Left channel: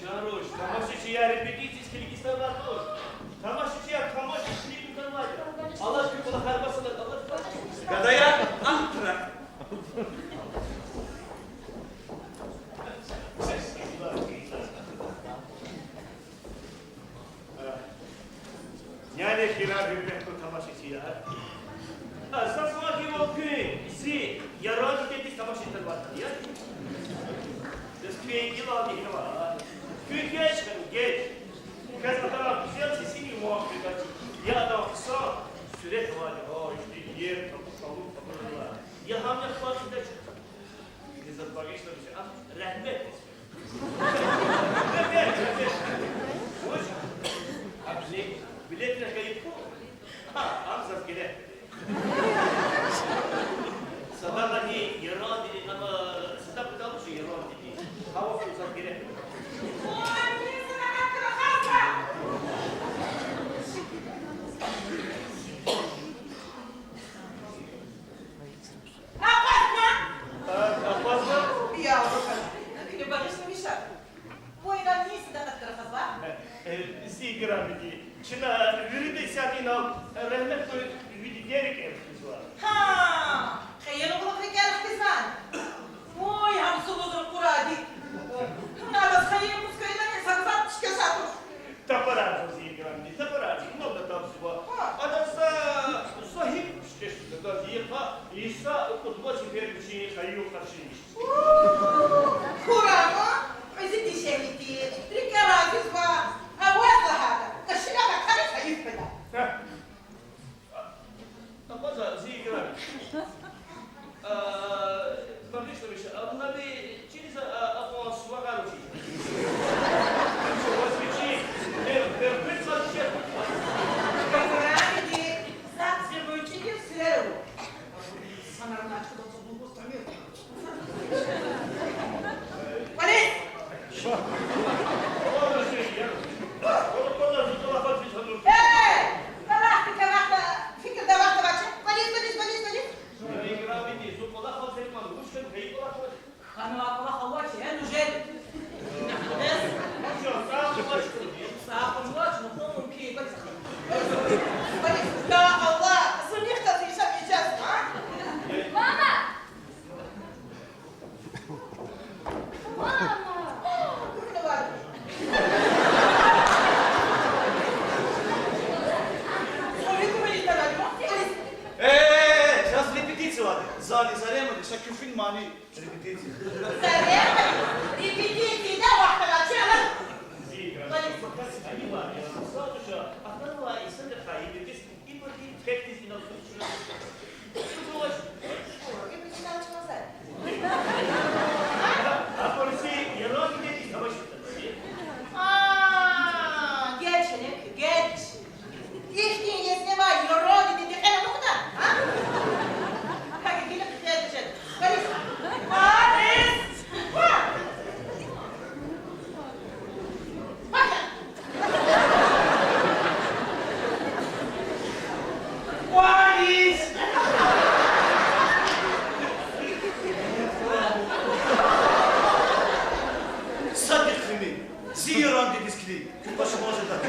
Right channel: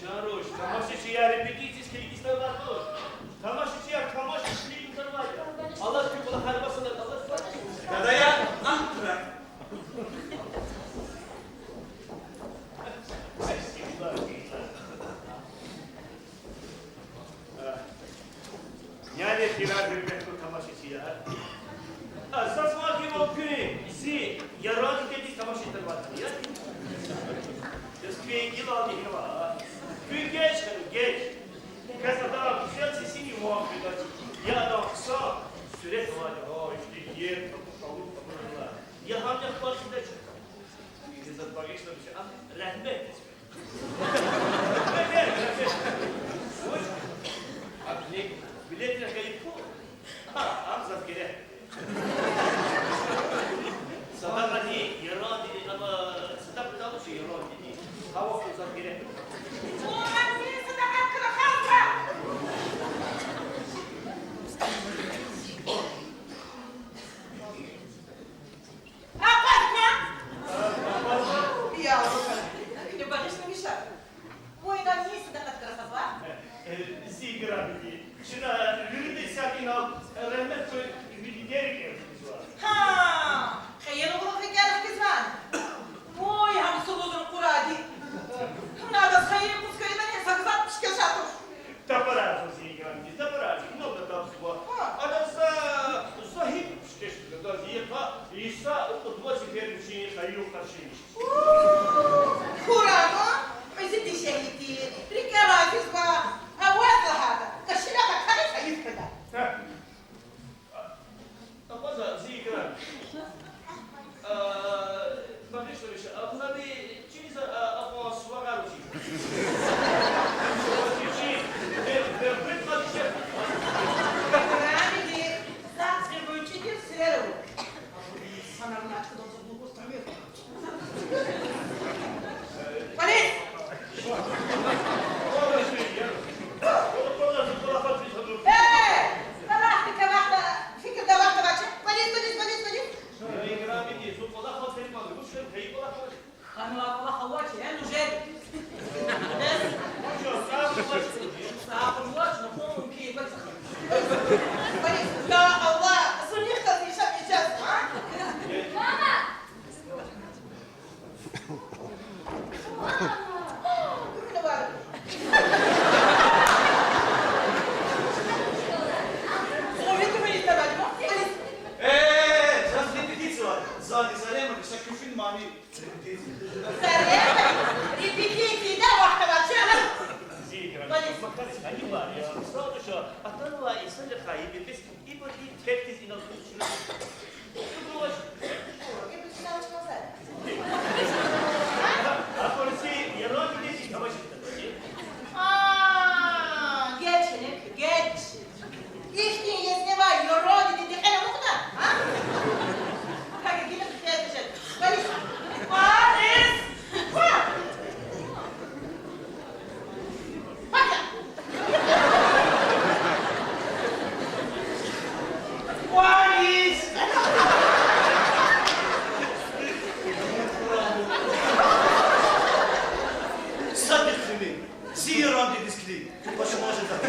Чаруш, тамашичия репетицијски ставатош. Тамашичия тамашички тарваѓа. Allah kula harbasına Allah. Kadaya Ankara. Yani hirar hürmetli tamaşıcıya. Asas vakit o günü bizi yaradı dedi tamaşıcılar vardı ya. Biz köyün yıl aldı yine var. Köy geç kanı geç. Kız adam güzel sesini muhabbet açı. Ya adam kısa süret var ya işte yer kapı kalır. Ya hamle farkında çıktı. İzzet bağışla bir şey. Rahmet ismi. Rahmet. Hoş. Abi ne? Biletler kayıp mı? Ha, amzat gele. Sadakati yaran dedi ama sadak tabu şey yaran dedi. Hava fırsat gele. Şuna rüde sakin al, rahmet koy, vidi diyerek evsiz var. Ha, خير والله في قالك كزمان. Oy, hani soluzun kuradi. Nada خير muskayla ne sakızat pişkeşatır. Taparar o ziyigramdi, taparar. Ne oldu tapsı var? Adamsa sahip pişkeşatır. Da ziyika, İsa kutba çifermişini hayyu karşıymış. Kurama, mezidi şehiti, rikala kızba. أبواب هذا كشلك خليفة يفقد. أبغى زي كلام. ما فيش لبيش. أبغى بي تشيز أبغى سواقة وشي. شو وشي شي. بيرفكت ما تشيل. كلامي دي زاد زبون تيجي سيرو. سنر ناتك دوم زبون بستعمل. بليز. طلعتك واحدة فكر ده واحدة بقى بليز خانوا الله خواتي أنا جد بس صعب الوجه نقوم كي بليز لا الله صنع يختزي شاب إجاز ماما كل بعد Şaküfün mani repetizi. Repetizi de vakti var. Şöyle. Ayı var ya. Sadece aklına var insan da kayıp. Biz İbrahim tekniz inanmışlar. Bu var. Hepsi çalışmaz zaten. Aporisi yaran dedi savaştı. Geçenek, geç. İhtin yesne var, yoruldu dedi. Ana bu kadar. Ha? Hadi gelin kıyafet. Polis. Polis. Bak ya. Polis. Sadık filmi. Ziyaran dediniz ki. Başıma acıdı.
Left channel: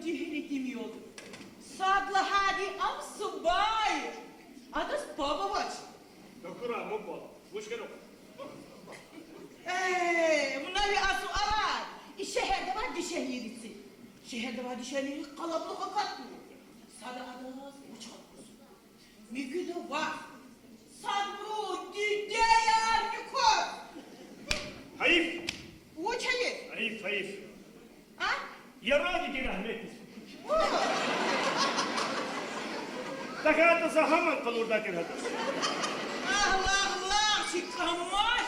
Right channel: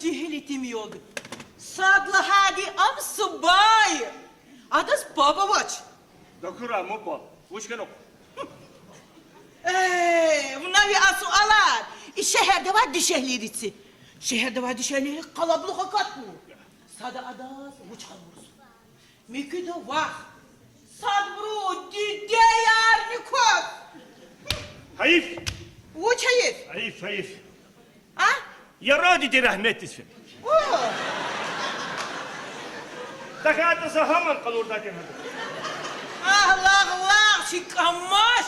Cehilitim yoldu. Sadla hadi am subay. Adas baba vaç. Dokura mu bol. Uçkan ok. Bunlar bir asu alar. İşe her şehirde var düşehlerisi. Şehirde var düşehleri kalabalık katmıyor. Sada adas uçalımız. Mümkün de var. Sadbro düdeyar mikor. Hayif. Uçayır. Hayif, hayif. Ha? Yaradi rahmetlisin. Takatı sahaman kal orada kenarda. Allah şikamaş.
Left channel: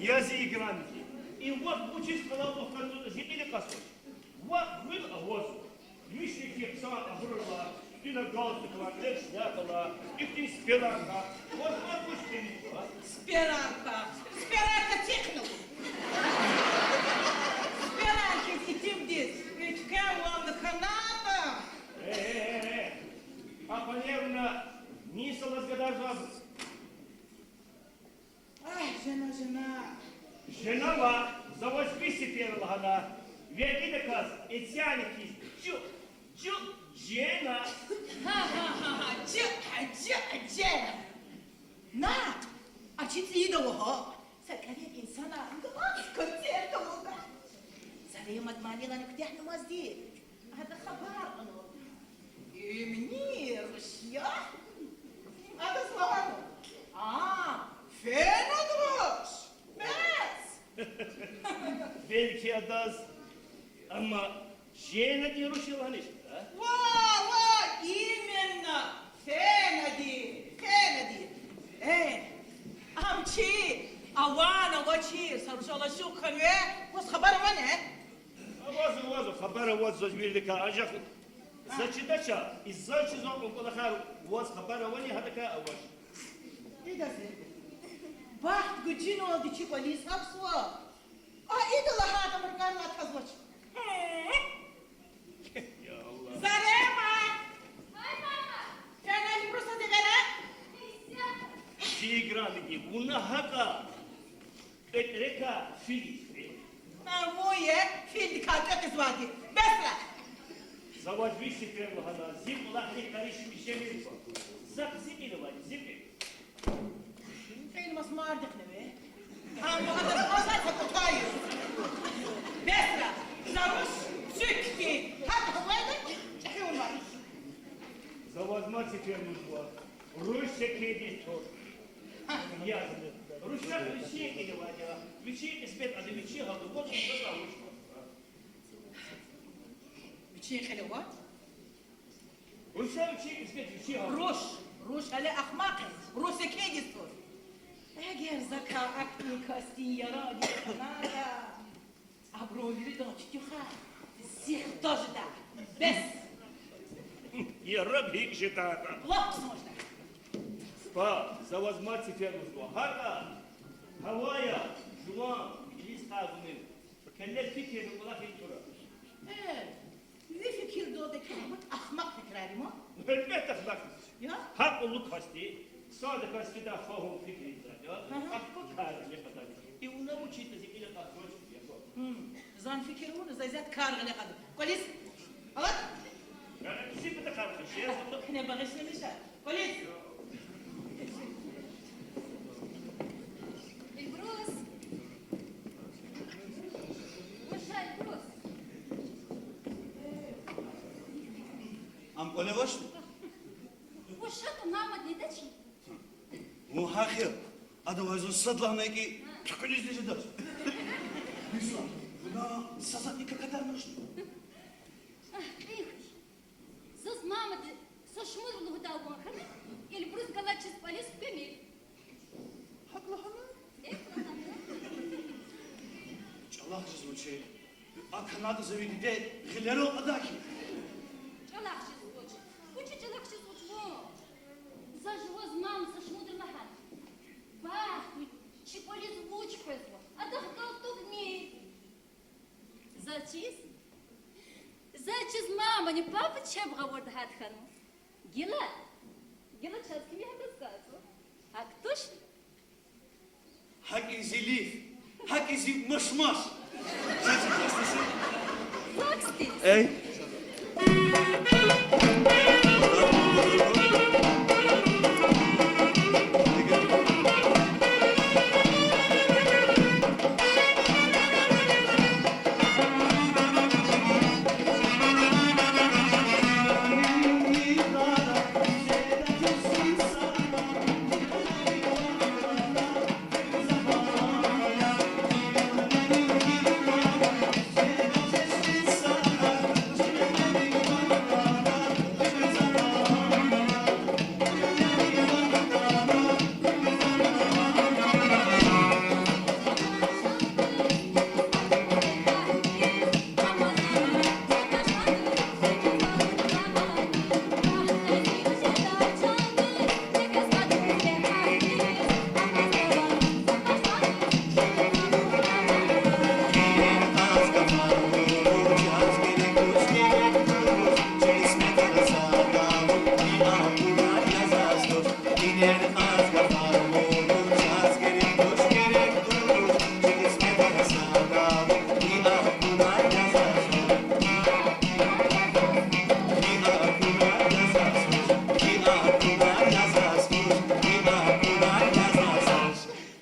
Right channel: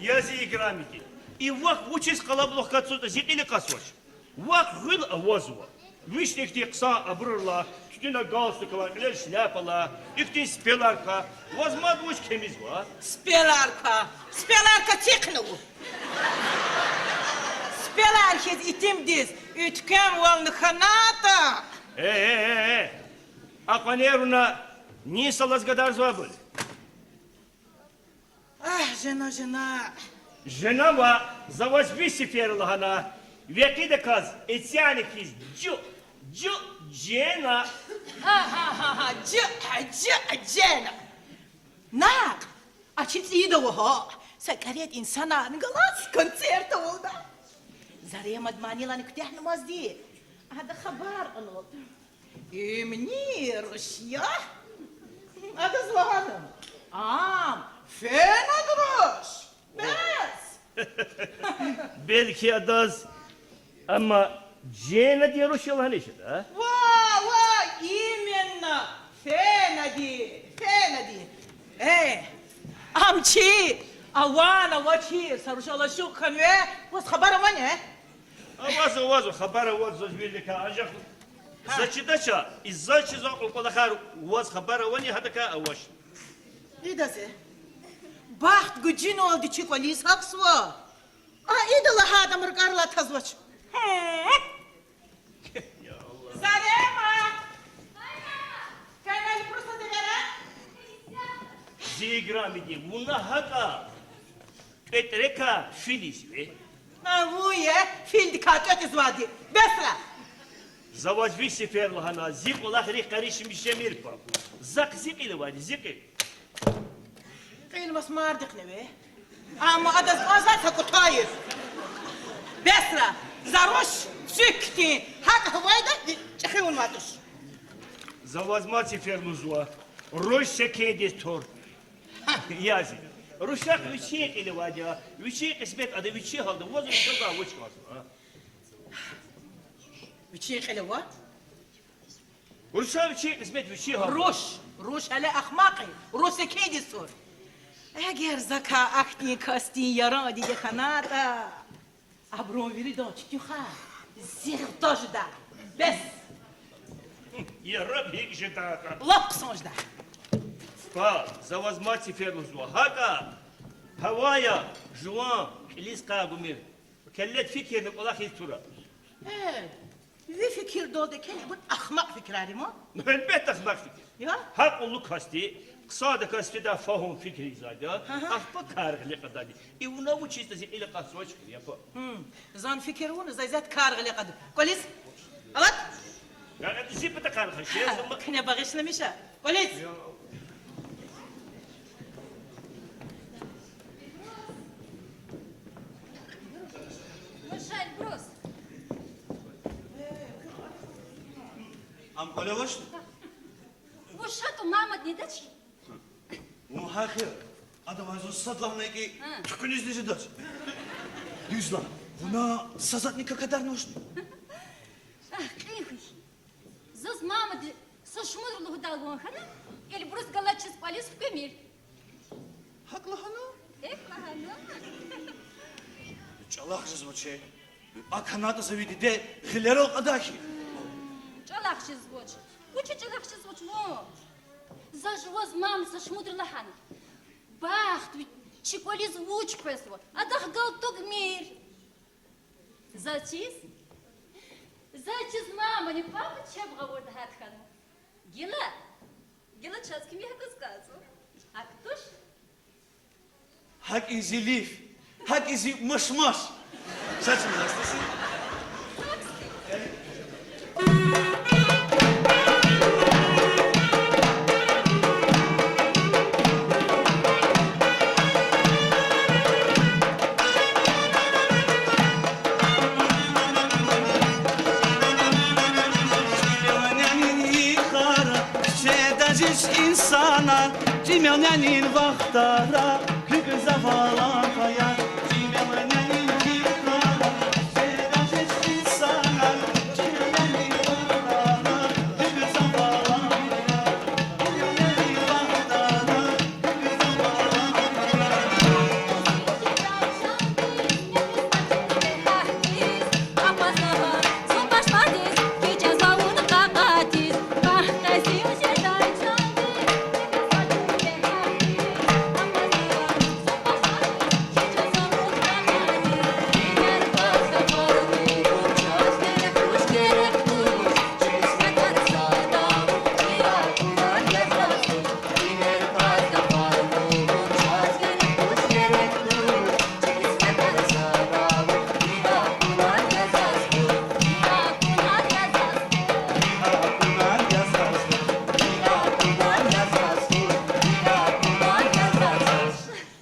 Yazı ikramiki. И вак учись калаблох кацуда зикили касваш. Вак гыл авазува. Вишнехти кса абрырла, тютина галстукала, илер шляпала, ихти спеларка. Возмад уч кемизва. Spelarka teknovu. Spelarkes itimdiz. Ütken vallı kanata. Акванеруна не салазгадар звабыл. Жена. Женава завозьми сеферла хана. Веки де каз, этяни киз, джу, джена. Ha, cena. Nak, açık iyi de o ha. Sakaryat insana ngalas konserto oldu. Zarya madmanilan kütühnamaz değil. Hada haber onu. منير يا هذا زوانم فين ادرس بس Belki adaz ama Cena diye Rusyalı hani işte ha? Vay именно фенади амчи авана вачи сарушала шукханве вас хабара мане Авазу, хабара вот зажбили канажах. Зачидача, из-за чего около хар вас хабара вани хатака аваш. İdası. Baht gücün oldu çikolis haksva. İdala hadam rgarla tazvaç. Ya Allah. Zarema. Kanal просто degara. Жиграмики, бuna haka. Petreka filis be. Vuye fil dikkat izvadi. Besra. Завозьми сеферла хана, зик улах рих каришим бишемир па. Зак зикили вали, зикили. قيل بس ما ردك نبي اما هذا زمان كطاير بسرة زروش سكتي هذا هو هذا تخيل ما تش Завозьма сеферлу зуа. Роща кедис тор. Язи. Рушак вичи или вадя. Вичи эсбет, а да вичи халда. Возу шада вичмас. بتشي خلوة Руша вичи эсбет вичи халда. روش على اخماقي روش كيدي صور اگر زكا اختي كاستي يرادي دخناتا ابرون ويري دو تشتخا زير توجدا بس Я раб хик жетака. لقصوج ده Па, завозьма сеферлу зуа. Хака. Хавая, жуан, илиска гумир. Келлет fikir улах истура. في فكر دول ده كلمة اخمق فكرة ما Elbette ahmak fikir. يا Hak olu kasti, kısa kasti da fahum fikri zaten. Ahbak kargı kadar. İvuna bu çizde ile kasroç yapar. زان فكرون زي ذات كارغ اللي قدم كويس غلط Yani tüzip de kargı şey. احنا بغشنا مشا كويس البروس وش البروس Am kolevaş? وش هاتو ماما ديدتشي O hakir. Adam azın sadlahına ki tükünüz nece ders. Yüzla. Buna sazatnika kadar noş. ايخش زوز ماما دي سشمر له دالون خنا البروس قالتش سباليس في كميل Haklı hana. ايه فهمنا Çalak звучит. А Канада заведи де хилеро адаки. جلاخش زوج وش جلاخش زوج مو زاجوز ماما سشمر لحنا باخت شيكولي زوج بسوا ادخ قلتو مير زاتشيز мама, не папа чем говорит хатхану. Гила часки мне это сказал. А кто ж? Hak izi lif. Hak izi mışmaş. Saçın hastası. Таксти. Ey. Çimenenin vaxtara Kıza valaya Çimenenin vaxtara Sevda seçti sana Çimenenin vaxtara Kıza valaya Çimenenin vaxtara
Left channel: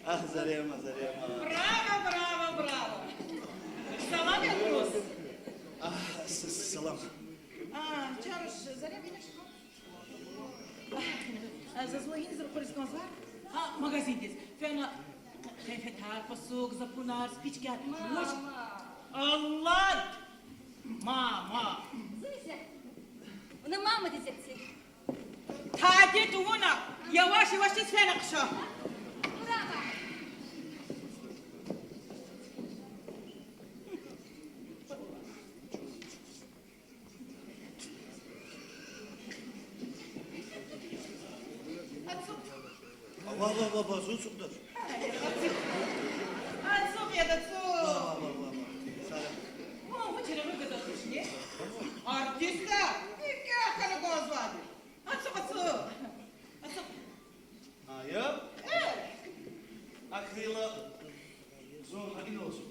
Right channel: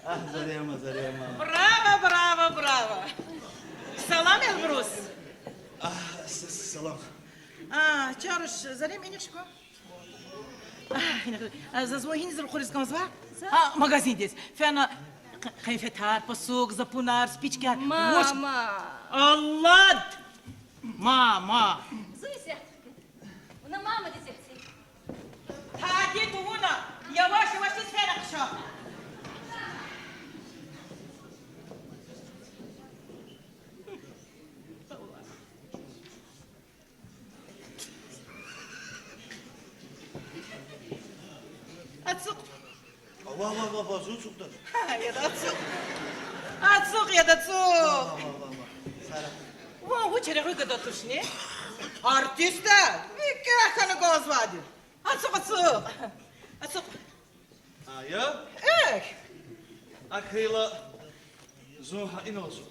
Ah Zarema, Zarema. Bravo, bravo, bravo. Salam, Elbrus. Ah, salam. Чаруш, зарем инешко. Зазвонить за рухорис канзва? Магазин здесь. Фена кайфетар, посук, запунар, спички. Мама! Allah! Mama! Зуйся! Она мама детектив. Taci tuğuna. Yavaş yavaş da fena kışa. Atsuk. Valla baba, zuçuklar. Ya da atsuk. Atsuk ya da atsuk. Sara. Bu çere gıda tuşni. Artista. İki akanı göz vardı. Atsuk atsuk. Atsuk. Ya? Akıyla zor hain olsun.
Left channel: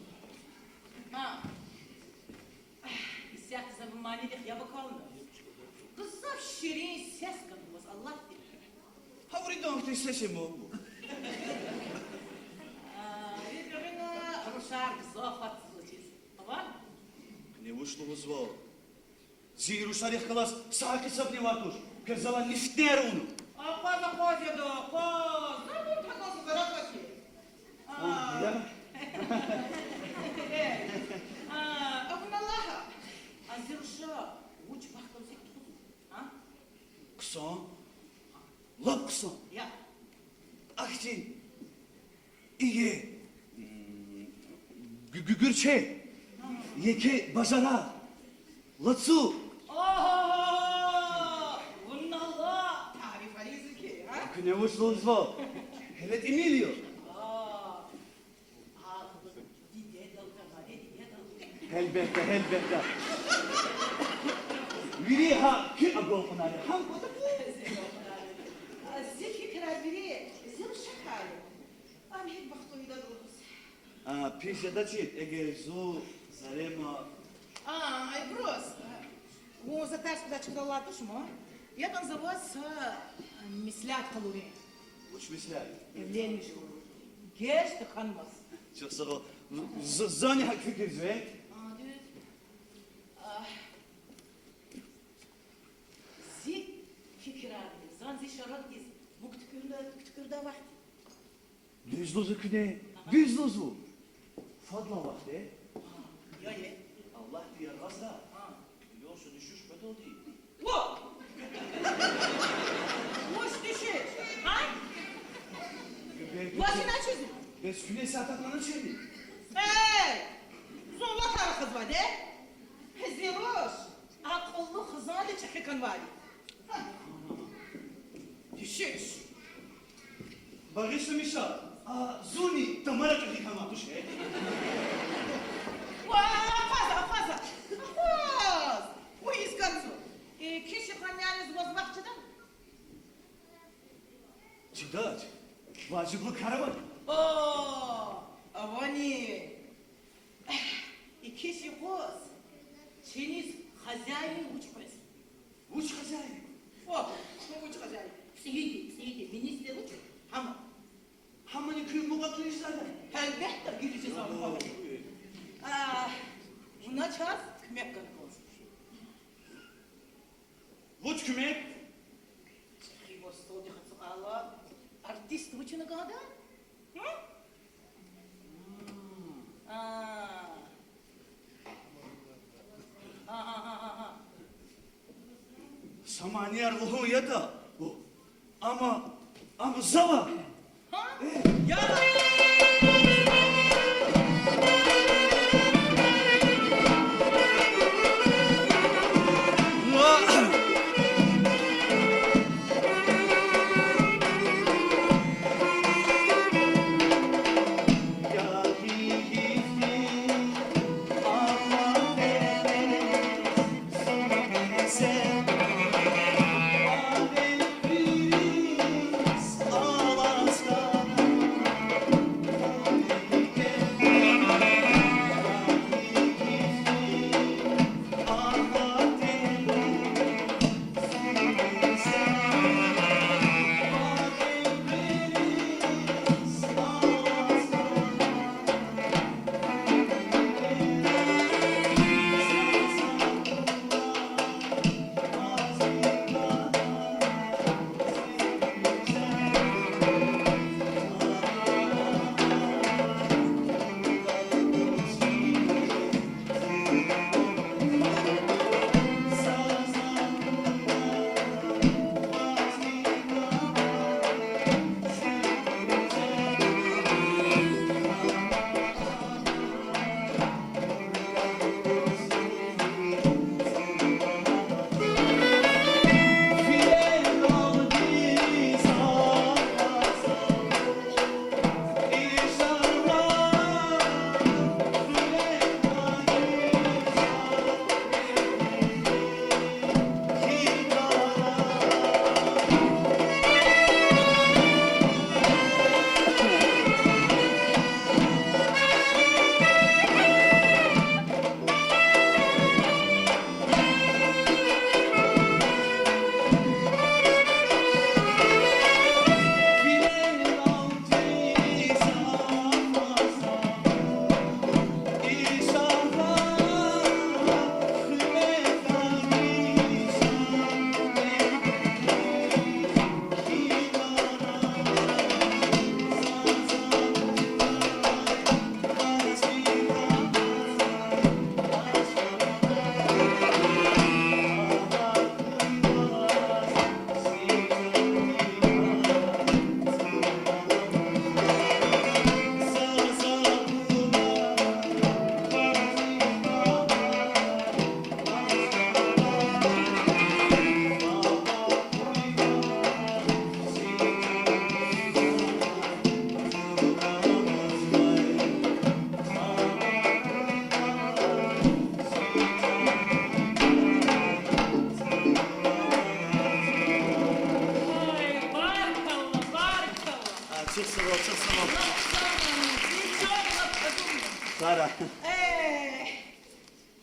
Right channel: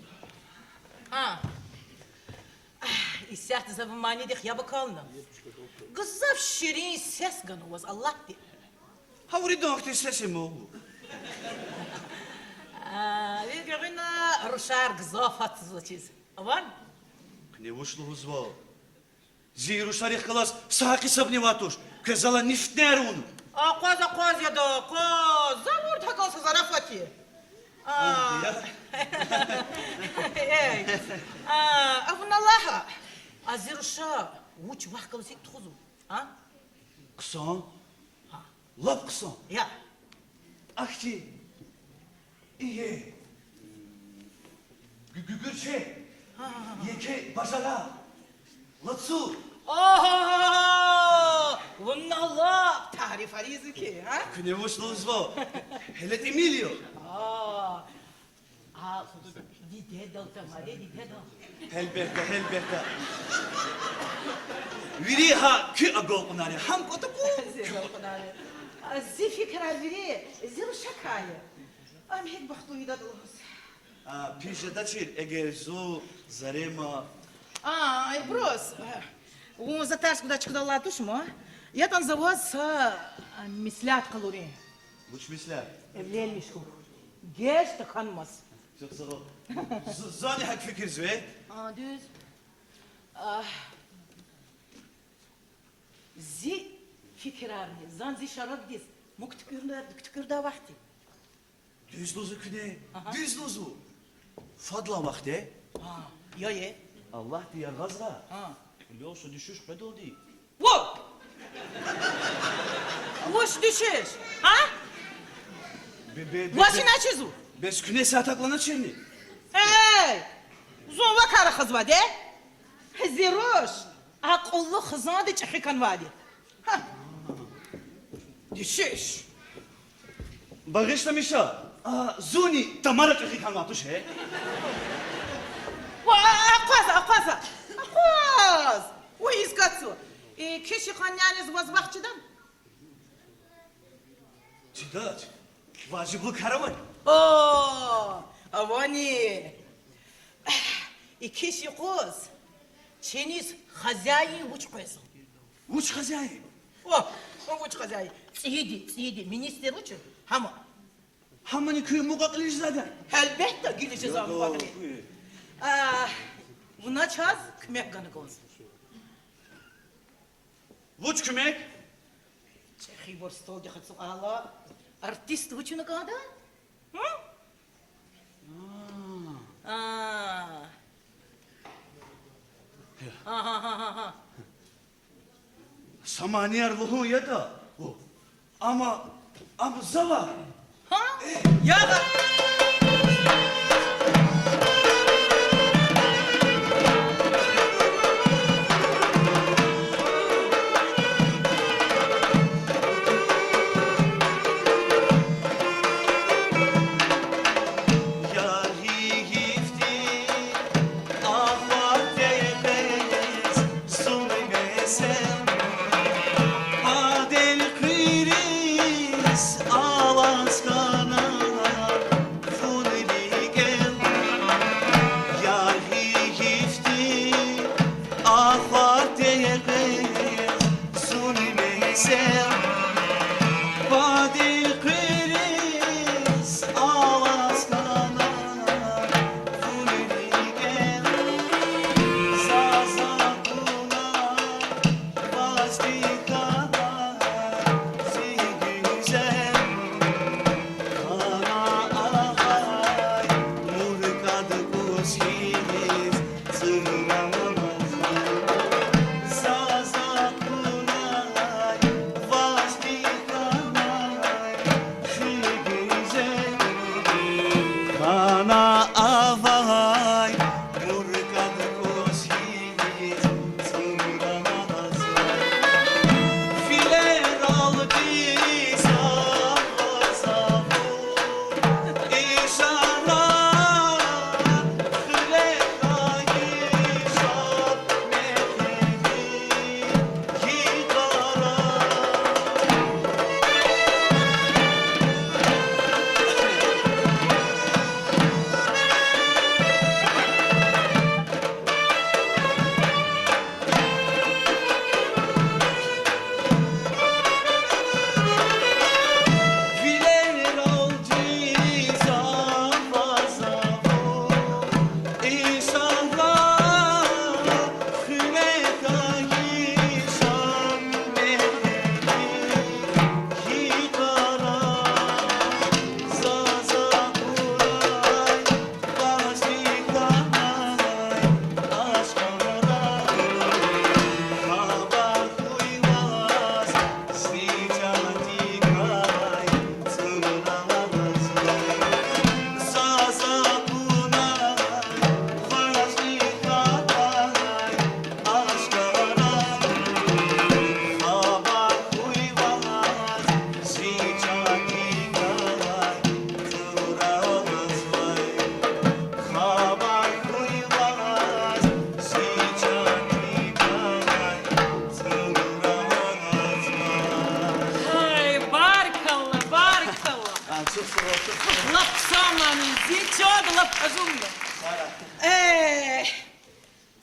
İstihti zamanı dik ya bakalım. Kızaf şirin ses ganı Allah di. Havuri donkti sesim o. Yürüyün ruşar kızafat zıçız. Var? Ne uçluğumuz var. Ziruşlar yıkılas sahaki sabni vatuş. Kızala niftner onu. Koz ya da koz. Zavur takılsa zarafaki. Ya? Avun Allah'a. Aziruşa. Uç vakkalı sek tuğuzum. Kısan. Lap kısan. Ya. Akçi. İyi. Gürçe. Yeke bacana. Latsu. Vun Allah. Tarif arıyızı ki. Ne uçluğumuz var. Hele Emilio. Dide dalta dide dalta. Elbette. Viriha kü agol unare. Ham kota bu. زي فكرة البري زي الشكاية أنا هيك بخطو يدا دوس Pişedaçi egerzu zarema. بروس وزتاش كده تشكد الله توش ما يتن زواز مسلات قلورين Buç misler. evleyen مشكو جيش تخنمس Çok sağ ol. Zani hak fikir zve. دوز زي فكرة زان زي شراب ديس مكتكردا وقتي Düzlozu küde. Düzlozu. Fadla vakte. يا يا Allah diye gazla. Biliyorsun düşüş bedol değil. What? Ваш düşüş? Ha? Ваши начезу? Bez künesi ataklanan çelni. Hey! Zova kara kız var de. Ziroş. Akıllı kızına da çekikan var de. Düşüş. Bağışlamışa. Zuni tamara çekikan vatuş he. Akaz. O izgatsu. Kişi kanyaniz vazbakçıdan. Çıdaç. Vacibli karavan. Avani. Kişi kız. Çeniz хозяин uç koysun. Uç kazayı. uç хозяин. Siyidi. Minister uçun. Ama. Hamani köyü mukaklı zaten. Elbette gideceğiz abi bakın. Buna çaz, kümek kanık olsun. Uç kümek. Çekhi bor stol dikkat Allah. Артист учу на года? Samaniyar luhun ya da. O. Ama zava. Ha? Ya da.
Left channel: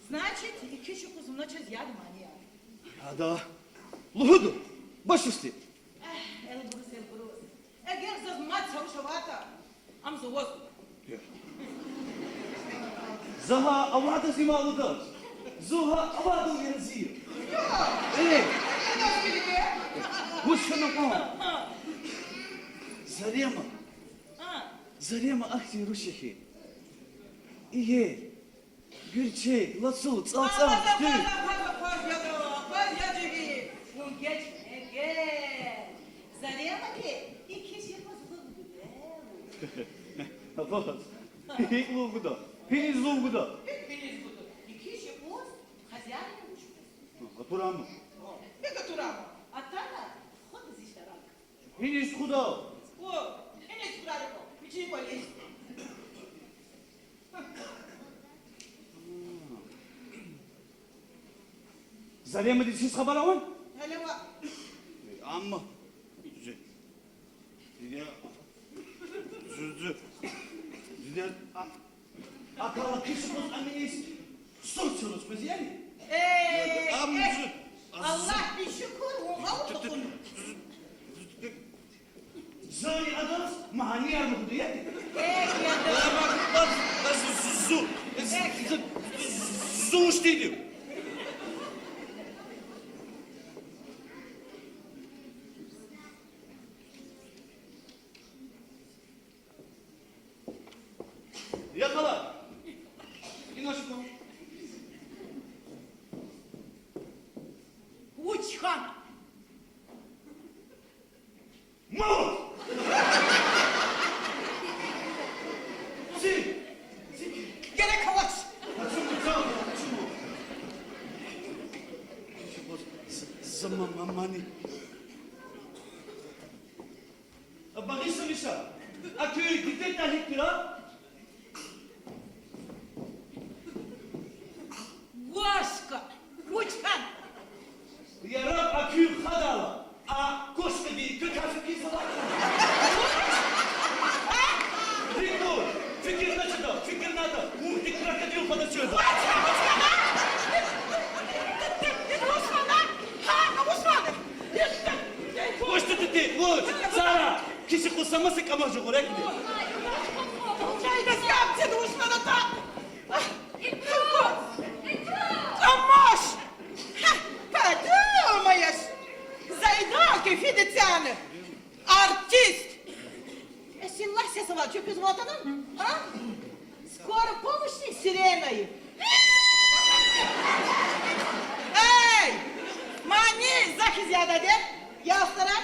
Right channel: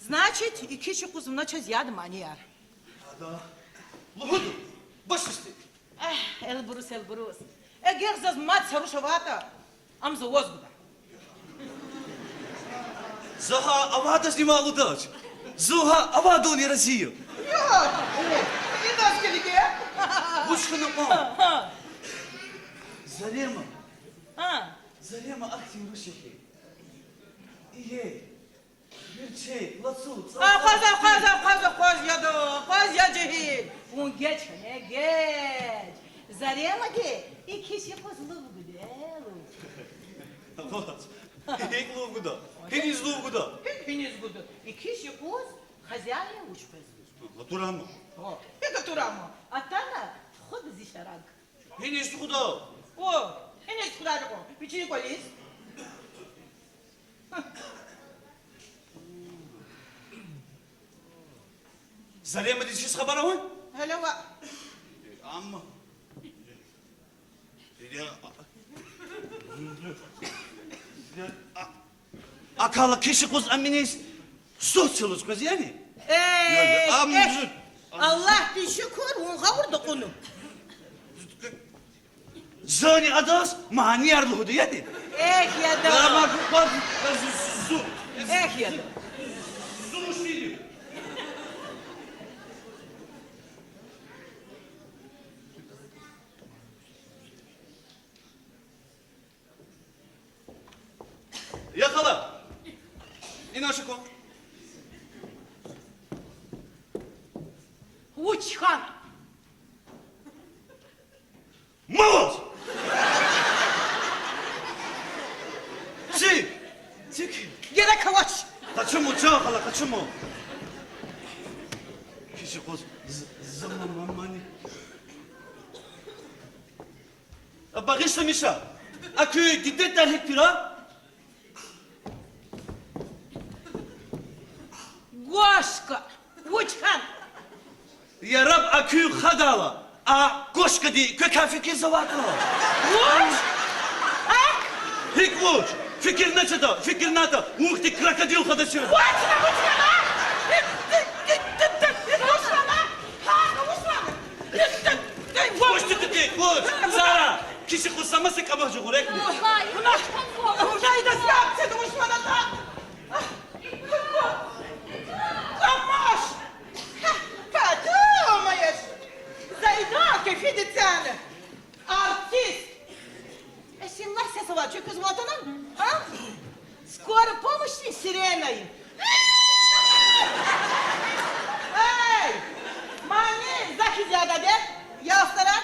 Значит, iki şu kuzumla çöz yadım hani ya. Hada. Luhudu. Baş üstü. Elbrus. Eğer zaz mat sarışavata, am zovoz bu. Zaha avadas ni malu daç. Zuha avadon yarasiyo. Ya, ne nasıl gidiyor? Hoş kadın o. Zarema. Zarema akti Rusyahi. İyi. Gülçe, nasıl? Faz ya cehi. Un geç ne geç. Zarema ki, iki şey fazla bu güzel. Вот. Хек лугуда. Хек лугуда. Hepiniz budu. İki şey kuz, хозяин uçmaz. Натураму. Это турама. А там ход зишарак. Хенис худа. О, энес кудаго. Пичи колис. Zarema dişiz haber avan? Hele bak. Amma. Zülü. Akala kişi kuz aminiz. Sosyalız kız yani. Allah bir şükür, ona vurdu konu. Zani adas mani yarlıhudu yani. Ya da. Ama bak su. Ya da. Su isteydim. Учхан. Мороз! Тики! Gene kavaç. Почему, Джохала, почему? Кишикоз, замамамани. Багиша Миша, а ты где там хектира? Гошка. Учхан. Я раб акю хадала, а кошка ди kökafiki zavakro. Уч. А? Hikvuç, fikir ne çada, fikir nada, muhti krokodil kadası. Учхан, учхан, а? Это Учхан, а? Ha, Учхан. Boş tututi, vuç, Sara, kişi kusaması kamacı gurek mi? Ой, Уже да скапцы, да уж надо так. Камаш! Подумаешь, Зайдака Федицяна, артист. Сила сесала, что без ватана? А? Скоро помощь сиреной. Эй! Мани, захизяда, нет? Я стараюсь.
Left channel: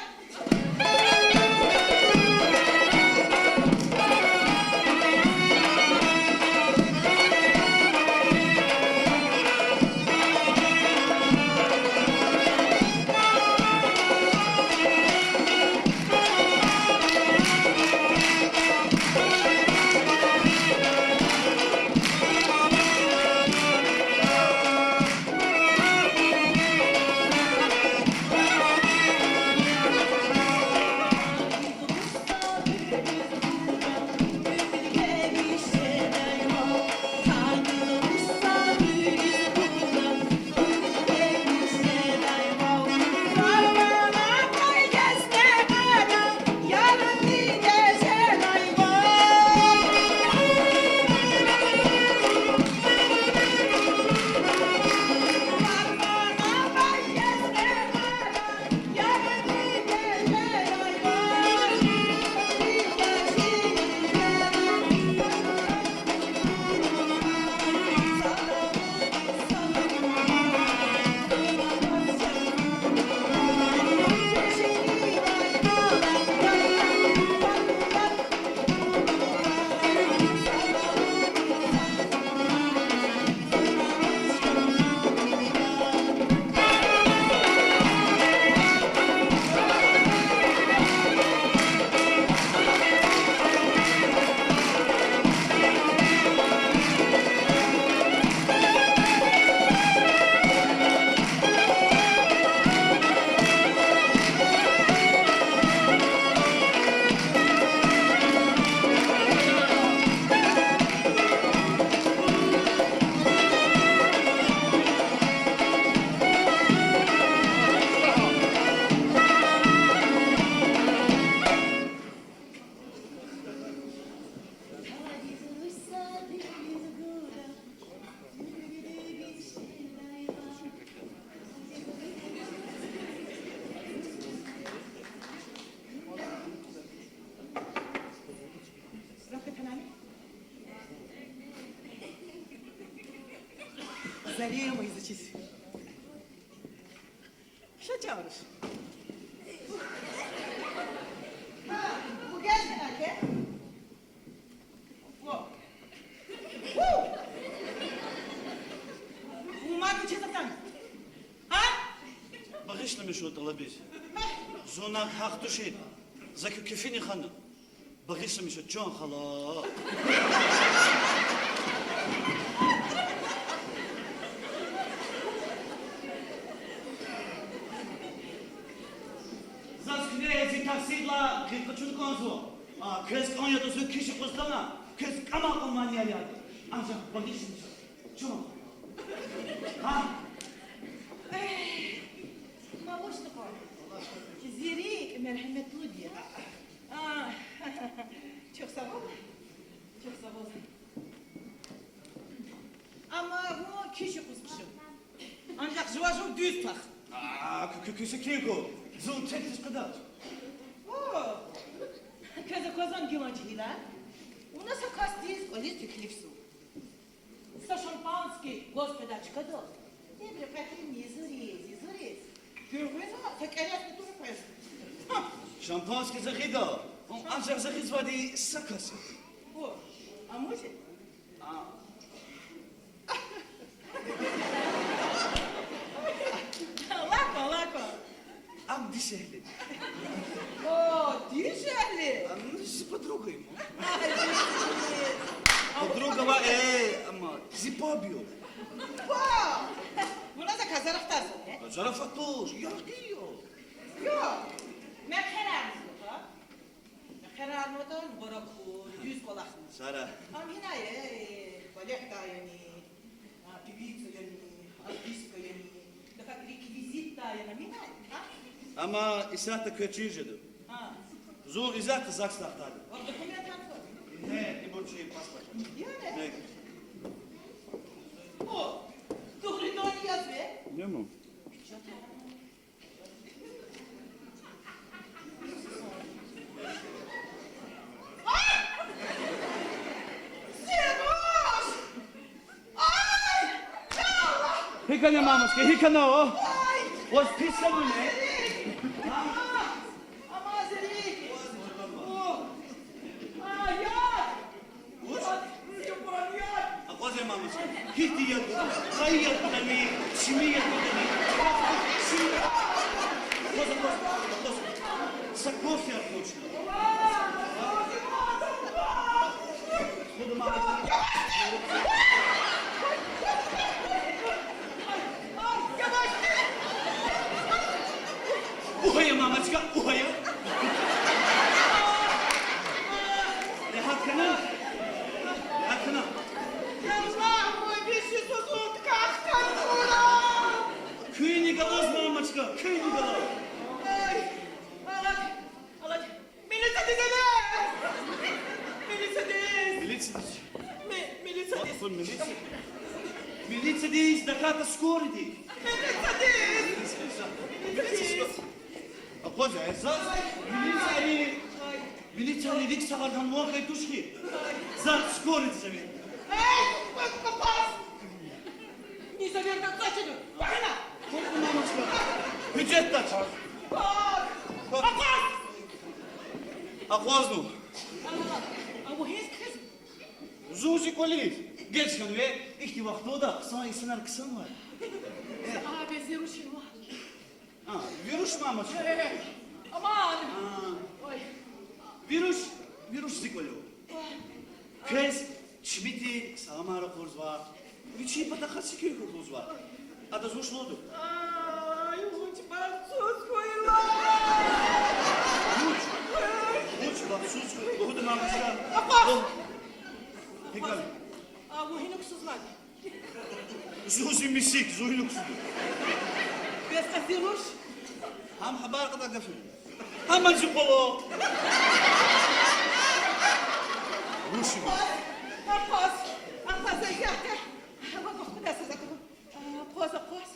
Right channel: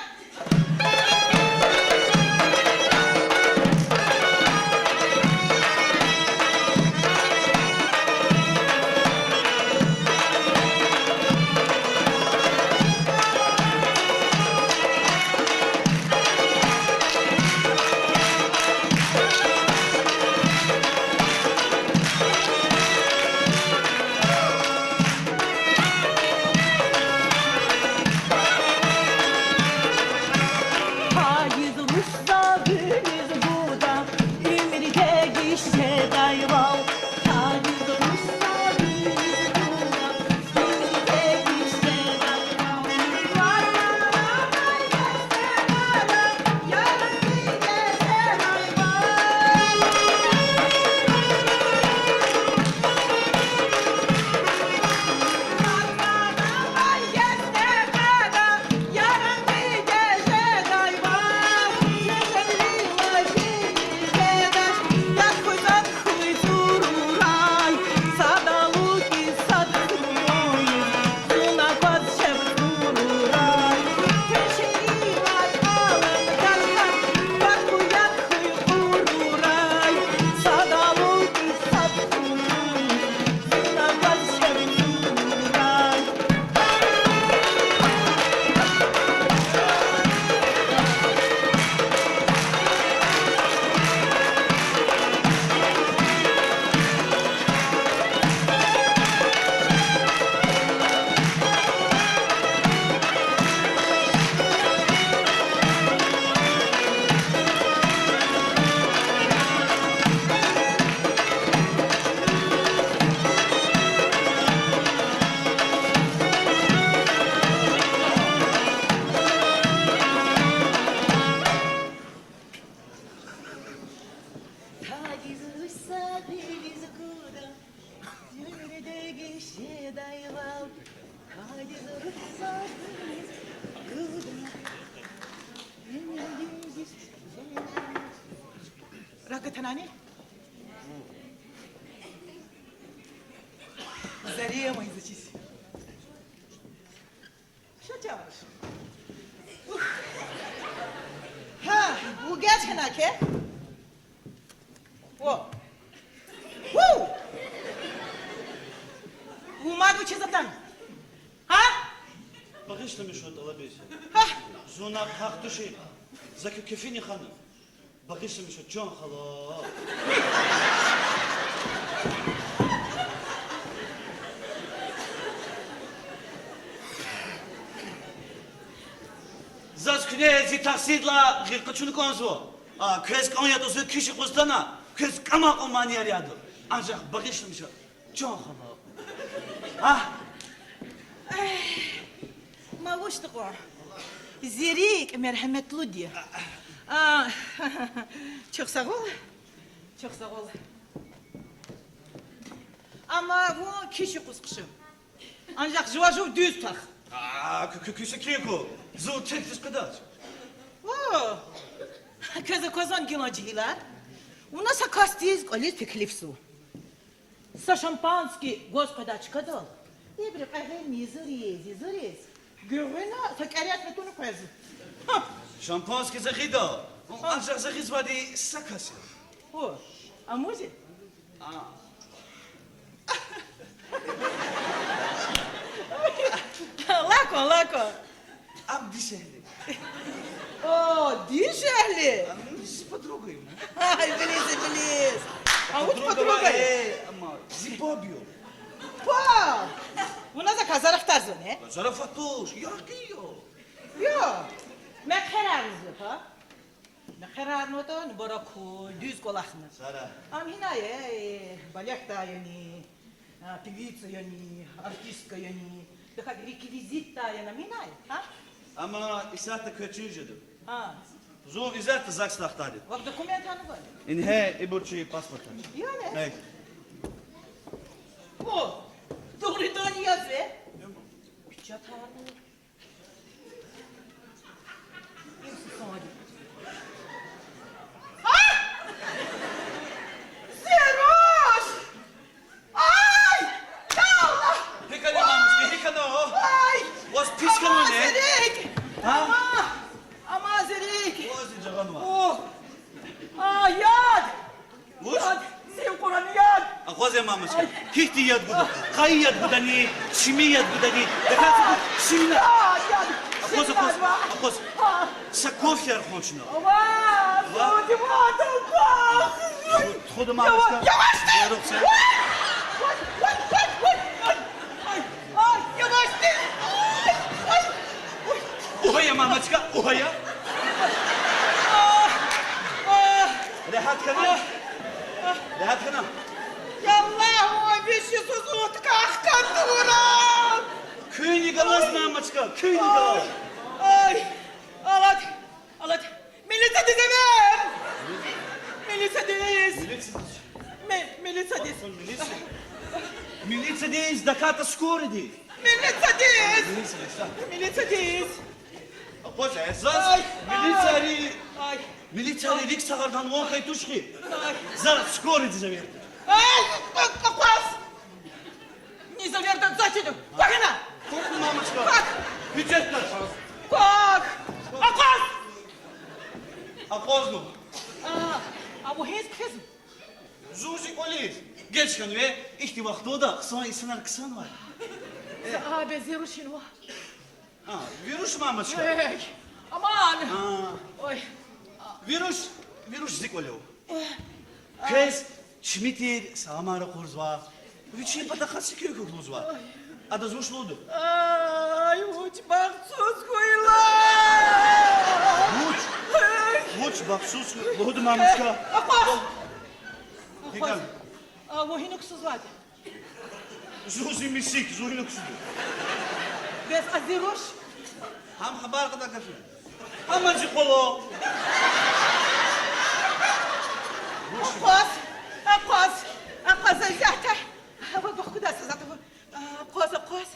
Ракотанани? Зарема изучись. Что делаешь? Ha, bu gerçekten ki. O. Woo! Бумагу чизатан. А? Багишна Мишо талабез. А? Зуна хак души. Закю кефини хана. Багишна Мишо Джон хала. Zasknezi tahsidla hilkaçını konzu. Kız kanya dostu kişi kustana. Kız kama omani yaryadı. Ancak bakışım şu. Çok hala. Ha? Mavuştuk o. Zirik merhametli diye. Çok sağ ol. Çok sağ ol. Ama bu kişi kusmuşum. Ancak juvajur düz tak. Küçük keko. Zor teklis kadar. О, каза казан гимаджила. У нас акастиз колес пеклипсу. Со шампанский господачка дал. Не припахай не зурез. Görüna, tekeriyat ve tonu koyazı. Şampanski zakida. Ancak zakiz var diye sakası. O, amuzi. Lako. Am dişehli. О, дишали. Am si подругой. Ай, Денис. А вот Подруга подруга. ama zibobio. Вау. У нас заказали вторую, не? Zarafatoş, yakıyor. Yo. Ne kararınız ha? Ne kararını da bara kol, düz kolakını. Sara. Am hinaye, balyak da yani, pevitsa yani, artistka yani, daha rekvizit da yani, hinaye, ha? Ama isat kötüydü. Ha. Zor izat zakslaktaydı. Bak dokumentanı var. In he iburçu paspata. Yani. Evet. O. Doğrudan yaz ve. Ne mu? Piçata. Zeroş! Ay! Ya Allah! Hikane mamuske, hikane o. Ay! Oz pis kanı ne? Zerik! Ha? Ama Zerik! Oz dicagan var. Oh! Ay yad! Uç. Yad! Sev Kur'an'ı yad! Akoze mamuske. Hihti yad buda. Kay yad buda ni. Şimi yad buda ni. Şimdi. Ya yad! Akoze. Sakov yer koşuna. Aman! Doğru bak! Xodu mamuske. Yavaş de! Yoruk sen. Ay, yavaş de! Uhaya mamuske, uhaya. Rahat kana. Rahat kana. Yallah, ой, бесчувствует кахкатура! Köyünü galaz mamuske, köyünü galaz. Ay, alat, Melisa dizeme! Melisa diz! Melisa diz! Milica diz da kata skori di. Melisa diz! Melisa diz! Akoze ezaz. Ay, Milica ri. Ay, Milica ri dik sagardan o kay tuşki. ay, Zar skori dizeme. ay, kapaz! Незаверно зачем? Погана! Korkma mamuske. Hüccet taç. Как? Апас! Akoznu. А мухез кез? Zuzi kolis. Geç kan ve ihti vakti o da sonra isimler kısan var. Abi ziruşiwa. Ha, virüs mamuske. Ey, aman! Ha, Oy, virüs zikole o. Kez çimiti samara kurzva. Üçü patakası köy kurzva. Adı zvoşlodu. ay, uç baksuz koyla! Muç bak sus. Lohudu mamuske. Dikan. А мухинуксuz var. Zuzi misik, zuhi kusur. Без азируш. Ham haber kadar gafil. Ama zikolo. Апас, зайзята. Вот куда сазат. Qoz.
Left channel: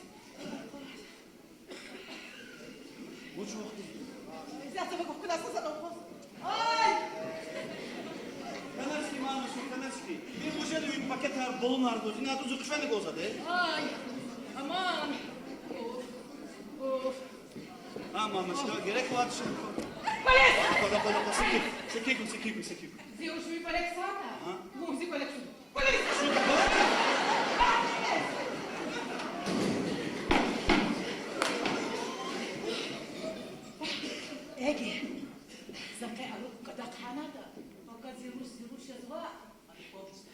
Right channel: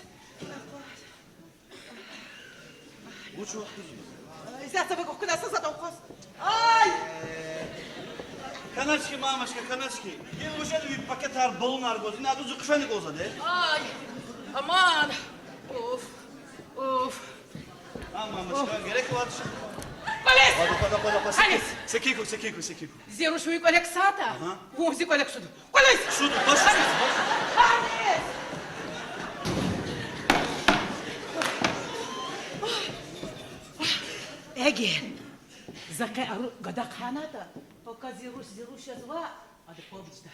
Muç vakti. Зайзата вот куда сазат qoz. Ay! Kanaçki mamuske, kanaçki. Gel uşadı bir paket har bolunar goz. Ne adı zukufani goza de. Ay! Aman! Of! Ha mamuske, gerek var şimdi. Polis! Kola. Halis! Sekiku. Зирушуй колексата. Ага. Вунзи колексуду. Колес! Şurada koş. Армия! Ege, zakaj aru gada kanada, oka ziruš yazva, hadi povçta.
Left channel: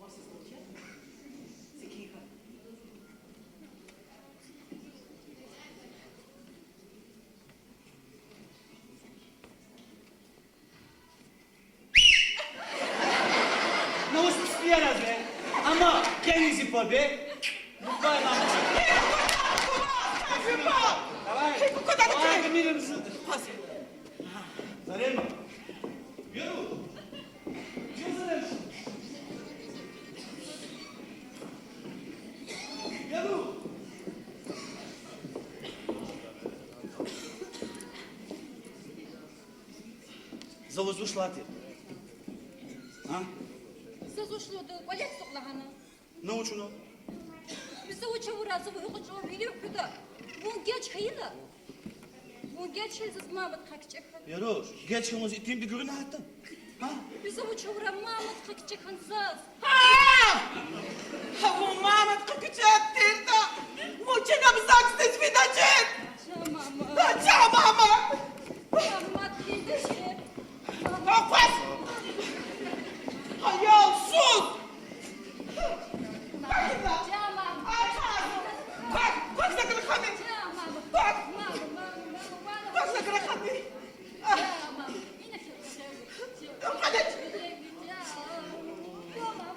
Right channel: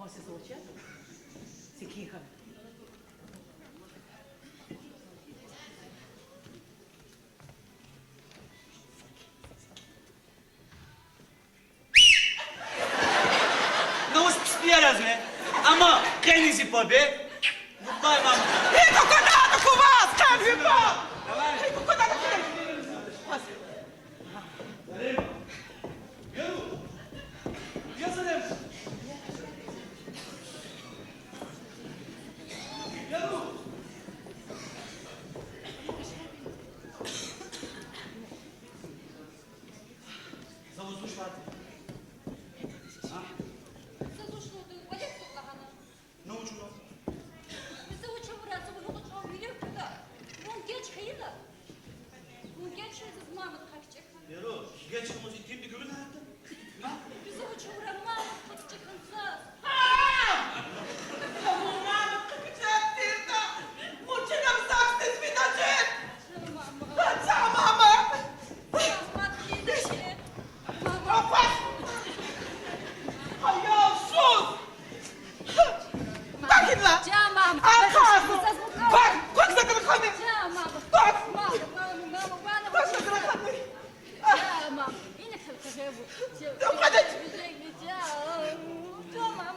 On se zvuče? Sekiha. Ne uç pispiyaraz me. Ama denizi pobe. Mutlay mamuske. Ей, куда у вас, там вино! Ей, куда ты? Abi mirin misin? Zarem. Yürü. Yazarım. Yürü. Завоздушлати. А? Siz uçludu, Oleg soğlağını. Ne uçunu? Bizi uç çavurası bu uçuyor biliyor kuda. Bu geç hayla. Bu geç hayız Mahmut kakacak. Yaro, geçimiz itin bir görün hattın. Ha? Bize bu çavura Mahmut kakacak hansız. Ha bu Mahmut kakacak derdi. Muçina bizaksız vidacet. Tamam. Kaçam ama. Mahmut gidecek. Akwaz. Hayal sus. Bakın lan. Tamam. Arkası. Bak, bak sakın kanı. Tamam. Bak. Bak sakın kanı. Tamam. Yine kakacak bu. Hadi. Tamam.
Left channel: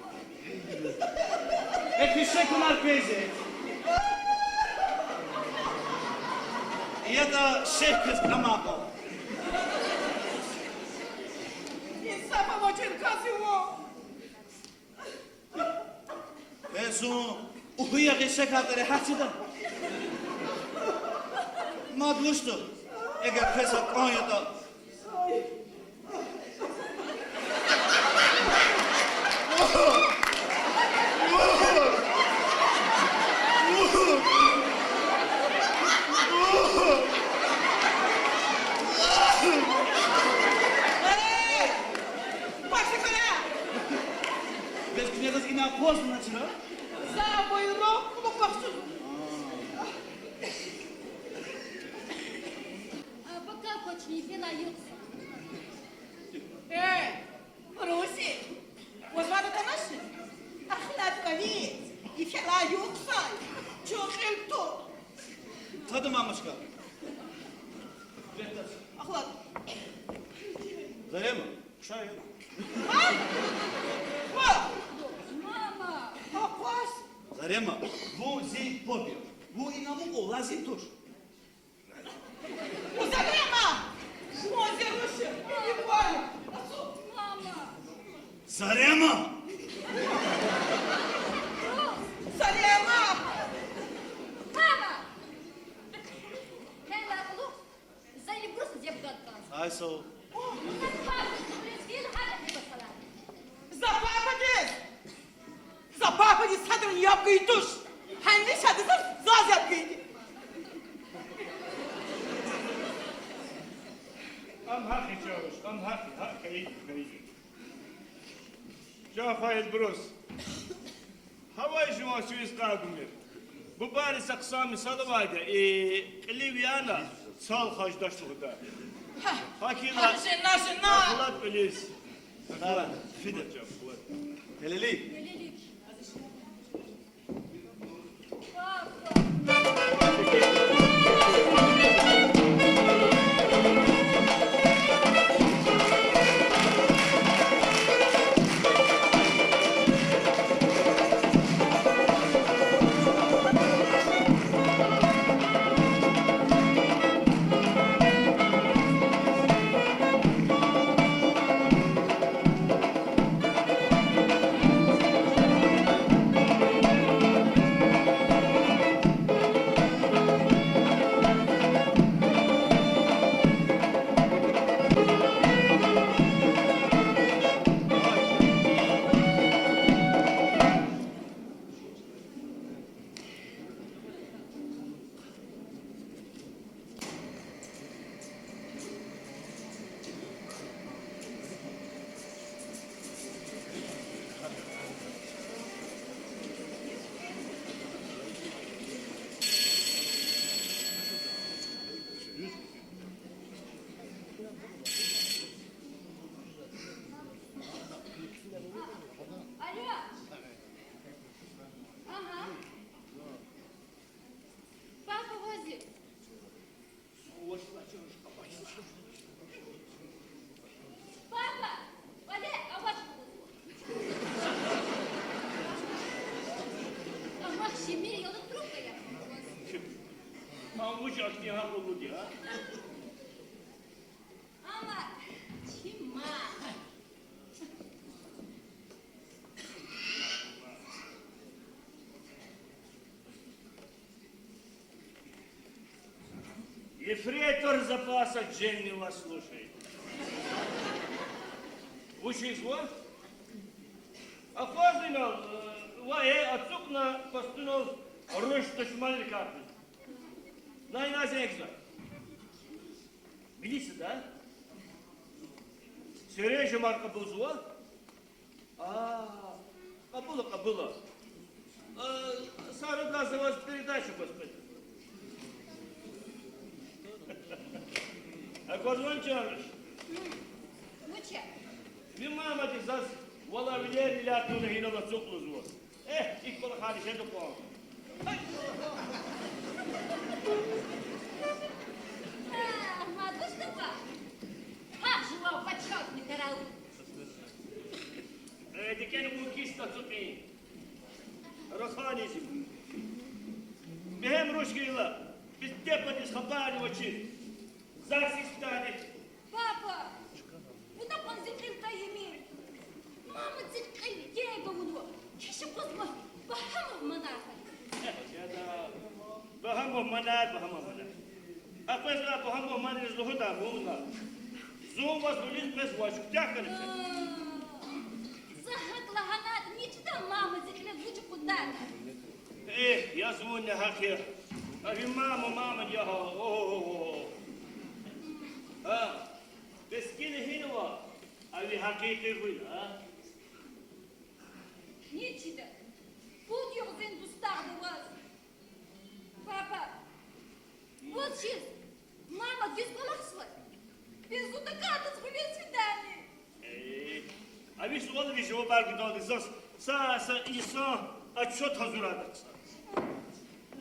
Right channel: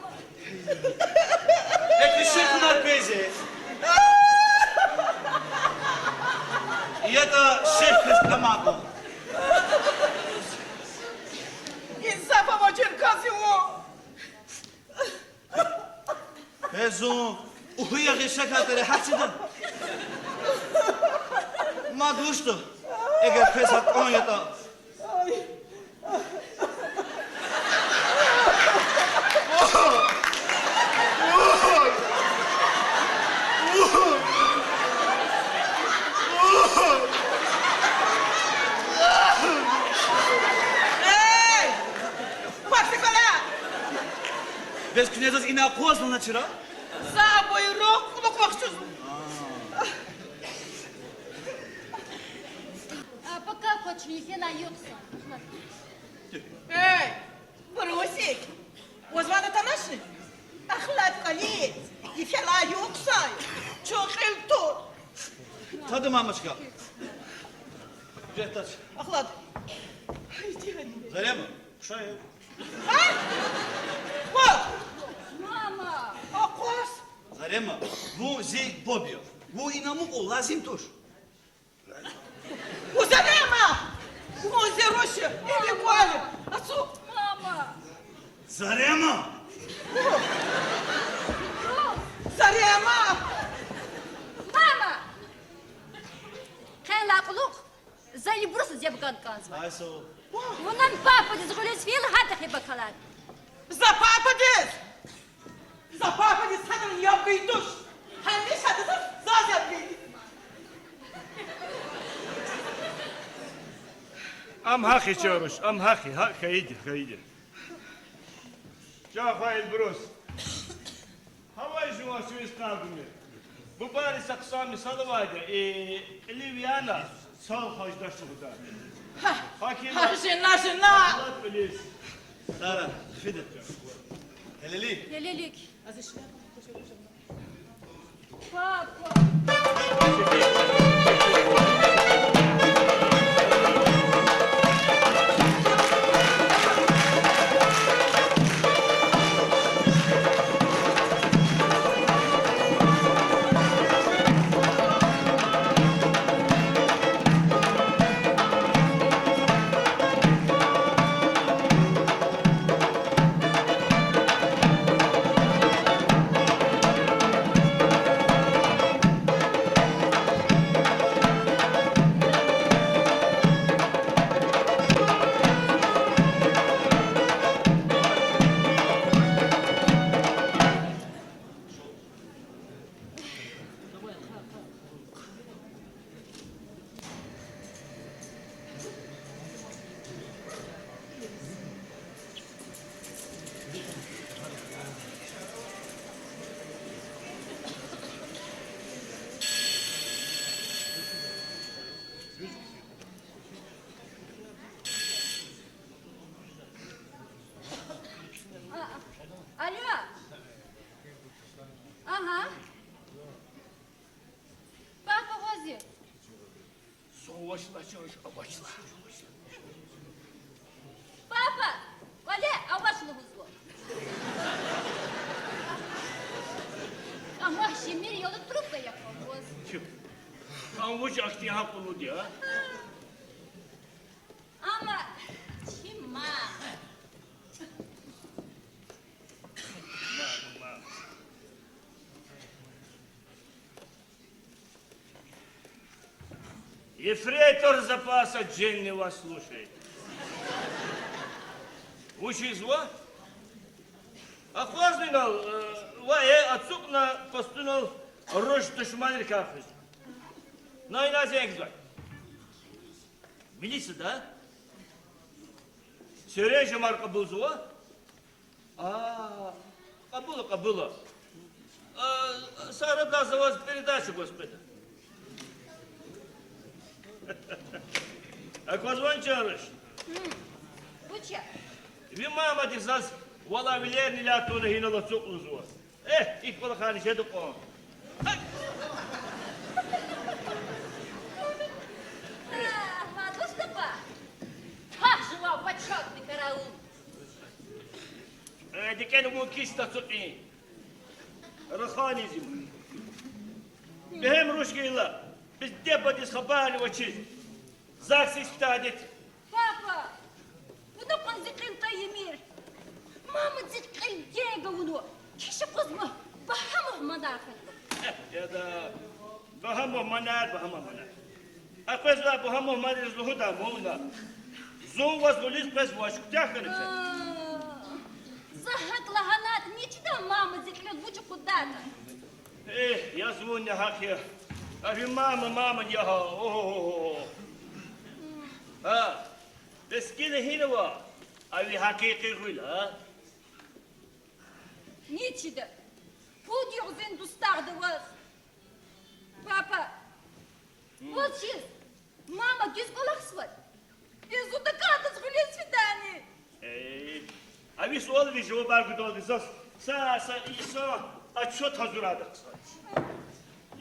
Teşekkürler Peyze. Ya da şef kız kamako. İnsafım için kazıyor. Bezo, uhuya geçe kadar haçıdan. Maduştu. Eğer pesat Konya'da. Ey! Bak sakın. Bez knezas ina akhoz na çıra. Sağ buyruk, kulak baksız. Пока хочешь, не наються. Ey! Brusik. Osman'ı tanışın. Ahlak kalit. İfela yoksa. Çok el tut. Tadı mamışka. Cehtaç. Ahlak. Haydi hadi. Zalem. Şayı. Ha? Bak. Мама! Akwas. Zalem. Bu zi pobio. Bu inamuk o lazim tur. Uzanema. Moze roşı. Eli kuali. Asu. Мама! Zarema. Sarıyama. Мама! Kein Lappeluch, seine Brüste sie begann ganz. Ayso. Und dann Papa, das Rolles viel hat er bekalan. Zapapades. Zapapades hadın yapıyı tuş. Henni şadısı zaz yapıydı. Am haki çavuş, am haki. Haydi, haydi. Cafail Brus. Havay şu an şu iskabımı. Bu bari saksa misalı vardı. Livyana sal hacdaşlığı da. Hakila. Şına. Kulak öleyiz. Evet. Fidel. Eleli. Lelelik. Papa! Alo. Aha. Papa, возьми. Savaşla çavuş, savaşla. Папа, воде, а вашу вызвал. А мах мире, я вот трубка я помогу. Avuç akti haklı diye. Ama çima. Ефрейтор запаса Дженни вас слушает. Учи зло? Охвазнинал, вае отцук на постунал Ruş düşmanı kalkmış. Nayna zengin var. Biliyorsun da. Söyle şu marka bozuğa. Кабула. Сара даст за вас передачу, господи. А Козван Чарыш, Bu çe. ви мама дизас, вала вилерни лятуна хинала цуклузу. İlk balık hani şey de koğum. Матушка ба. Так жила почетный караул. Dikeni bu kista tutmayın. Rıkhanizm. Behem ruşkayla. Biz depadiz habari vaçiz. Zaks istadet. Папа, bunu konzitrin tayyimir. Mama zikrin yega bunu. Kişi kızma. Bahamah manafak. Ya da bahamah manar. Apesla bahamah manar zluhuda moğuna. Zul vas bulis pes vaş kutyakarıcı. Zahak lahanat. Niçiden mama zikrin buçu kudata? Я звоню хахе. Ави мама не ха. Бескine hinava. Avi hakiki gula. Niçiden? Bu diyorsun dostardı vaz. Papa. Вот сейчас. Мама, ты сбалахсвать. Безу докатать в лес свидание. Avi sual bir cevap verdi zas. Sa insan açot hazırladı.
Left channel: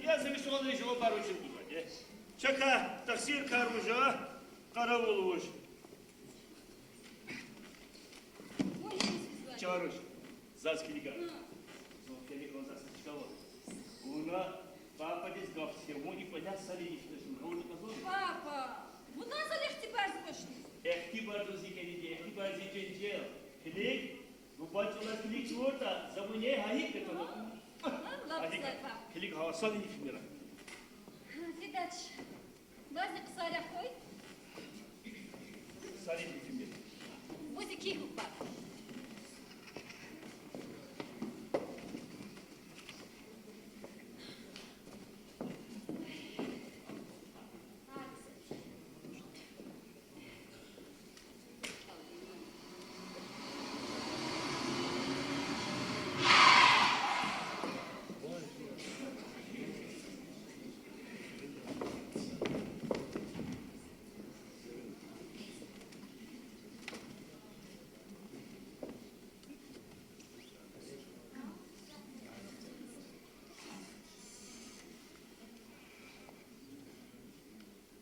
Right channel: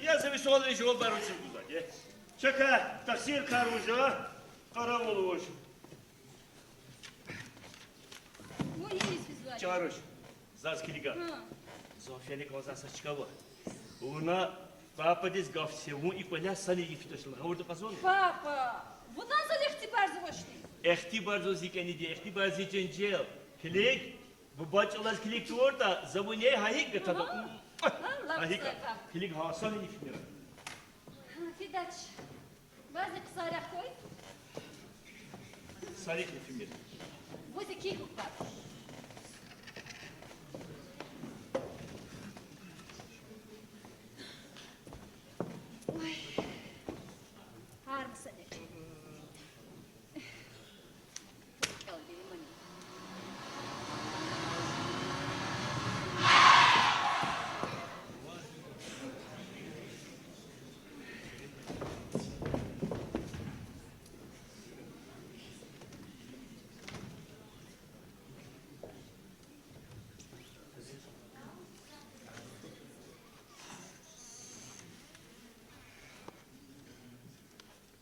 Я зависал лишь его барочек гузать. Чака, таксир каружа, караулуш. Ой, есть свидание. Чаруш, заскилика. Софьяник он засачкава. Уна папа дис гавсему и поля сали ифтошил. Хаурду казон. Папа, bundan sonra ihtibar zıvaştı. Ehtibar zozikeni diye, ehtibar zicencel. Kilik, bu baçılar kilik tuğurda, zabunye hayik de tadı. Ahika, kilik havasan inifimler. Видать, bazı kısaryak koy. Sarık inifimler. Bu zeki hukuk.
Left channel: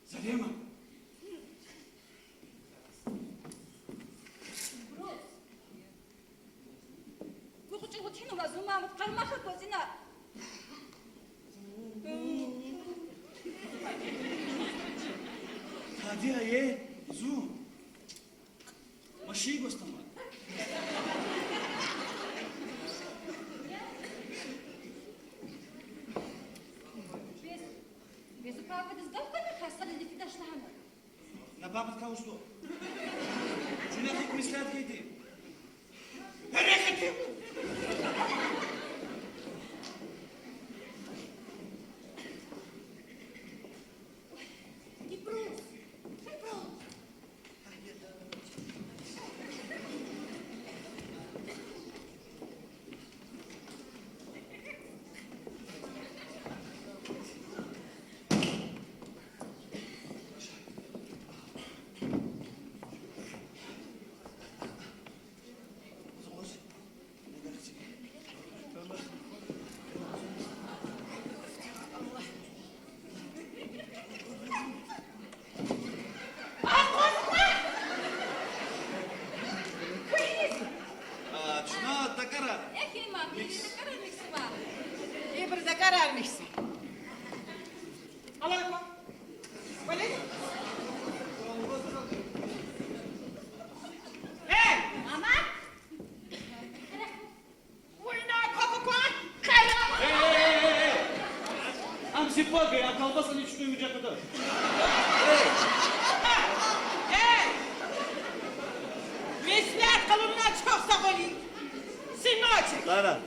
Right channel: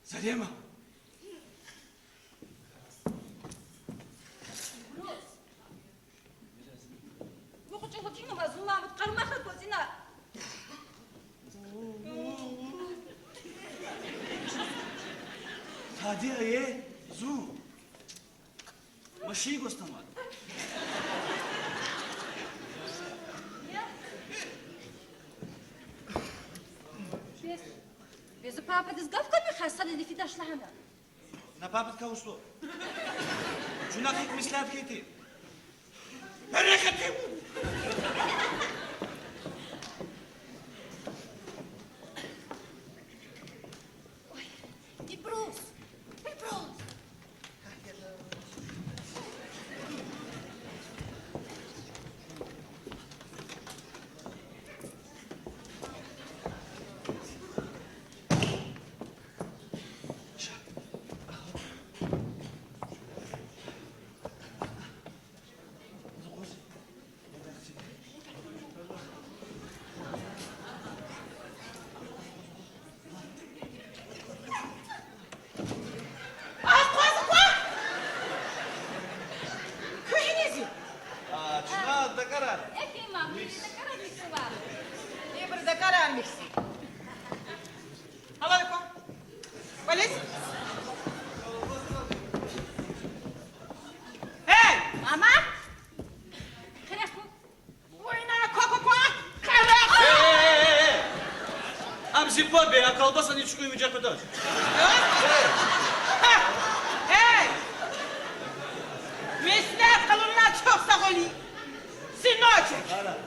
Zarema. Rus. Bu kutu hutinu var, zulmamut karmaha gözüne. Hadi zu. Maşıyı göstermedi. Без папа дизгавка ми хасали ди фидаш лахана. Na papet kauslo. Cuna tutmuşlar dedi. Bereketim. Припрос. Cuna da karar. Ехи мам, ты не карай миксова. İyi bir de kararmışsın. Allah yapma. Polis. Hey! Ama? Хряху. Oyna kokupa. Kavak. Amsi bol be ya kalbasan hiç uyumayacak kadar. Hey! Mesleğet kılığına çok sakın. Sinocek. Karar.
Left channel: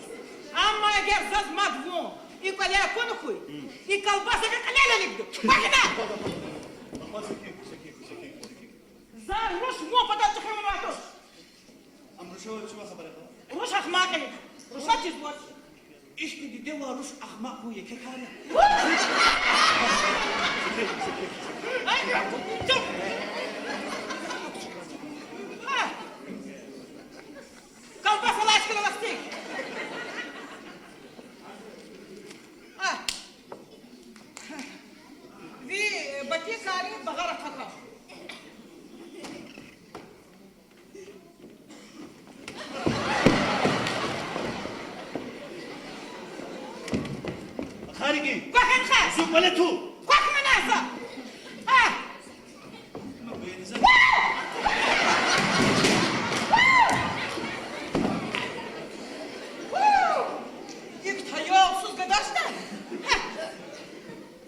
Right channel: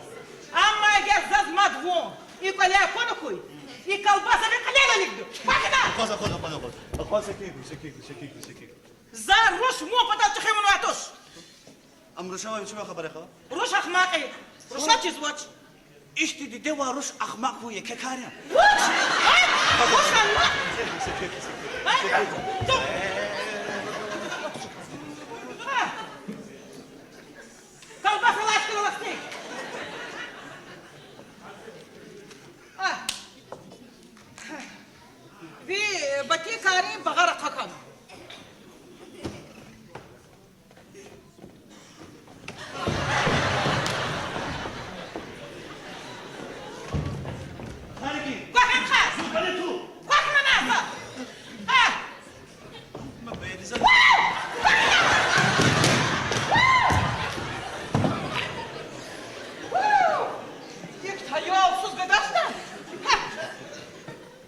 Ama eğer zaz madvon, İkolya konu И колбаса бекалена ликду. Бахна! Коза. Коза секик. За руш мо потом тхемон ватош. Амрушава чего خبره خو؟ Руш ахмаки. Руша чизвоч. İşte de varuş ahmak huye kekarya. Колбаса лачка ласти. Ви бати кари багара такан. Hariki. Bakın khas. Zubale tu. Bakma nasa. Ah. Ma beynize. İlk tayolsuz bir daşta.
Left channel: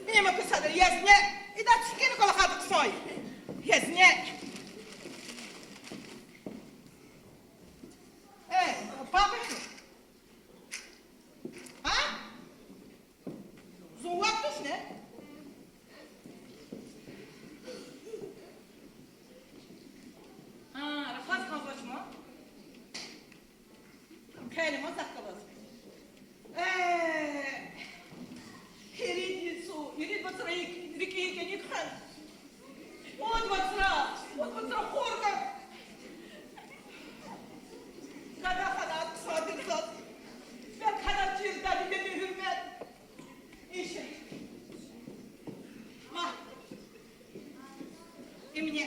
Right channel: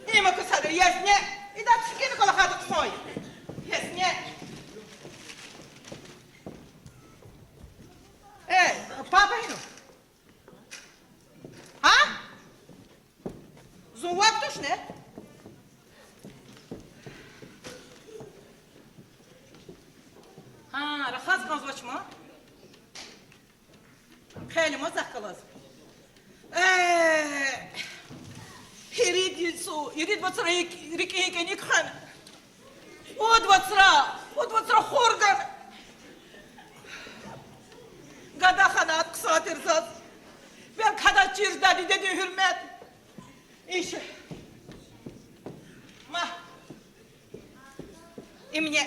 Ne mi kısadır yazne? İda çıkını kalakadık soy. Yazne. Papa hino. Ha? Zuvaptuş ne? Ha, rahat kalmışma. خیلی مزخرف. يريد بصرة ركيه نكخن. ود بصرة خوردن. قد أخذت قصاتر زاد. بيك هذا تشير دادي دادي hürmet. إيش؟ ما. إمني.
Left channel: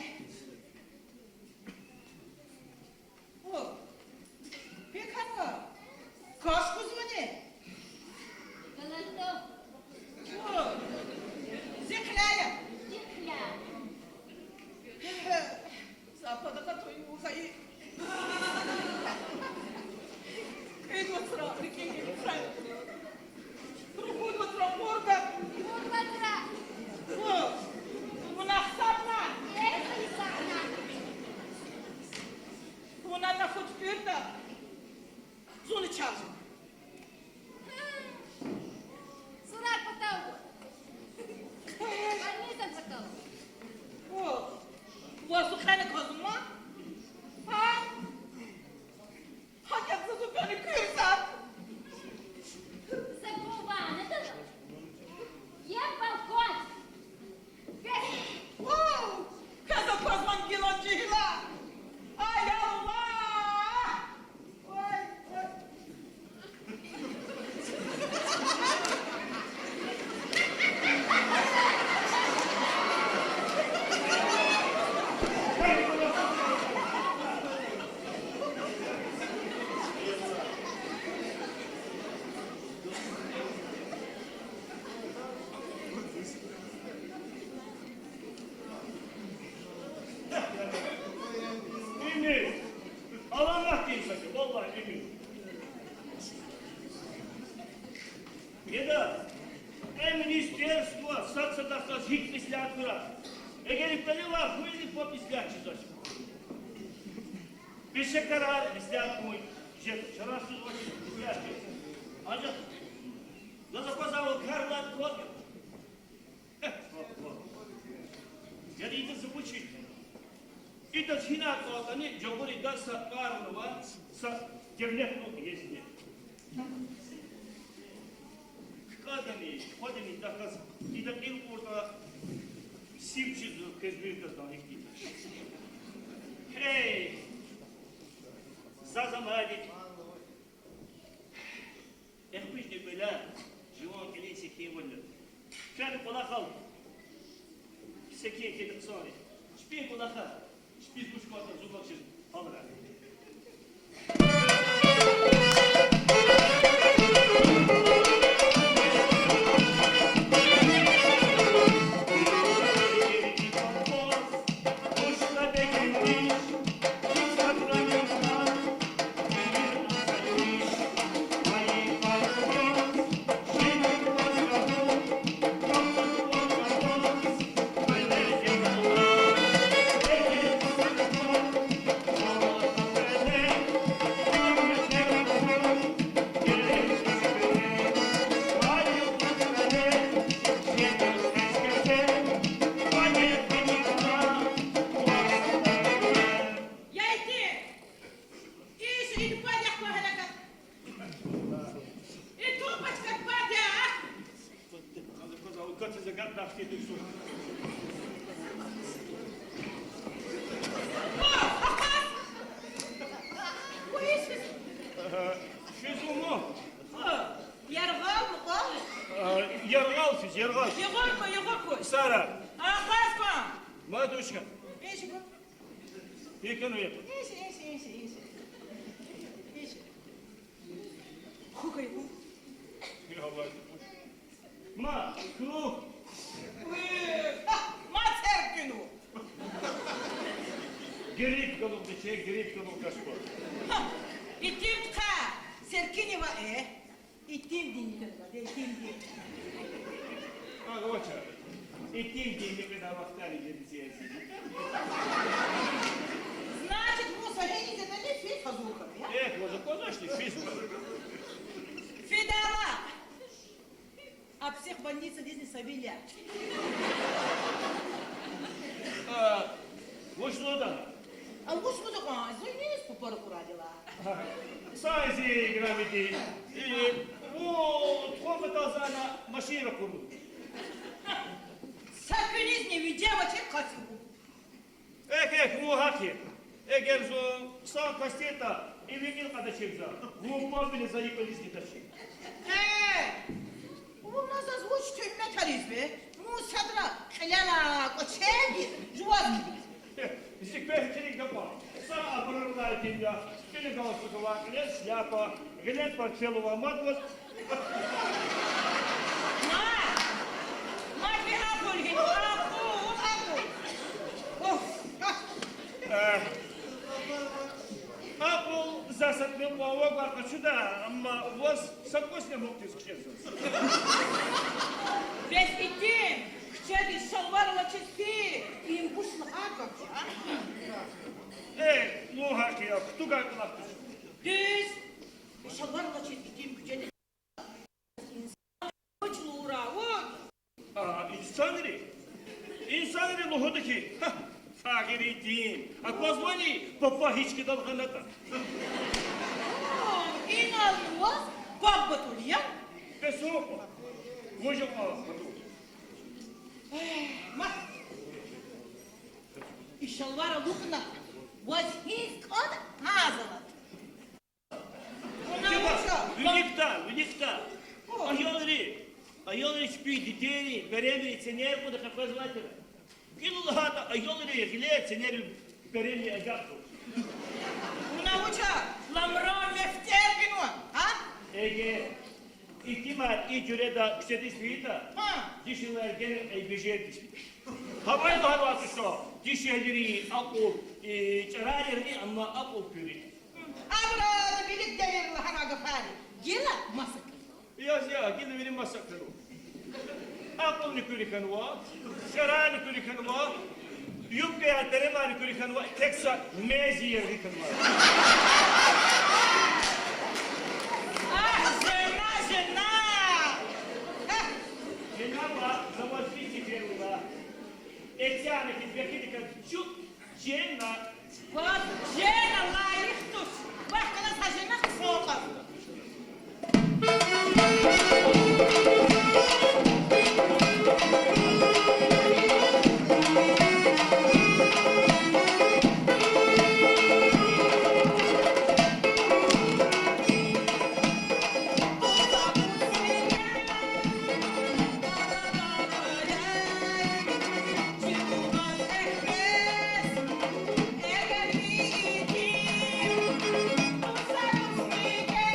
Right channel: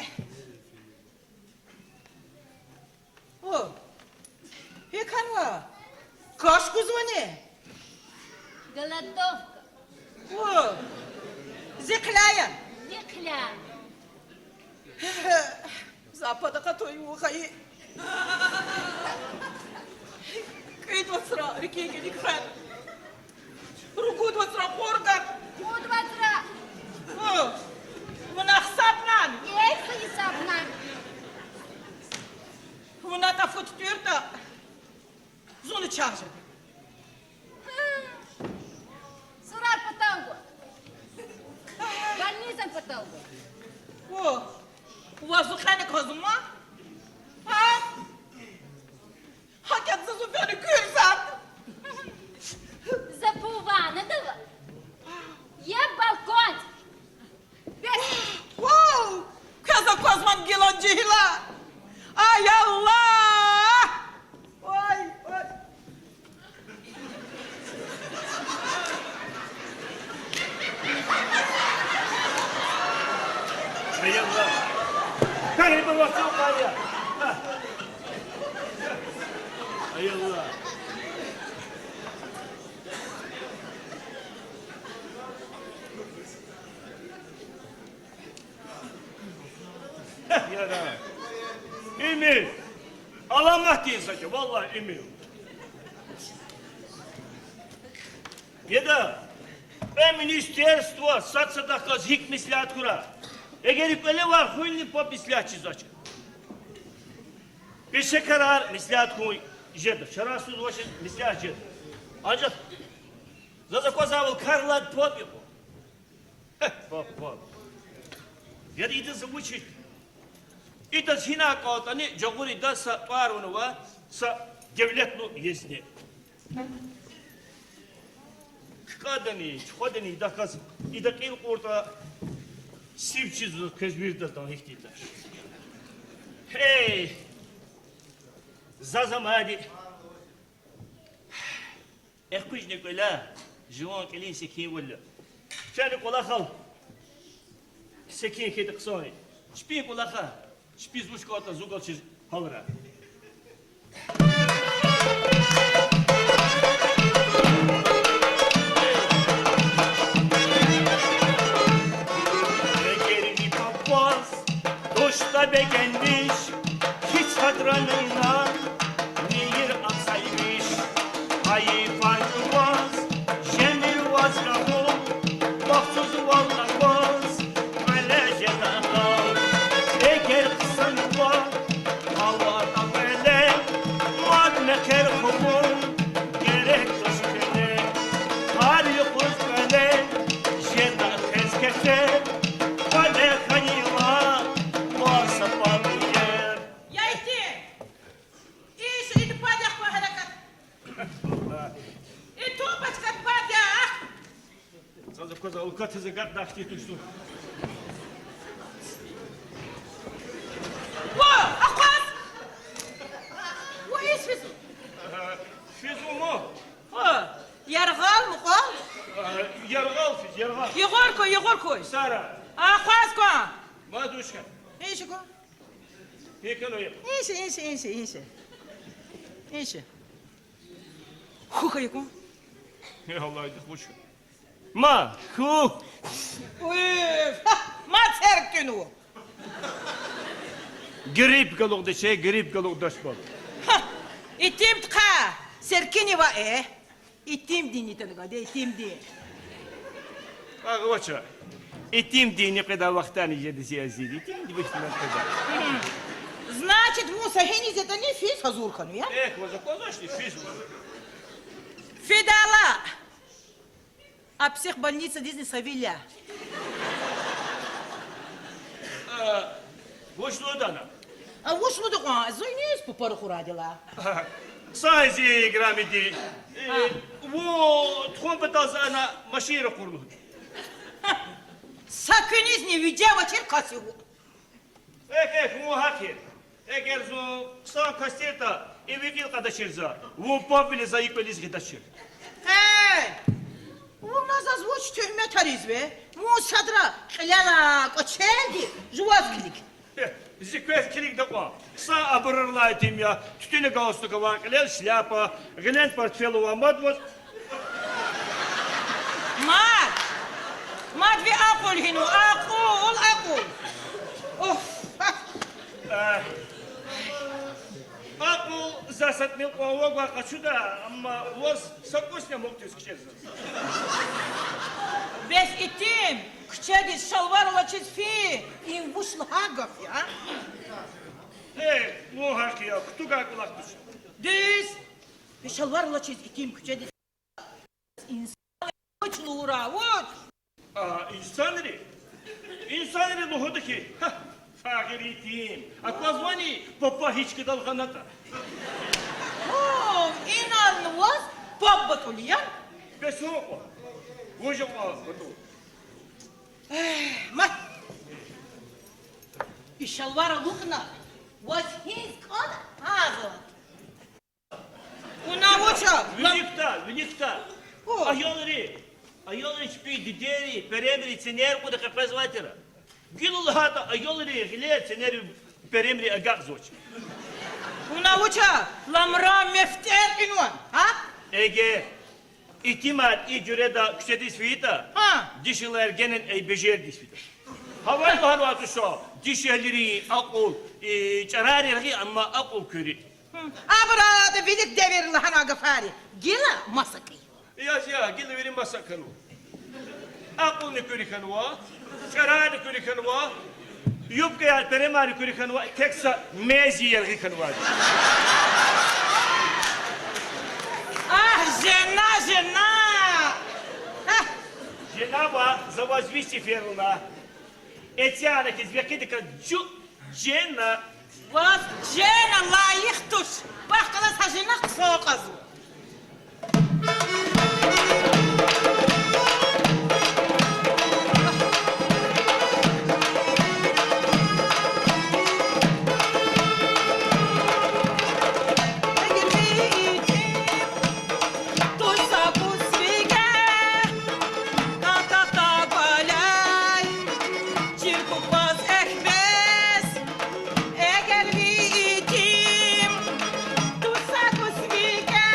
أوه. هيك هنوا. كاش كوزوني. Голодовка. أوه. زقلايا. Икля. Запада катой ухай. Кид васра рикиге дикхан. Рукуд васра хорган. Мудватра. О. Вунахсапнан. Ейхи сапна. Вуната футпюрта. Зоны чаржи. Сурат поталгу. Больница поталгу. О. Вазухани козума. А? Hakik zazufyanı kürsat. Забувана, да? Я балкон. Wow! Kaza kozman gilon cihla. Ay Allah! Oy, oy. Приятно. Как было самое? Eyvallah. Emil. Alamat değil zaten. Vallahi Emil. Еда, министерство соцсадахтаз хик мислят кура. Егер ипеле var хуйни по мислят чизача. Пеше карар мислят хуй жеда. Вчера суд очень мислят жеда. Ancak за заказал карлат подбил. Папа. Еда иди забучи. Ида сина каутани жогури да са парунова са девлетну есне. Kadını da kaz, ida ilk orta sivçiz kezbir de daha ihtiyar. Hey, zazamadi. Ekkuş ne kola, juan kelin sekin valla. Şani kola kal, sekin kedi kısani. Şpin kola kal, şpiz buş kata zugal çiz halıra. Beğenmiş, hiç hadranından bir ansaymış. Ayı farkımaz, jeni vazgahım, baksız vallakmaz, öyle jenanlar. Eğer kısan var, havadan сказал, как ты загадашь эту штуку. О, Ахмак! Ой, физ. Физумо. Яргал, мукал. Яргал физ, яргал. Егорко. Сара, Ахмазко. матушка, Ишико. экономия. Иши. Хухарико. Я Allah это лучше. Ма, ху. Мацеркину. Гриб голубды şey, гриб голубдаш var. İtim tka. Serkini va İtim dini tanıga de itim di. Agvaça. İtim dini kadar vaktani yedi siyasi. İtim di başına kadar. Значит, Муса Хенис это не физ хазуркану, я? Вот закончили физ. Федала. А психбольница Дизни Савилья. Вот что это? А вот что такое? Зойнес по пару хурадила. Сайзи граммити. Вот хоббата на машину курну. Sakınız ne videoya çekası bu. Muhakir. Eğer son kasteta evvel kadar bu popüle zayıf eliz gidişir. У нас озвучь тюрьме таризбе. Мусадра хляна кочеги жуазкилик. Зикветкилик такой. Са абрырлайтим я. Тютюне галстука клен шляпа, глен портфелова мадвоз. Мат ви акул хину, акул. Оф. Апл засаднил плавога качуда, amma воз сакосня мог ты скчезать. Весь итим, кчеги шалварла чизфи, им вышла хагов, я? Muhakir, кто как лактус? Düz. Şalvarla çiz ikim kçeги. İnsan uçlura, uç. İnsanları luhudu ki. Fakiri değil. Akvazvani papa hiç kadar kanata. İnanılmaz. Babbatulu ya. Ve soğuk. Vujum al. Mat. İşalvara lukna. Was his kod? Hazır. Una uça. Виникта. Айолари спи, дидери, перемри, ценер, куда как позватера. Гилулхата, айолари, гиле, ценер, перемри, агак зоч. Una uça. Lamra mefter inuan. Ha? Ege, ihtimal icreda küşedi svita. Ha. Dişiler genen bejer disvita. Havar bahar şu. Dişileri akul, çarari rahi ama akul köri. Abra da bilik devirli hana gafari. Gila masakı. Ya, gel verin masakalı. Akul ne köri kanwa, çarari köri kanwa, yupke yer peremari köri kanwa, teksa mezi yer kanwa. Ah, жена. Cenaba zavazvisti feruna. Etiara ki zvekidi ka cena. Was jena layık tuş. Vakıla sajına soğukaz. Eğer bir itim tutsak usvike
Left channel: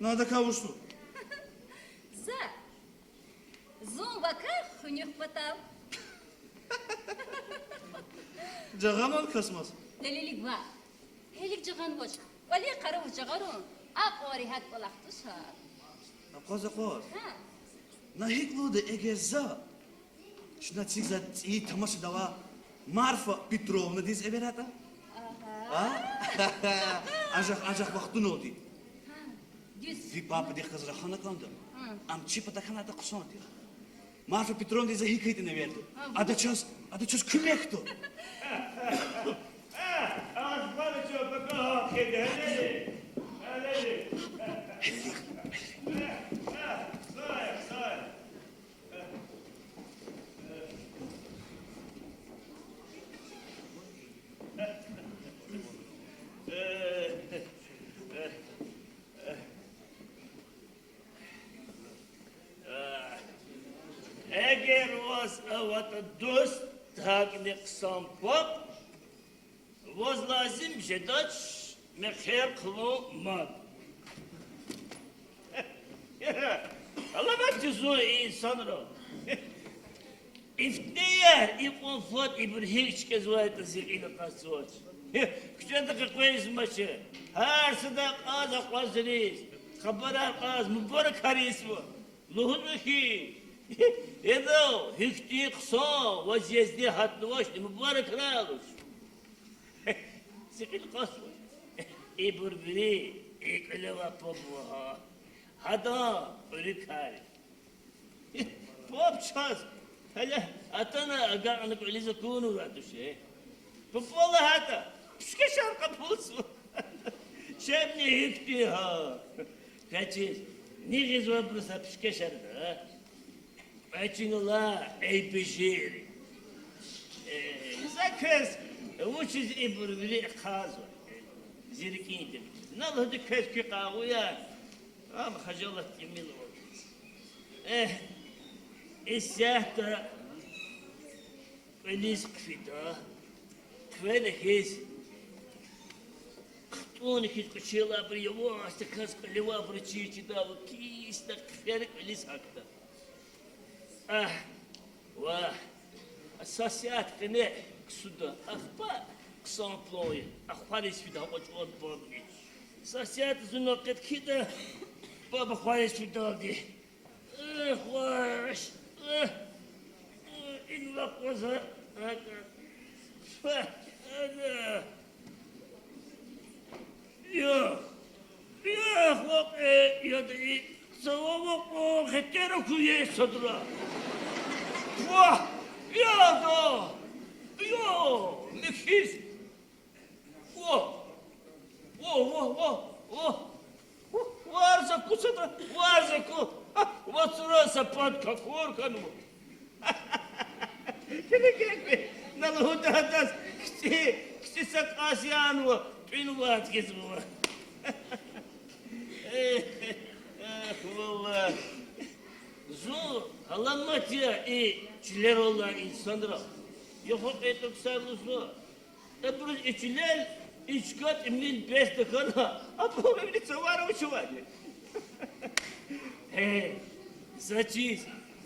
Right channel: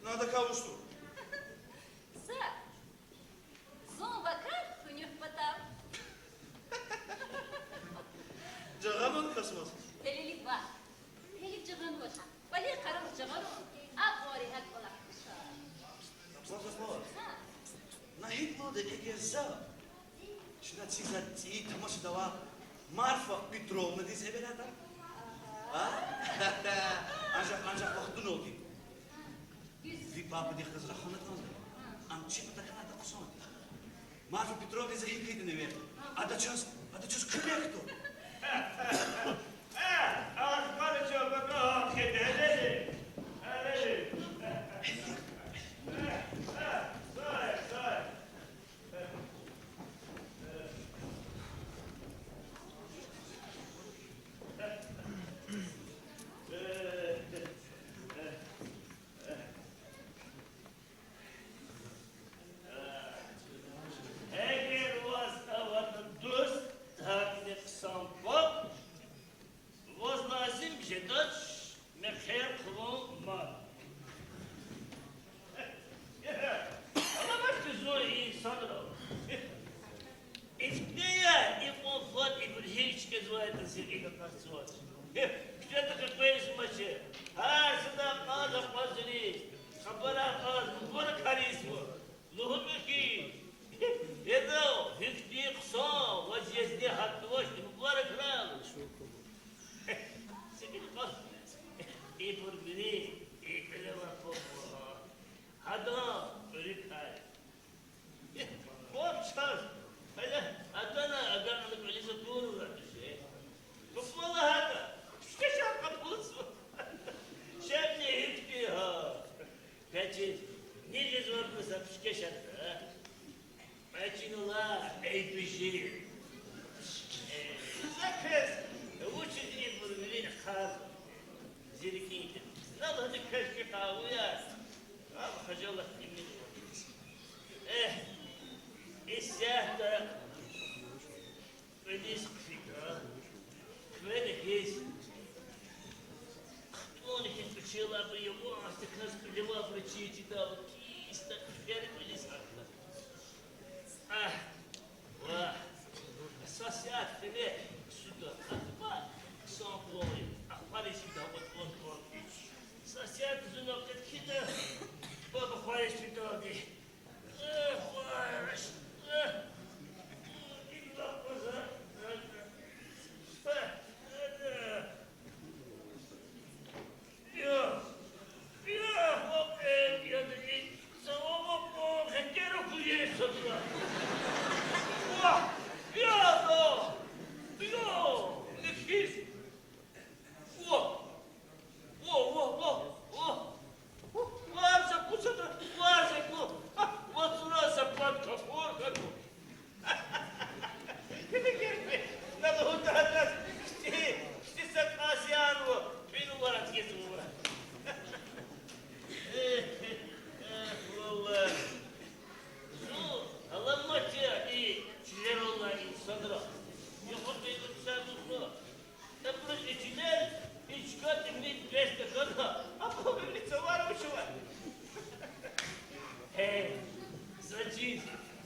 Nerede kavuştun? Sa. Zomba kar hünüf batam. Cağaman kasmaz. Delilik var. Helik cihan boş. Vali karı cigarun. Aqori hat olaqtışa. Kazaklar. Ha. Nahik loda egeza. Şuna tsigza iyi tamaşı dava. Marfa Petrovna diz everata. Ha? Ancak vaktin oldu. Düz. Bir baba diye kızra hana kaldı. Am çipa da kanata kusan ki. Marfa Petrovna dize hikayetini verdi. Adı çöz külekto. Az böyle çok bak kedi hele. Hele. Say. Eğer was avata dost takne qsam pop was lazım jedach mekher qlo mal. Allah bak tuzu insanro. İfteye ipon fot ibn hiç kezvayet zilin qasot. Küçük de koyuz maçı. Her sıda qaza qazriz. Xabara qaz mübarek haris bu. Luhun ki Edo, hükti kısa, vaziyeti hatlı vaş, mübarek rağlış. Sıkıntı kas. İburbiri, ikile ve popva. Hada, ölü kare. Pop çaz. Hala, atana agarlık öyleyse kunu var düşe. Popvala hata. Şüke şarkı bulsun. Şebni hükti ha. Kaçır. Ne gizli bursa şüke şarkı ha. Açınla ey bişir. Sakız, uçuz iburbili kazı. Zirikindir. Nalıdı köşkü kavuya. Abi hacalat yemin oldu. İsyah da ölis kfita. Kvele his. Onu ki kıçıyla bir yavaş da kız kıleva bir çiğçi da o kis da kferik ölis hakta. Vah. Asasiyat fene suda akhbar samploy. Akhbar isfida o bom iç. Asasiyat zunnoket kida. Baba khayes fidadi. Khwash. İlla qaza. Ya. Ya khok ya da savamo ko khetero kuye sadra. Vah! Ya da! Ya! Nefis! Vah! Varsa kusada, varsa ku! Vasurasa patka korkanu! Gel. Naluta hatas, kişi sak asiyanu, pinuvat gezuva. Valla. Zo, Allah'ım ya, çiler olan insanlara. Yok ettim sarılısı. Burası içiler, içkat emin beste kana. Ama evli savar uçu var.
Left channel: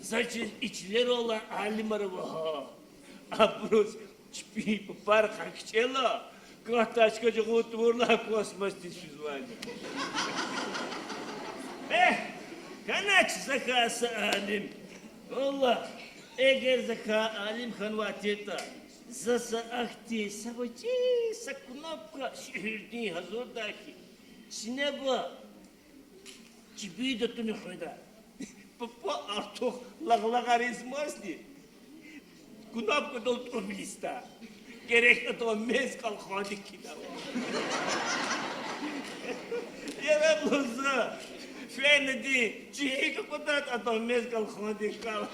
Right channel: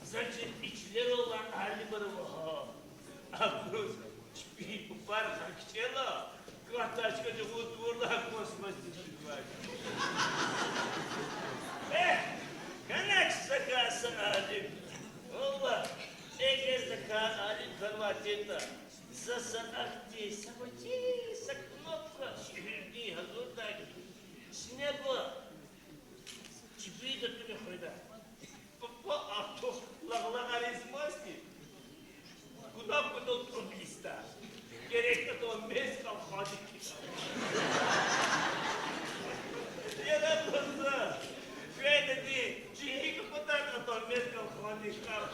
Saçız içiler olan halim araba. Burası çipi par kakçela. Kahtaşkacı kutuğurla kosmos tüsüz var. Kanak zakası alim. Allah, eğer zaka alim kanvatiyeta, zasa ahti, savacı, saknopka, şehirni hazırdaki, sineba, çibi de tünü khayda. Papa ahto, laglarizmasti. Kunapka da otomobilista. Gerek to mezkal khadik kida. Yara bulsa. Fenedi, çiğ kutat atom mezkal khadik kal.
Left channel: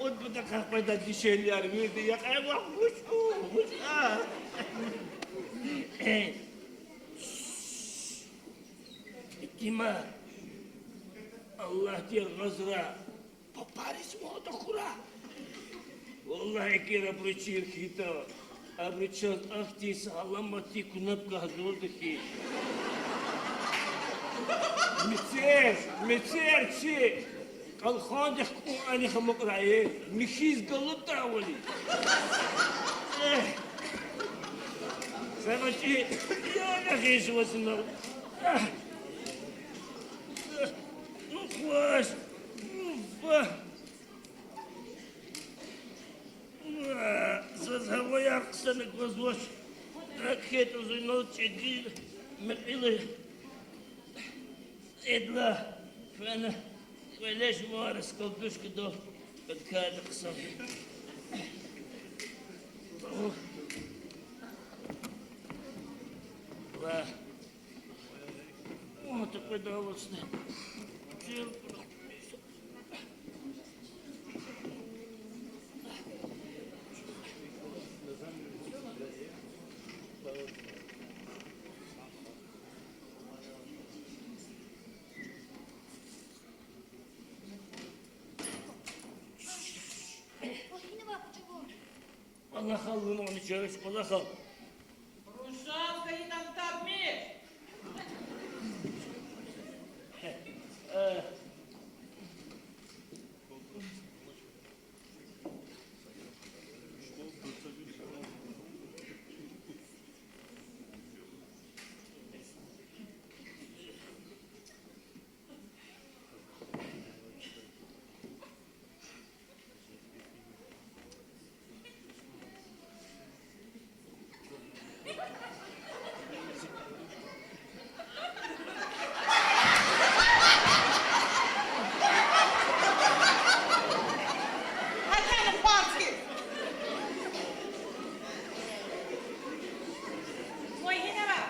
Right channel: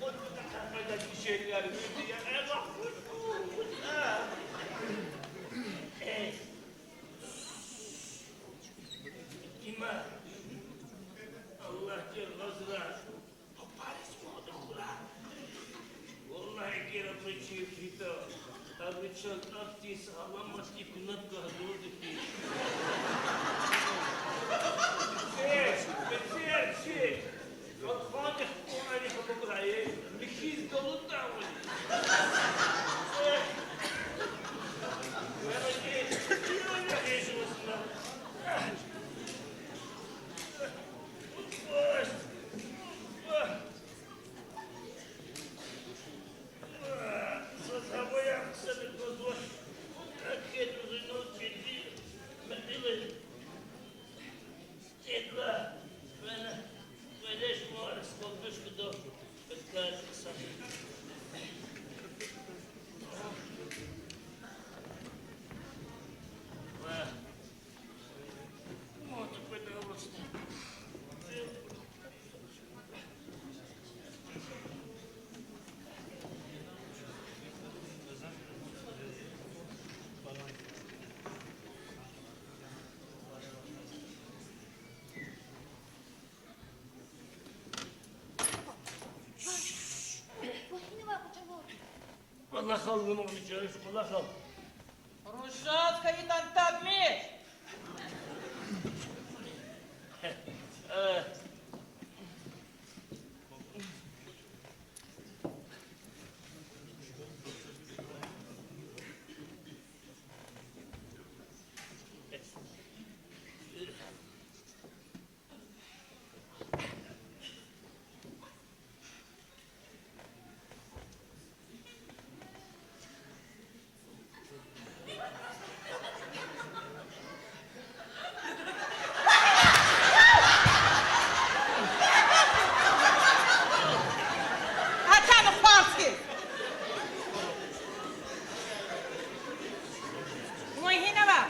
O da kalkmadan bir şeyler verdi ya. Eyvah huş. Kima? Allah diye gazra. Paparis mi o da kura? Vallahi kira bu çiğ kita. Arıçak aktiyse alamadı kunat gazı oldu ki. Meser, çi. Kalkadık bu ani hamuk rayı. Mikiz galı davali. Sana ki, ya ne kıyısı vasınlar. Ufas. Zavaya kısana kızmış. Raket uzun olçaydı. Mekili. Edla. Bana. Böyleş muarız kılkış kıdo. Kılkâlı kısana. Vah. Mutlaka davasına. وهنا ما بجوون Allah kalbim olacak, Allah kalbim. Ружатка и тантагмеш. Hatana Falski. Moj hinava.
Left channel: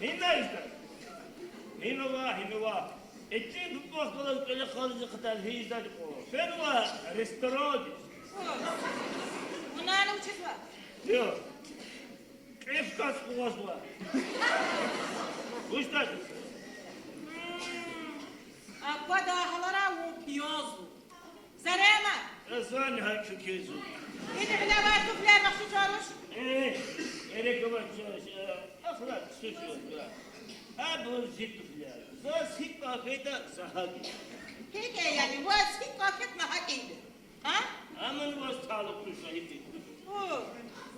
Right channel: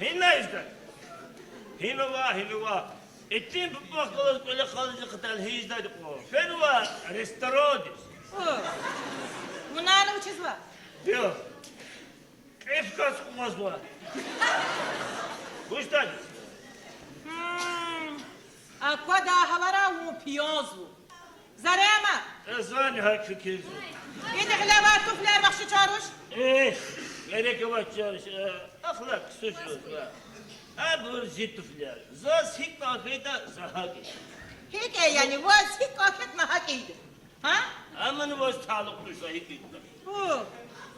Hinna işte. Hinova. Ettiğim bu bakkalı böyle kalıcı kıtal hizdadı o. Ben var, restoran. Unana учезла. Yok. Efkas kuvaz var. Kuştadı. А куда халара у пиозу? Зарема. Ezani hakkı kezu. Yine hilava tufler nakşı çağırış. Gerek var çağırış. Aflak suçlu var. Abur zituflar. Zas hikma beyda zahagi. Hike yani vaz hik afet nahakiydi. Ha? Aman var sağlıklı sahibi.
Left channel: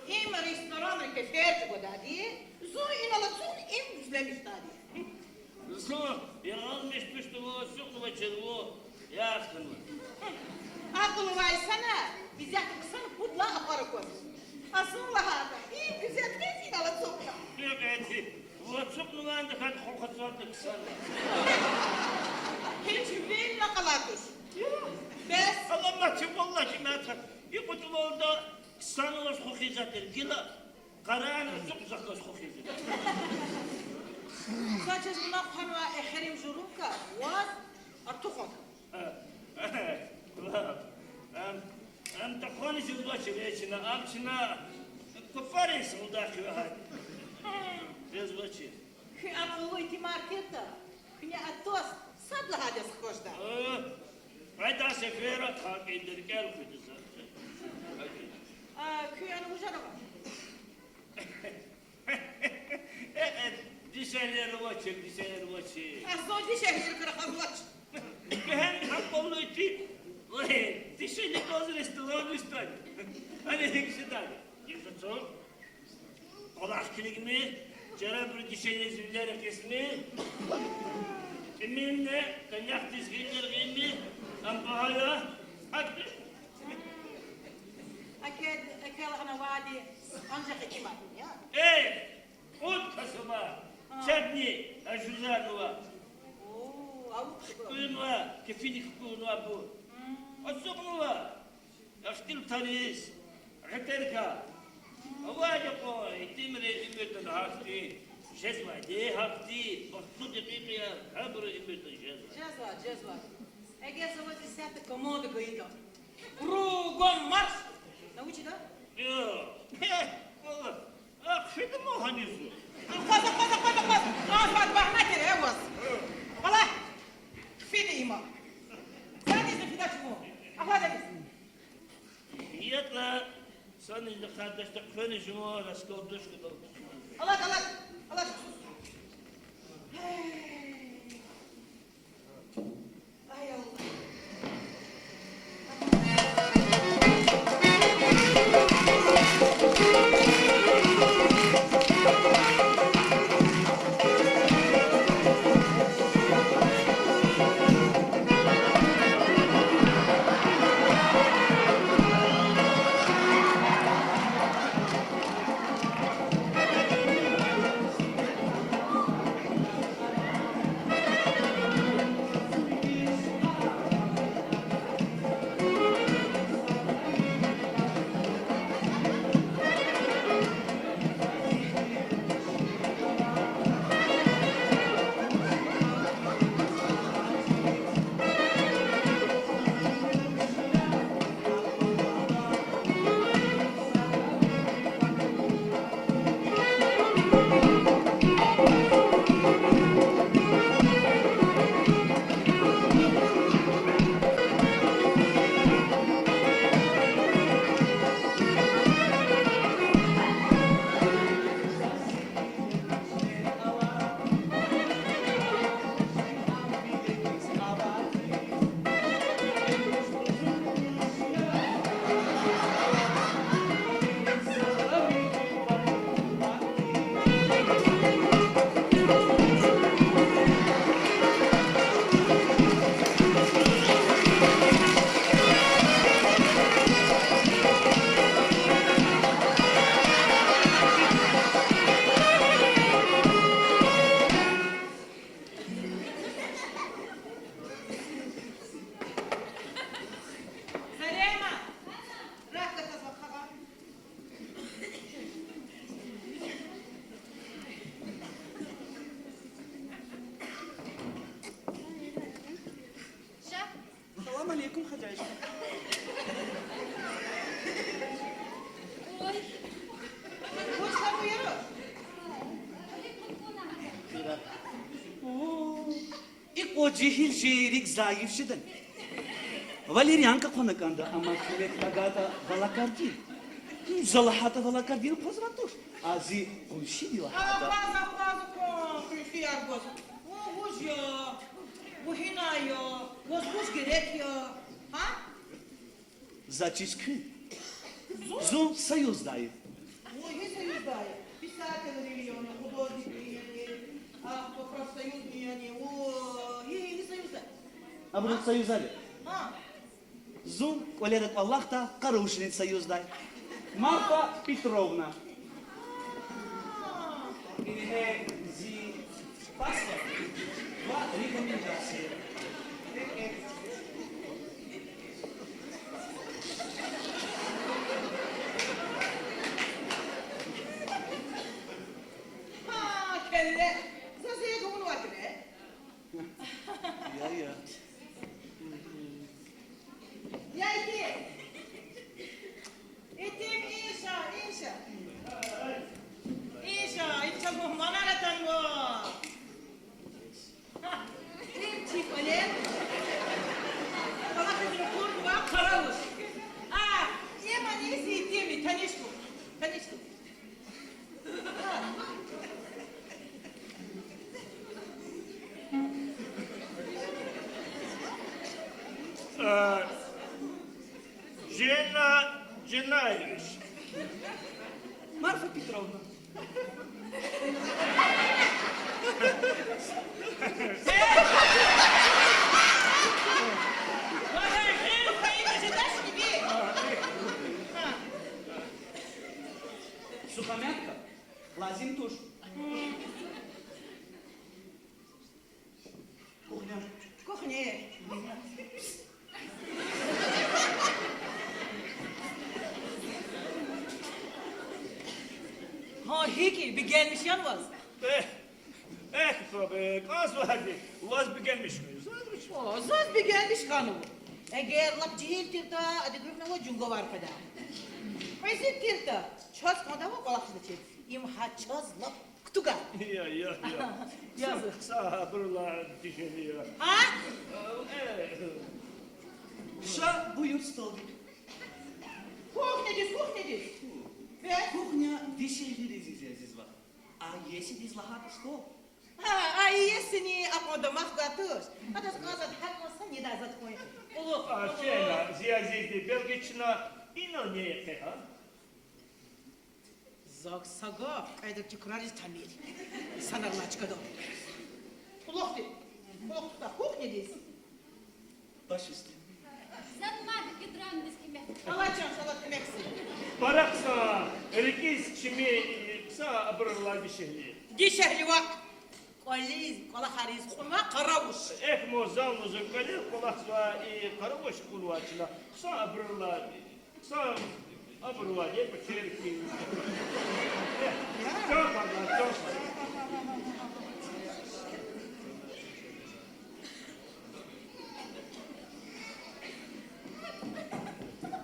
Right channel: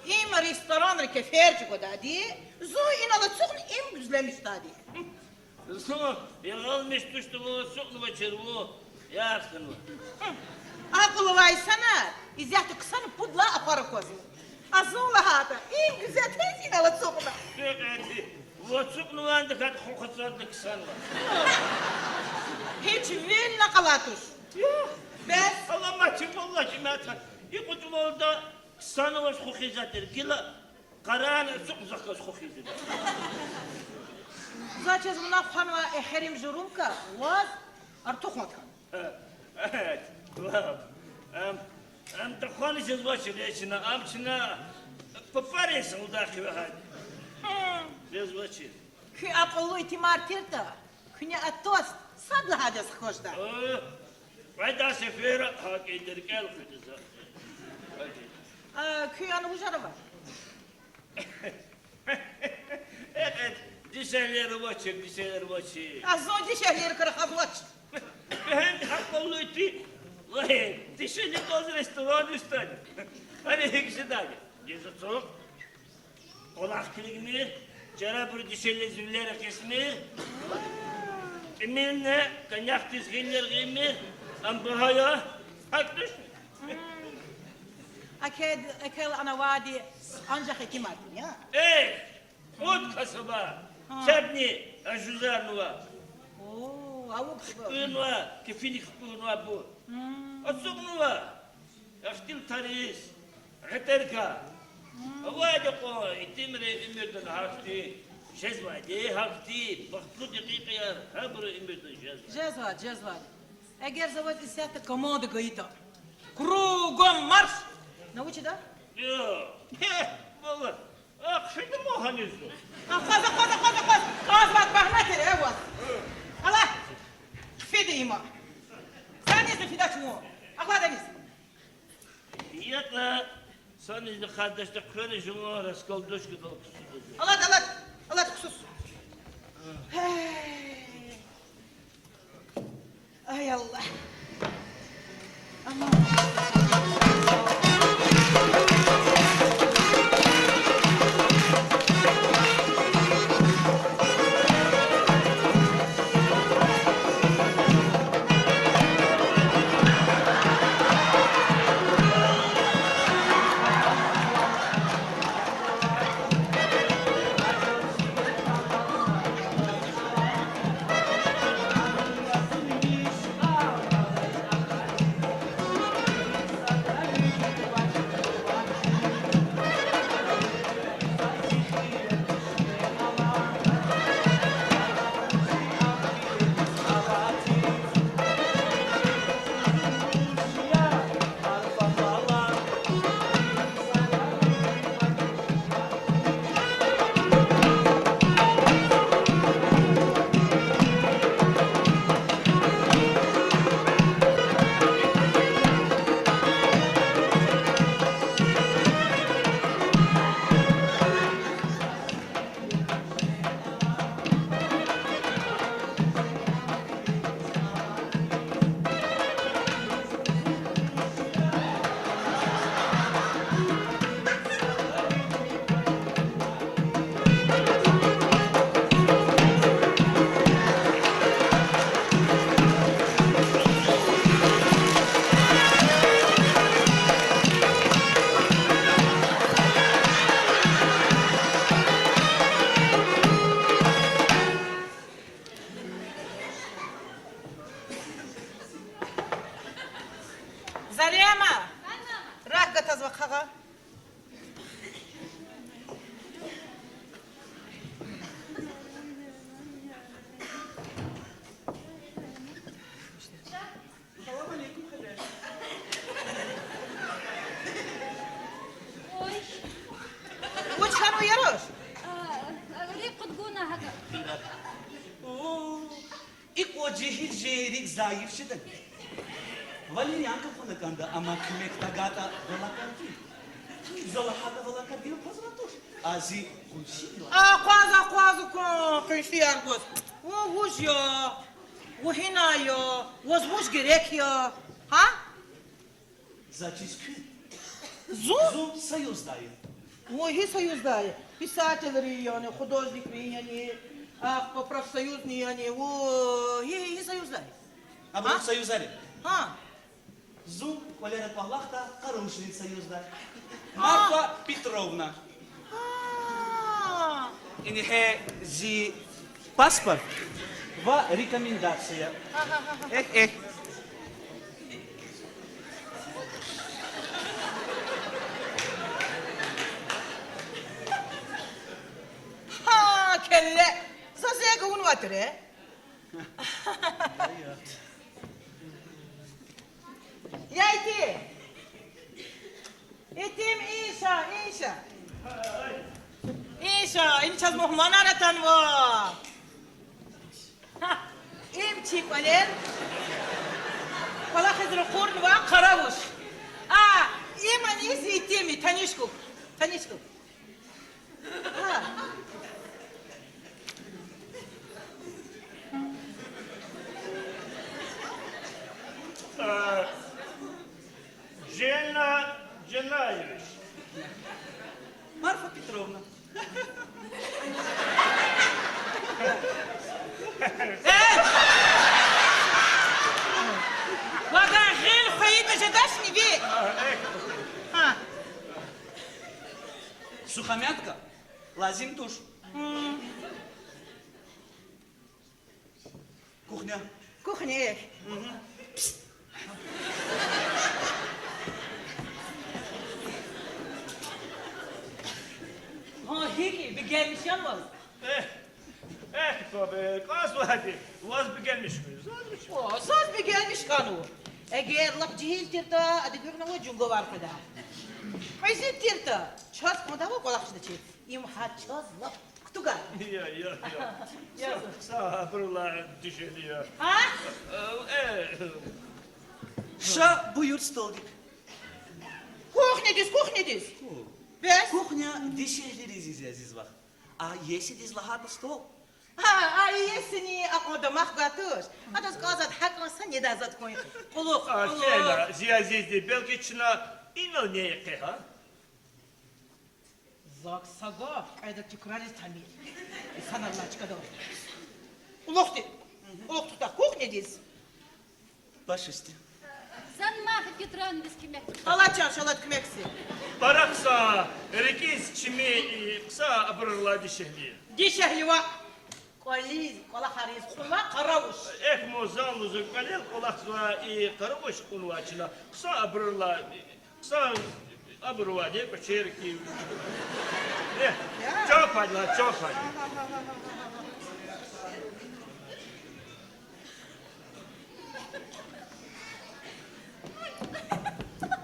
Im restoran keferci kodadi. Zu inala çuğun im güzlemiş dadi. Sonra bir almış düştü bu soktu başarı bu. Yaktın o. Akıllı vaysana. İzzeti kısanı pudla aparı koz. Azunla hata. İm güzel tez inala çuğuna. Evet. Bu çok nulandı kad kokatsandı kısan var. Hiç vil nakalatış. Bes. Allah maçım vallahi ben tak. İpucum orada kısanı var kokizatır. Gila karanı çok uzak kokizatır. Zaçez buna khanwa eherim jurumka. Vaz artukhmaka. Evet. Kulağım. Am takhani jazbaşı leçine amçına papares udaki ve hadi. Jazbaşı. Ki apollo itimar tirta. Kınya atos sadla hades khoşda. Vayda sefera hak indir gel kıdıza. Ki anı bujaraba. Evet. Dişerleri başı, dişerleri başı. Azon dişerleri kırık ablaç. Ben akıllı iti. Vay, dişeri doz restoran üstad. Hani hekşedar. Yazıtım. Kolak kiligini, cerabır dişerli züller kesmi. Eminle, kanyak dizginler giymi. Ambahaya, haktır. Aked ekel ana vadi ancak itimar ya. Mut kasaba. Çatni, aşuzar nuva. Oo, avuk bu. Nuva, kefini nuva bu. Azık nuva. Yaştil tanis. Haterka. Avada ko, itimre imirden hafti. Cezvadi hafti. Baktu dakikaya, habru imirden cezva. Cezva. Eğer zavat isette komodu gıyda. Krugom marş. Navuçi da? Yok. Valla. Akşaydı mı hanisu? Koza. Azat bahmettir evaz. Hala. Fidi ima. Sen izin fidaç mu? Akla deniz. kardeşte köyün juma raskolduş gıdal kusudur. Allah sus. Hey. Ay Allah. Aman. Zariyama. Rakka tazva kaga. Salam aleykum hacayım. Oy. Uç kanu yaroş. ريق تقولنا هذا. İlk o cehil jerik zayıf şidden. Valerianka konakanda ama kimek tagata valakar değil. Zalahata valakar değil pozrantos. Azi şiyo. Quase com enfiargos. O hujyo. O hinayo. O zmuş gerek yo. Ha? Zaçiskü. Zu? Zu sayuzdayı. Ой, и союздая. Писатели они, художники они, по профсоюзные они, и союздая. Ama sayuzali. А, Zu koledat Allah'ta karuşnit sayuzday. Marfa Petrovna. а, İnhe zi pasport ve rekomendasyya. kelle. Zazega un vatre. Ya iti. İtim inşa. İnşa, inşa muhmanaratan va. İmçi palen. Valla khidr qurn va qaravuş. İman isi itimi tanışkuk. Cenaymış. Marfa Petrovna. Vada غير فايدة جداشني بيه. Сухомятка. Лазим туш. Кухня. Кухня. Heki bir gelmiş yanmaz. Tabii, az vardı. Vaz bir gelmiş mi? Zaz bir gelmiş kanu. Eğer lap cihil tirta, adı görünen o cungo var kadar. Hayzi tirta, çaz kadar var balakçı da çek. İmha çaz lap kutuka. Ya. Yazık. Sabırla düşünüyor. Ha? Ша buyur stolnik. Kuhnedis. Бес? Кухня дешевле здесь вах. А если здесь лохата стол? А если акодамах гатуш? А то сказать, хакоса не даст кой. Полух, Фела, зиазизди, белгична, ино не екеха. Заксага, кайда текрарис тамир. Санарлачка до. Улохти. Улохта кухня здесь. Пашисти. Zanmah getron biz kime? Алачан шалат кмекси. Паракса, рекис чими, кса абрла дешевле. Дишахливак. Колиз, кола хариз, хума карауш. Эх, мозал, уже калел, кулаксва и каровош кулуачина, кса абрла, не печерки. Эх, чапайла, чапай.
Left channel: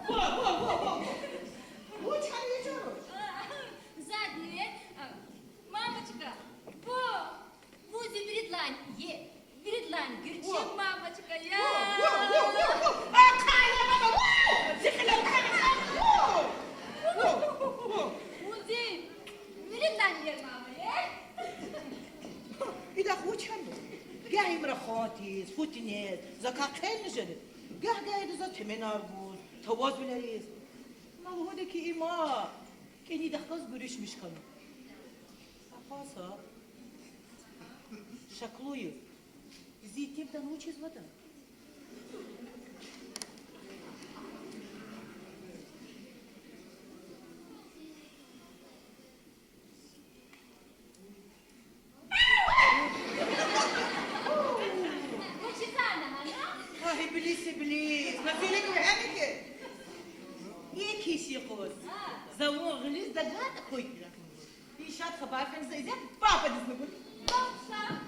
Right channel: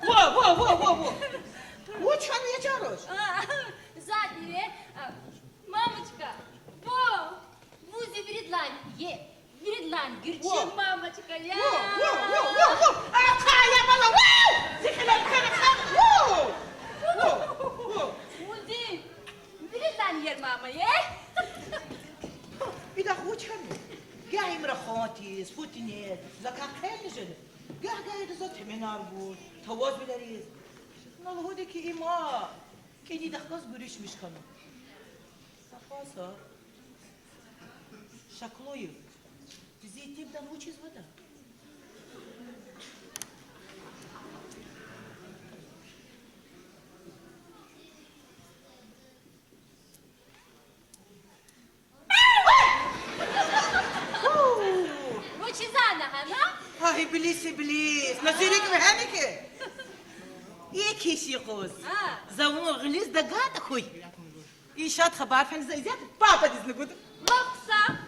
Во. Учан не чаруш. Задние. Мамочка, во, вузи Виридлань, Виридлань, гürçin мамочка, я. Во. Акая мала, во! Зихилан кана, во! Вузи Виридлань yer mama, ye. Bir dakika uçan mı? Ya imra khantiz, putiniz, zaka kaymışın. Ya gayet zaten menar bu, tavaz bileriz. Nalhudaki ima, keni dakikaz görüşmüş kanı. Safasa, şakluyu, zeytim de uçiz vada. Вучи зана, хана? Hay iblis, nasıl gibi hani ki? İyi kişi kız. Ha. Zavunu giliz da gata koy. İşat haber fen zeyzet, papa dizini kudu. Baksa.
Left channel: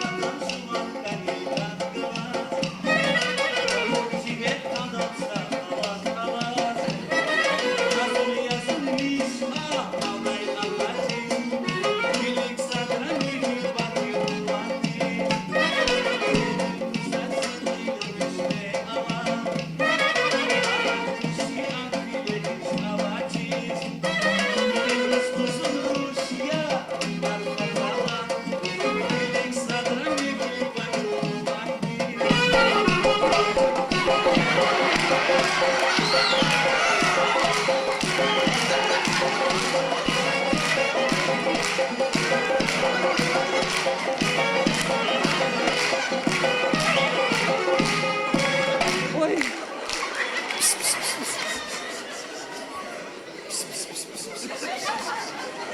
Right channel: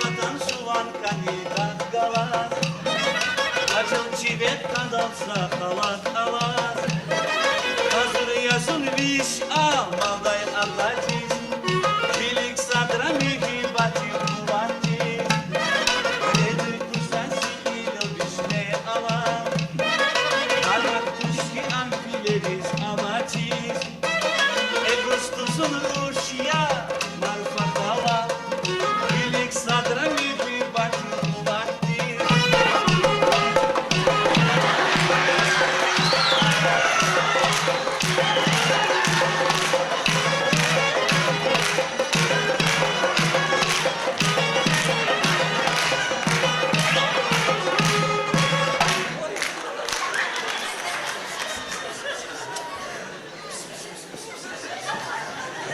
Потом суван канидан гала. Кажел тебе кадался халат. Hazır yazılmış ağlamay Allah'ın. Bilik sadra büyük batı kuvanti. Nedir kursası milyon düşmeye alan. Adak kuşki amfileriz amatiz. Emus kuzuluş ya malfa hala. Bilik sadra büyük batı kuvanti.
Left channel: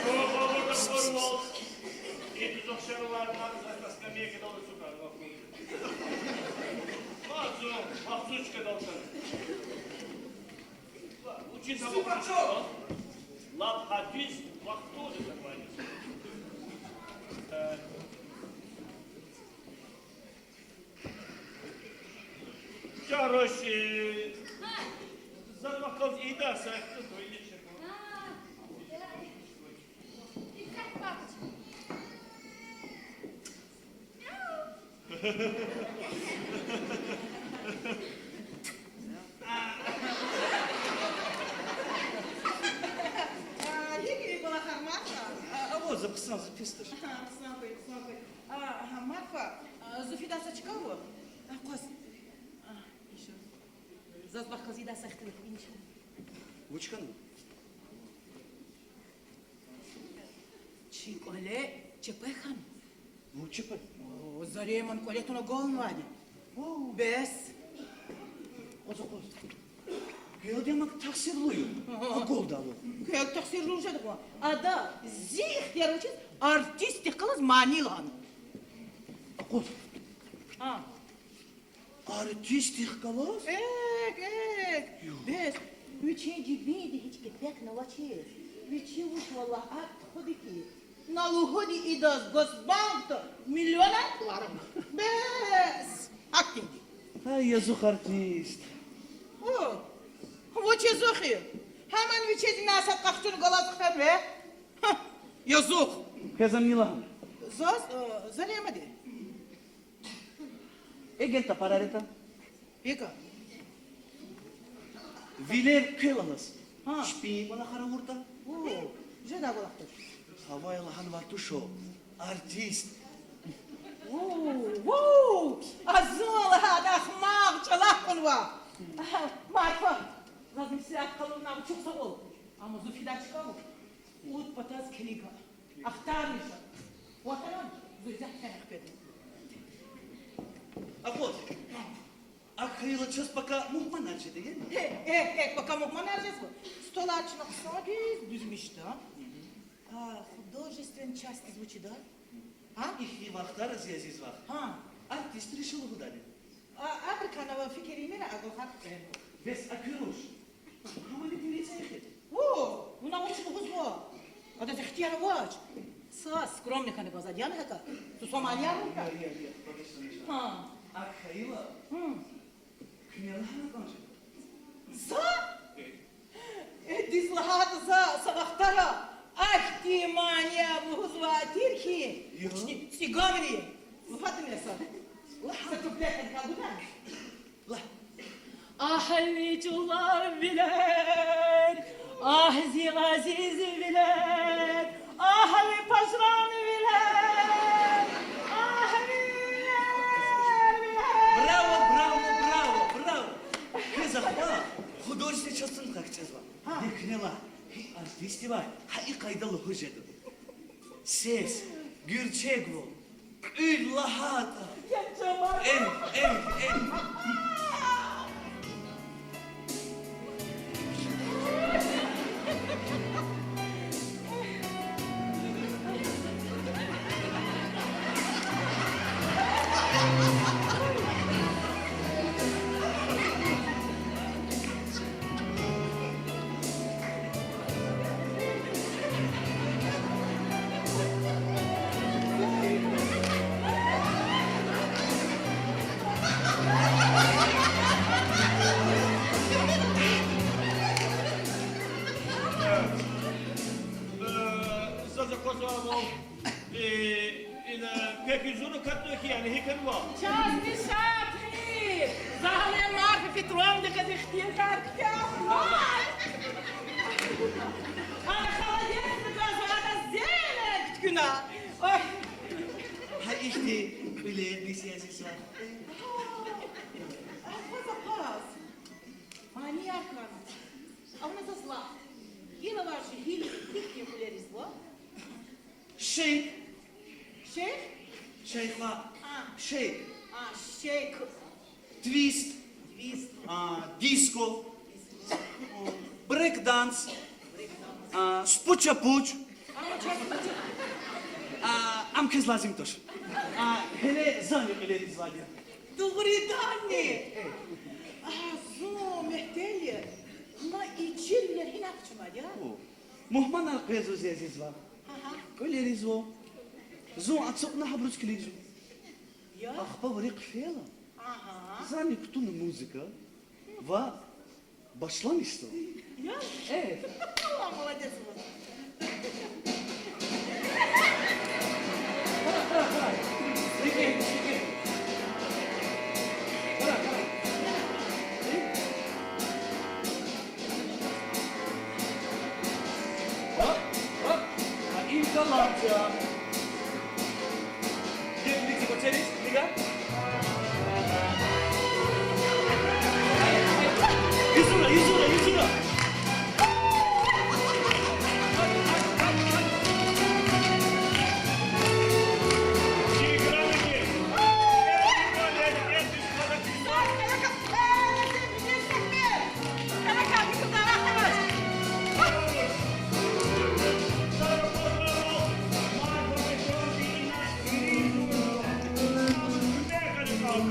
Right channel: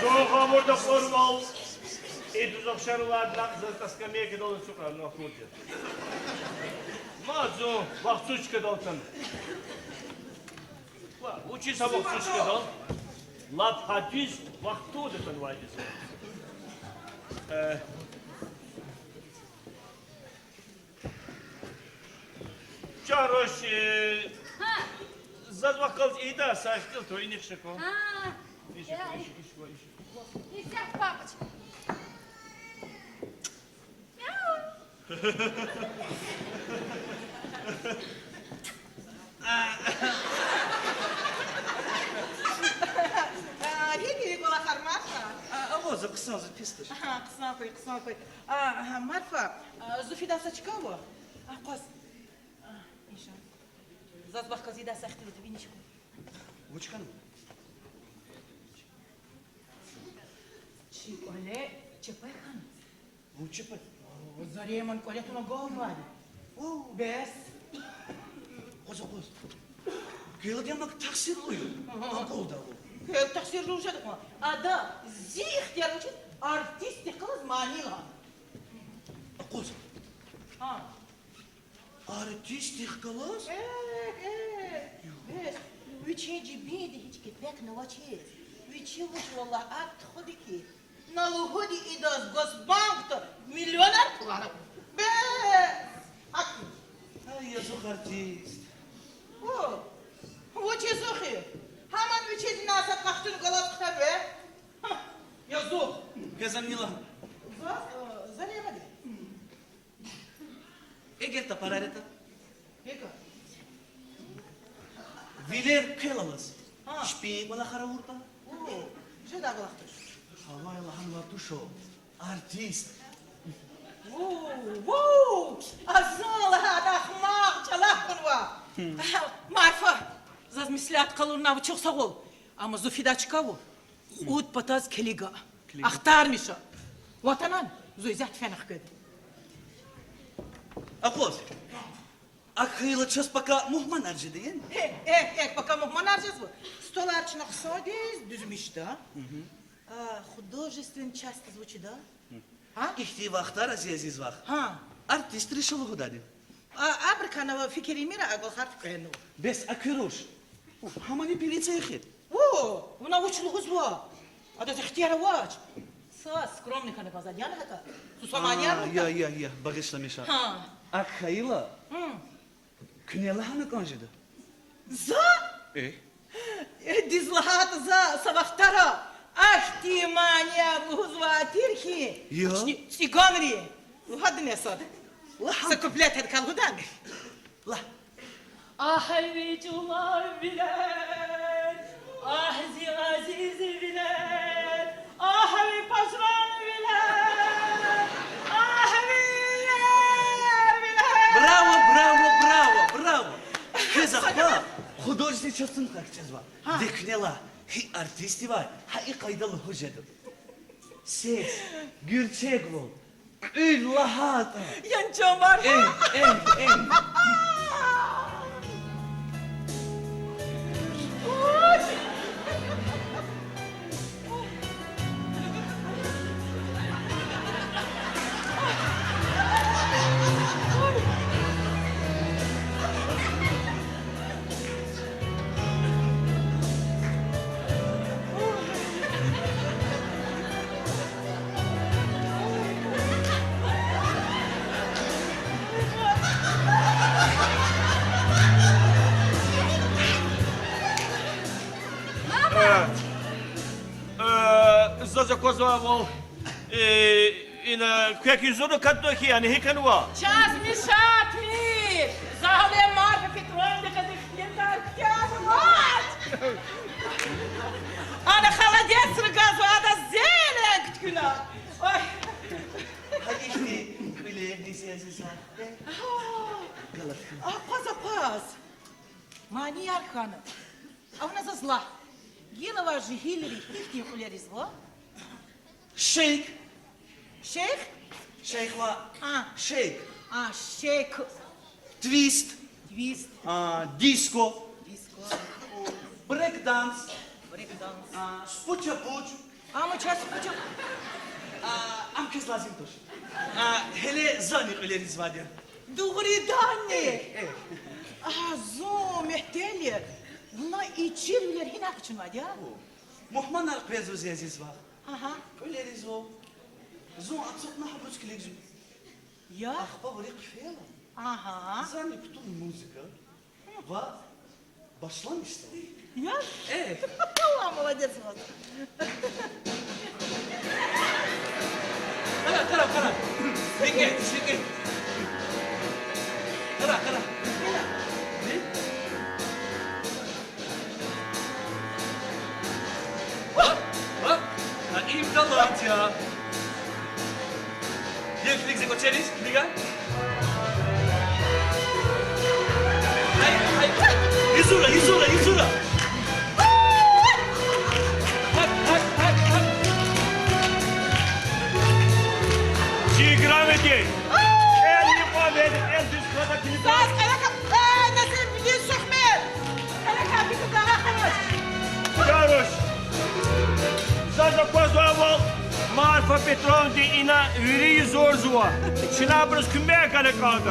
Договорда формал. И тут обшарла за скамейки долу сухар на хуте. Мазу, вахтучка долтан. Учи сабок сучка дол. Лап хадис вахту да понимаете. Чарош, Ha. зазвакал и да, саштил, то и не вшеко. Ha. Ya. İzah bakç. Yeni kola harmaka. Авоза ксан запистыш. Кısna koy. Marfa, Zufida saçkavu. Kos. İşa. Zazbak kazida saçkılı tebiniç. Учкан. Çikole, çepayhan. Учипа. Zareman kole tuna goğun vadi. Bes. Коза. Гелдемак таксирлую. Голдалу. Kök taksirli uşadık mı? Ada, zih yarıcız, artistik kılız manilan. Коза. Ha. Артистик калас? Bes, üçüncü bindi hiç gitmek ne vaçiz. Üçü uç valla at hodi ki. Nalu hodi idaz gosbankta milyoner kularım. Bes. Hakim. А я зух артист. O. Vaçi zohi. Hemen bir çizim nasat kaçtığını galazıklar be. Yazık. Pezan Milan. Zaz, zaneyemedi. Egel ta parareta. Yeka. Viler kılalas. Ha. Şpik bana kara vurta. Oo, güzel ağlaktır. Havay Allah'ın var tuşo. Artist. Wow, azal hada ahmak çalak konva. Marfa, zaz mislat kalurna bu çok sağ ol. Ama Zufida çıkavu. Ut pataz keliga. Ahtarmış o. Vatanan, zuyzat fenak göd. Apos. Akıyla çaspaka muhman arjı deyin. Bakalım manarcız bu. Stolar çınık sades düzmüş da. Художественная часть звучит, да? А? İhti vaktar aziz vak. Ha. Artist rişolu hudadi. Абриканова фикери мира агол харф кэну. Bes akıroş. Hamani pilice yıkıt. О, у научного зла. А это ихтияра вач. Са, скромный хана газа дьяна хака. Сусамания Ya рука. ya bağışlamışa. Ha. Akıyla. Künyalı hanı konjede. За? Дизлахат за савахтара. Ах ты, мания, бузва тирхи. Yo. Сиганри. Вхад не сад. Sakuplet hadi kalgudan. Ah hayvecular biler, ah zivaziz biler, ah havi pasran biler, ah biler. Bravo, bravo, bravo, bravo. Kız akla. Художественный частын kakçız var. Deknela. Hi artisti var. Hi kaydalı hocadım. Ses. Gürçek bu. Ül lahata. Yancan var. En. Zaza kozlavol. Ina kaki zono katno ki yani hekanwa. Час мешатни. Загале Марка Петровна казахтин карктяр. Ana холодец разу ада зелек ткuna. Ой. Ha işte öyle disiyasisa. Паз. Мани аркана. А у нас зла. Гилова же Хиллери ихним улеризло. Shake. Шейх? Shake var. Shake. Шейк. Twist. Твист. Disco. Диско. Break dance. Брейкданс. Spuçapuç. Ama çarşı Am kız lazım toş. Hele zanı öyle var ya. Doğru danne. Zo mehteli. Buna içimler hinak çımadı ya. Muhman arkaya ziyazız var. Aha. Öyle rizo. Zo atsotna habrus kilik. Ya. Akba böyle kfela. Aha. Zanı kutun müzika. Va başlamıştı. Ya. Evet. Allah молодец вас. Kara. Dikkat. Kara. Bak. İmdalat ya. Jak ty chcesz ocenić, Liga? Yüzüra. Ci grameti. Elli paden en düz kadaki. Saz kalaka. Nasıl biliyorsun ben? Kalaka bir kızlara kaç. Yaroş. Zaza kozlavol. Marfa Petrovna ina viri zorzua. Şinabros kümbeye kare kaldı.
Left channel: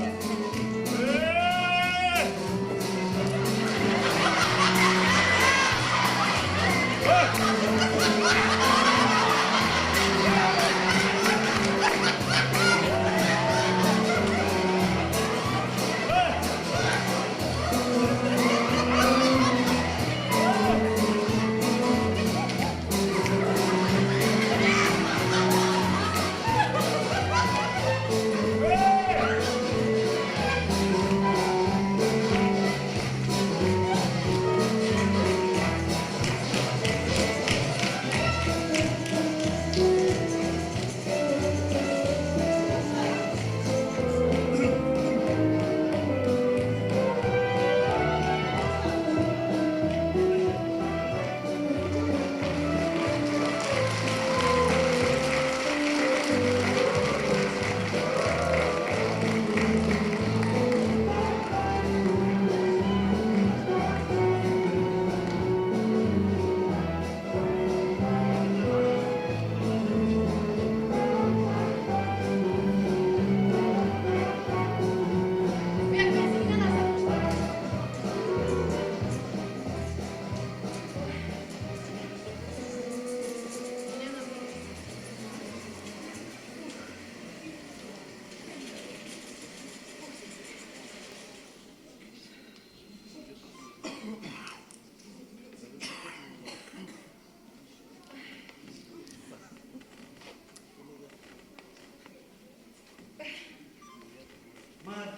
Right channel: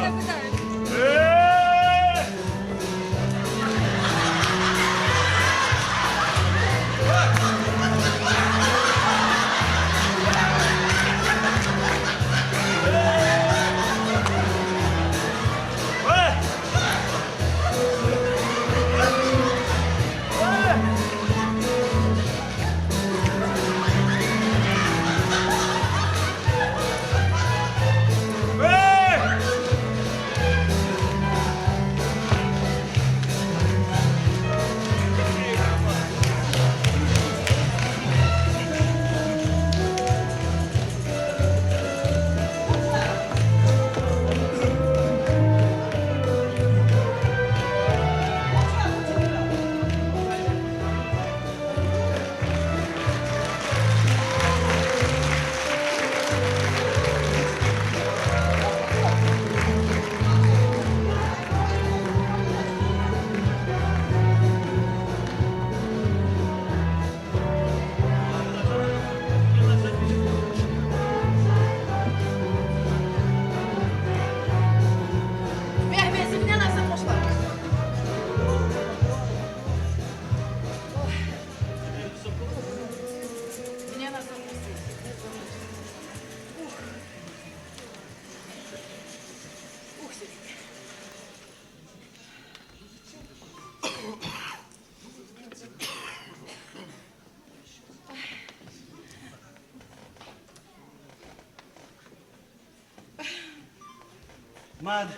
Mad,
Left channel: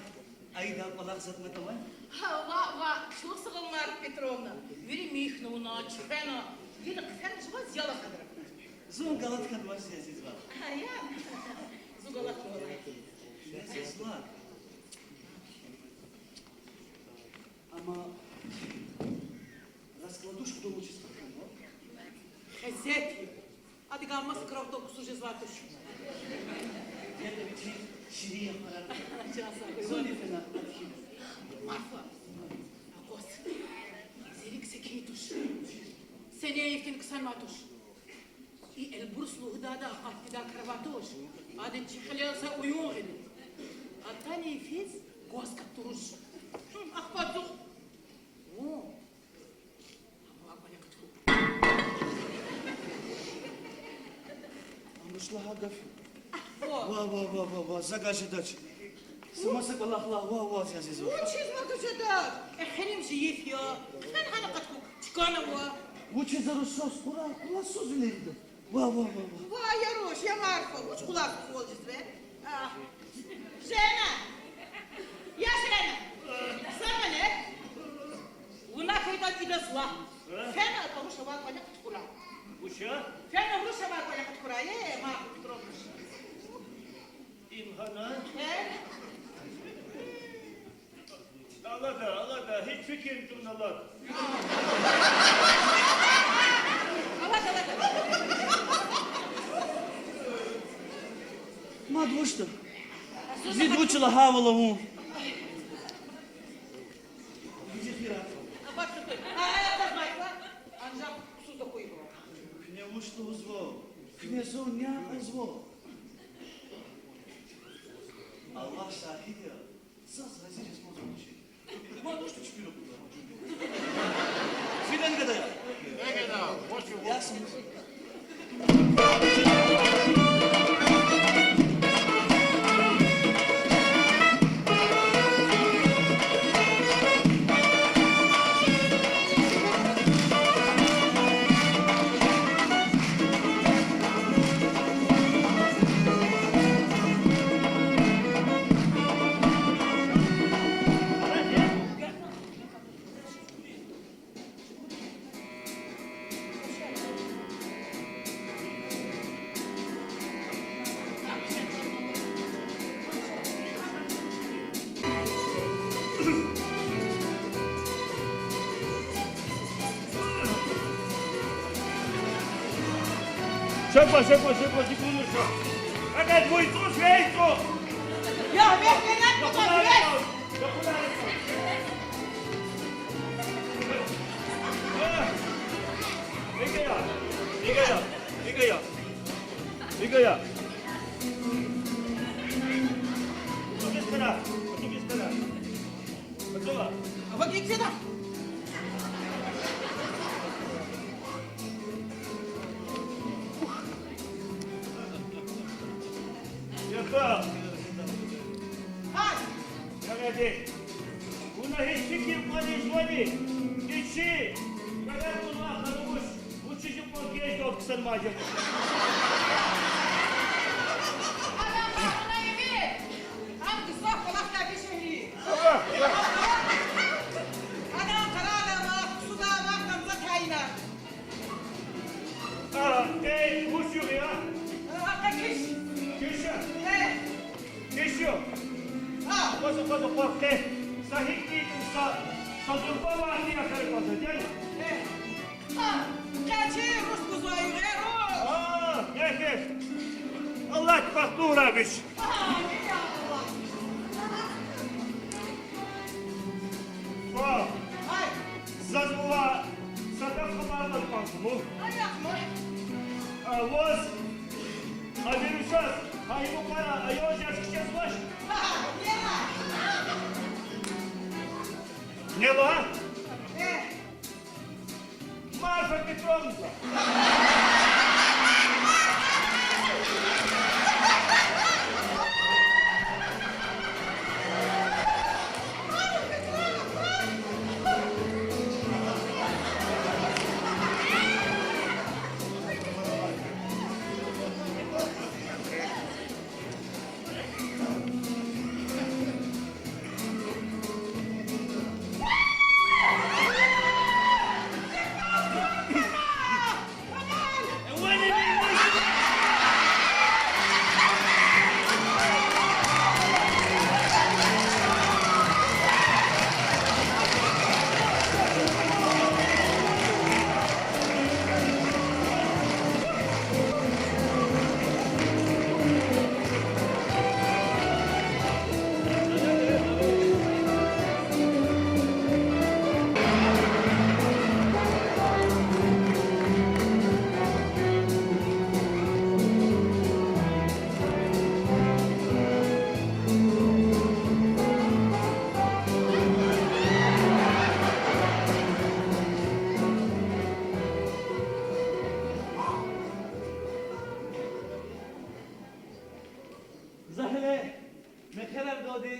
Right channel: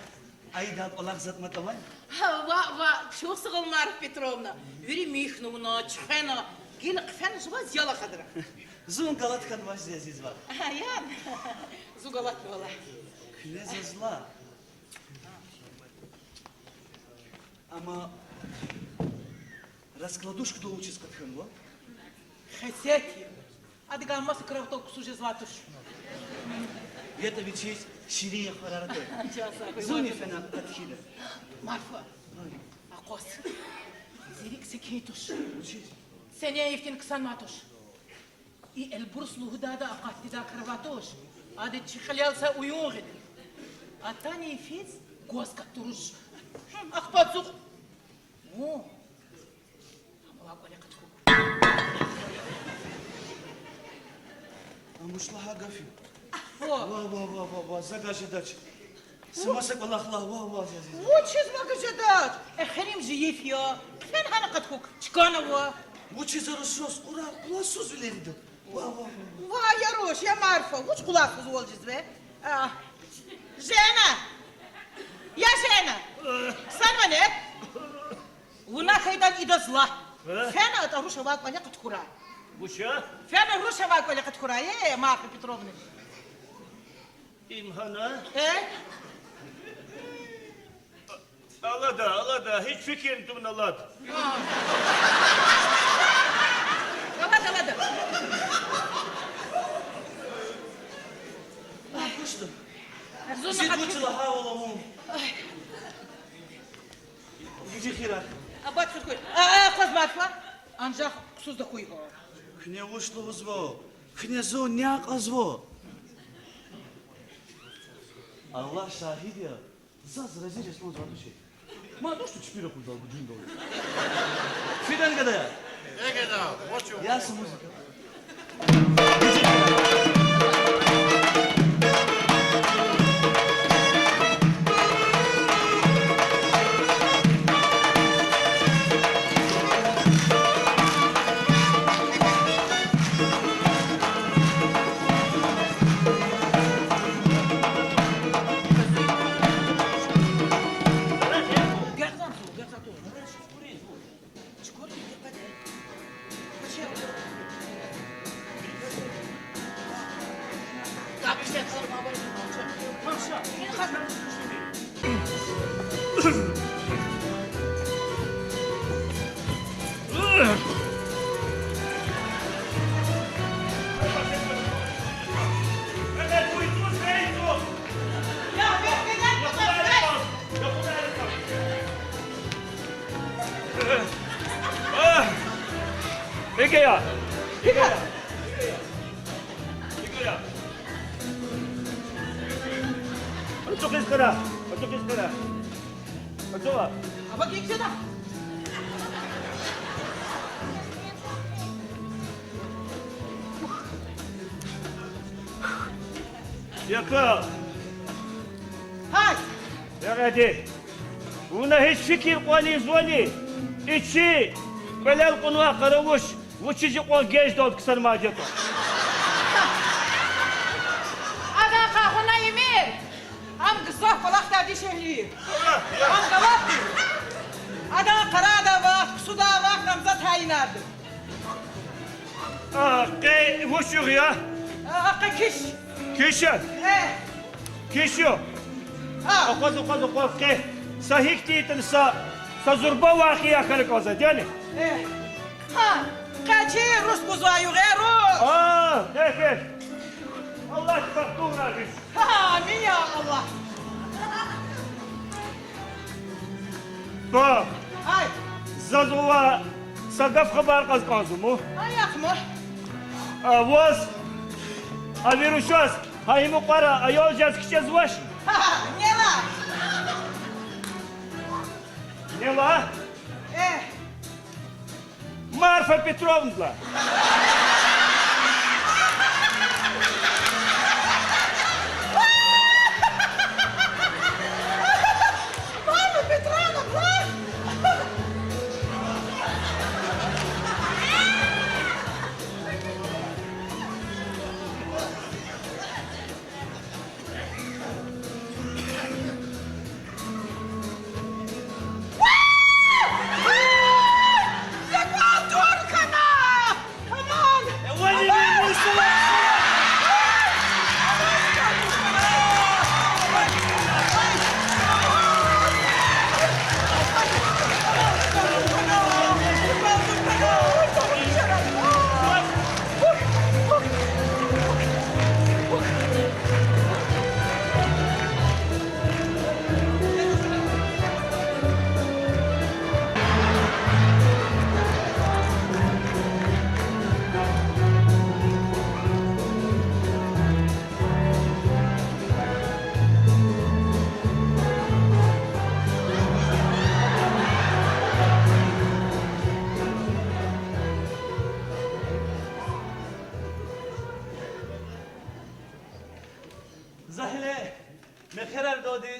aydan olak zatmat amay? ва, чего сыгыл Марфа Петровна? Вери михнуна, чхена, гина кфен жива зяла хадра. Zun galat katmaz aziz var. Я, зугалат была. Kneze zla. Ama раскладушку-то лучше с катханла. Хозяйки. А ты гамма сократок суже златуш. Это ведь есть ширия харарата. Часа. Зуни фена атхина. Марфа. Акос. Зирик секитуш. Seneye iftin kısan matuş. El burs luhdada akatli da kravatoş. Adı çıkılyalsa uyuğun gidin. Atani ifiz goz katturuş. Akbat zuk. Oo. Ama vakole katku. Амушлага гафи. Во. Ва, загашадач. Самасак Аллахла, ва, азиз. Учиz magajadad. Херим жиев я. Fen hana katku. Çıkana va. Учи за русос, ура, куласуз билерди. Ва. Va yaroş ya Marfa. Uç kulak kız olacağız be. Жена. Я Жена. Сама не? Una kaydan ida zla. Fena da ruşa vak bana katkura. Buşa, Fena ruşa vak bana katkura. Marfa Petrovna. imhana. Allah da, hiç fikrim tümün Allah. Alada. Мад, ну что? Зид учила хавала ум. Иди хера. Абат кuzgoy. Kız Marfa. Ancak kusuz da kuyu. Хне ушло зво. Хне зо няк азво. Аллах шахид я. Заз разирес но задуши. Мад, ну что теперь куда дюндо? Фидан когда я? Я саму. Шепа, секундочку. Опять будет трус, вейку. Ya ben 이거야. 어떻게 했거라? 어쩌봐. Ama gitsene. Yakın. Hay. يا هنا هيش فكر قولي زولي اتشي بلا القنوة قروش وتشي قول جيش دوت كسر ما جاكو Ana kahına yemin. An kızak falak tadi şehri. An kavak. Ana karada bak, suda bak, namzat hayinardı. قي وش يا Hakkı kiş. كيشن كيشو خذ قي صحيح تيتن سزربا واقعي اخرك وزا جاني Kaçı Rus buzağı Rus. كيف الله تفقدونا بش Amin ya Allah. طب Hay. زازوا صدف خبر قز قازمو Ayak mı? واز الفيروشاس هاي مقرا ايو جاز كشاز واش Ne var? نيلا Eh. Марфа Петровна Marfa Petrovna, bak.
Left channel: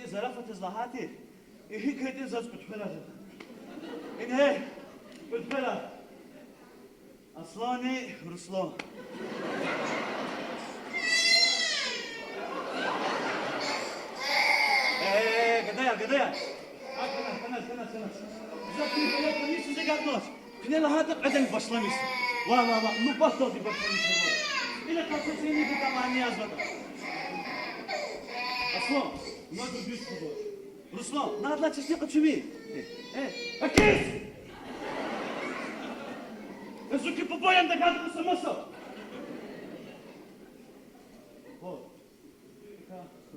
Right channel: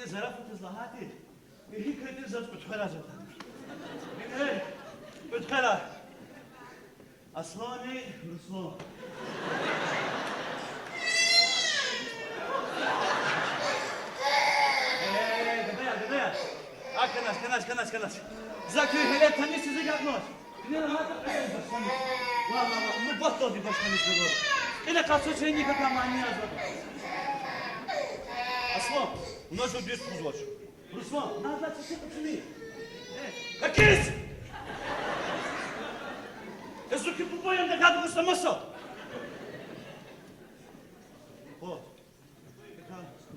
زرافة إصلاحاتي هي كده زوج بتخيلها جدا من هي بتخيلها أصلاني رسلان قضايا كناش زكري هلا تميس زي قبلش كنا لهذا عدم بشلمش والله ما بطل دي بشلمش نقول إذا كاتو شيء نيجا معني أزود أصلا نجوا بيت فوزوش رسلان نادلا تشتي قتشمي هكيس يزوكي بابايا عندك هذا مستمسة أوه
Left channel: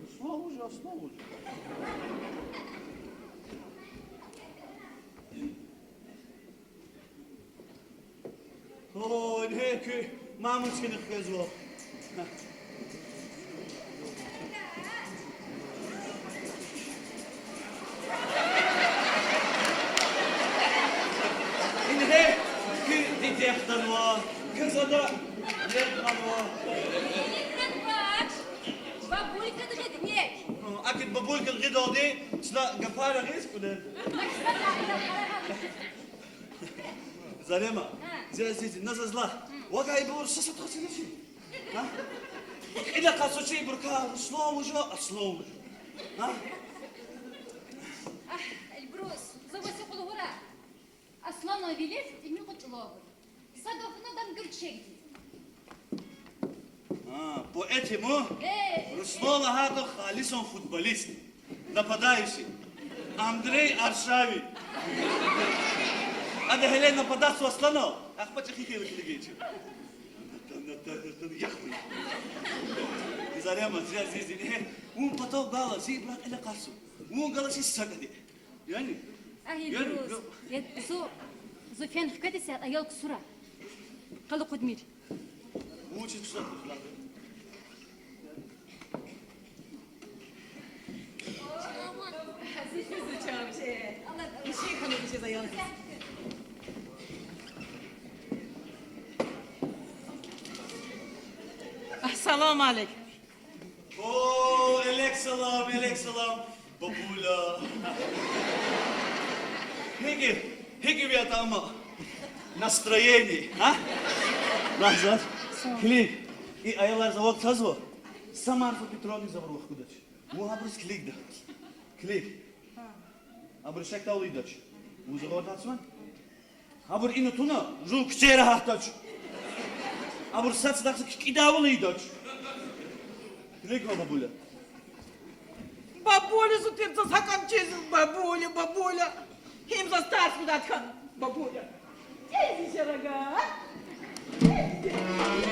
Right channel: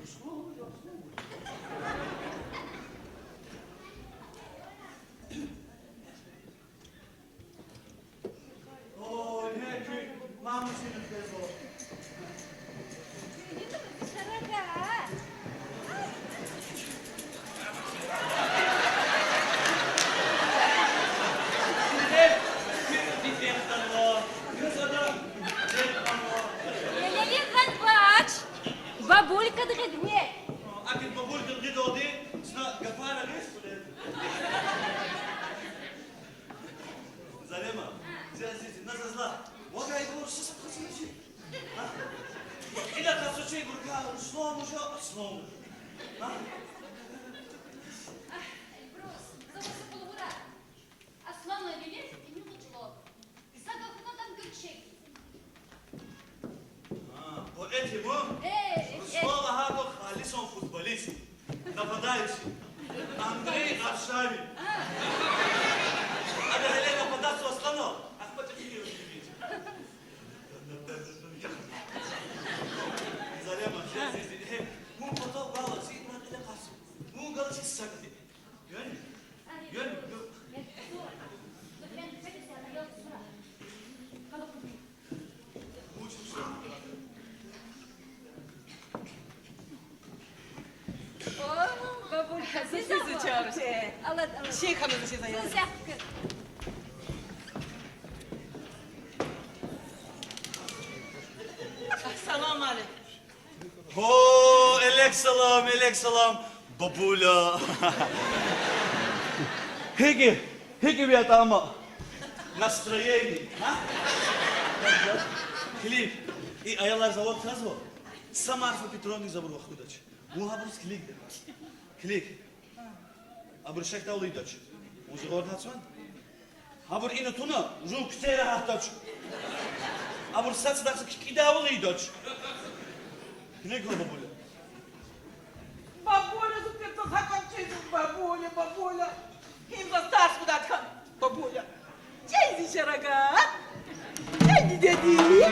رسلان وجه أصلا اوه هيك ما ممكن نخزوه إن هيك دي تحت الله كذا ليه الله Лелин Канбач, бабулька дгиднек. أكيد بقول الغدا دي سنا قفارة غير كله زلمة زي عزيزي نزل له وقع يدور ساسة تغسل شيء ها إذا قاسوا شيء بركة سلام وجلا أسلام ها البروس زوجة بالغرة أصلا نبيلت إمي قتلوه صدقنا دم قرشي поэтому Руслан Агатов Алисон футболист, нападающий. Андрей Аршавин. А да Гелена нападать Асланов. Ах, потихоньку вечер. Заряма, здесь. Он потом гала, зид на это кассу. Он гала си сагди. Yani. البروس زوفين في كده ساعة أيام بسرعة قالوا قدمير Учит что? الله شيء خلوا شيء زي هذا السلام عليكم О, элек салам, бабуля. Хеги ребята, ама настроение, а? Лазар, клик. И аяла завод казва. Сама Арфа Петровник забыл вахудач. Мухабрус клик да. Клик. Абр шакта улидач. Музыка нацман. Абр ина туна жук чера хахтач. Абр сац дахс кида улидач. Клик бабуля. Бабуля, ты заканчиваешь, бабуля. Им за старшую даткан, бабуля. Джейзи шарага. Джейзи дяди.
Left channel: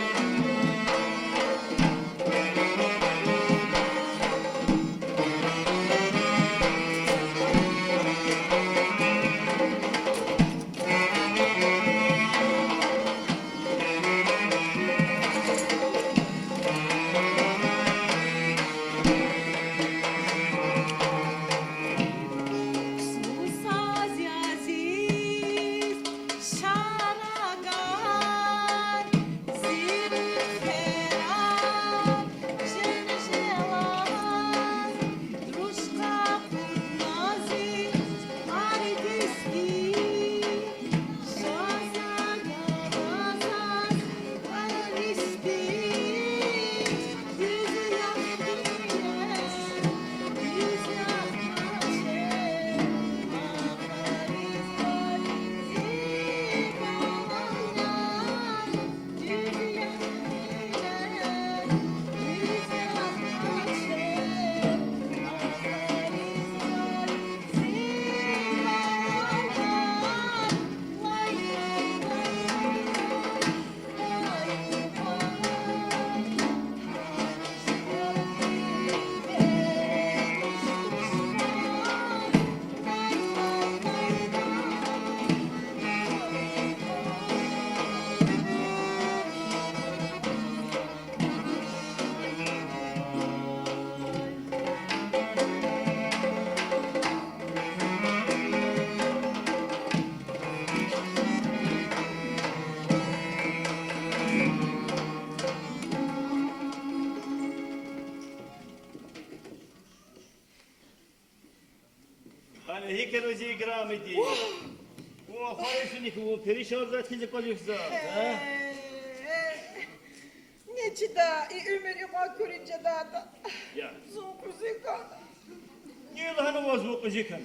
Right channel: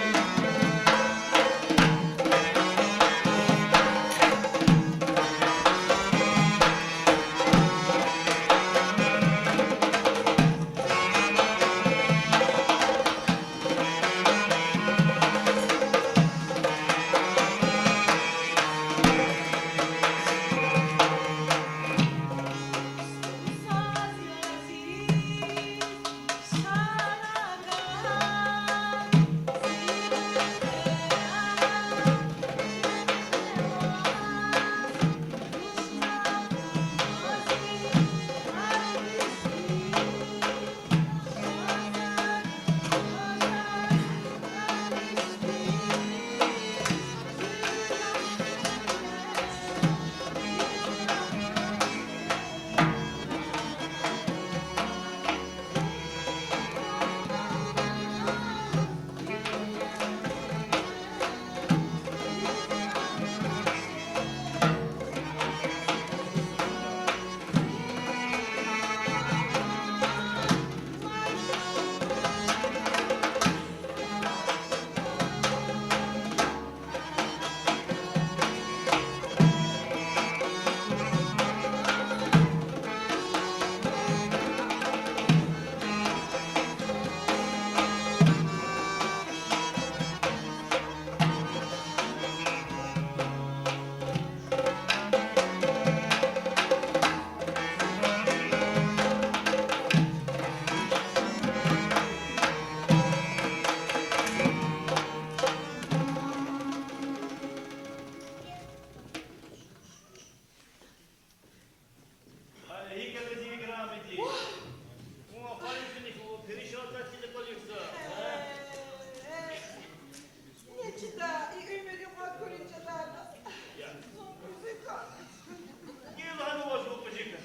idi. O parasını ki o perişan da tezek olursa. Ne çida, ümür ima körünce da. Ya. Zor zekan. Niye lan o zvuk jekan?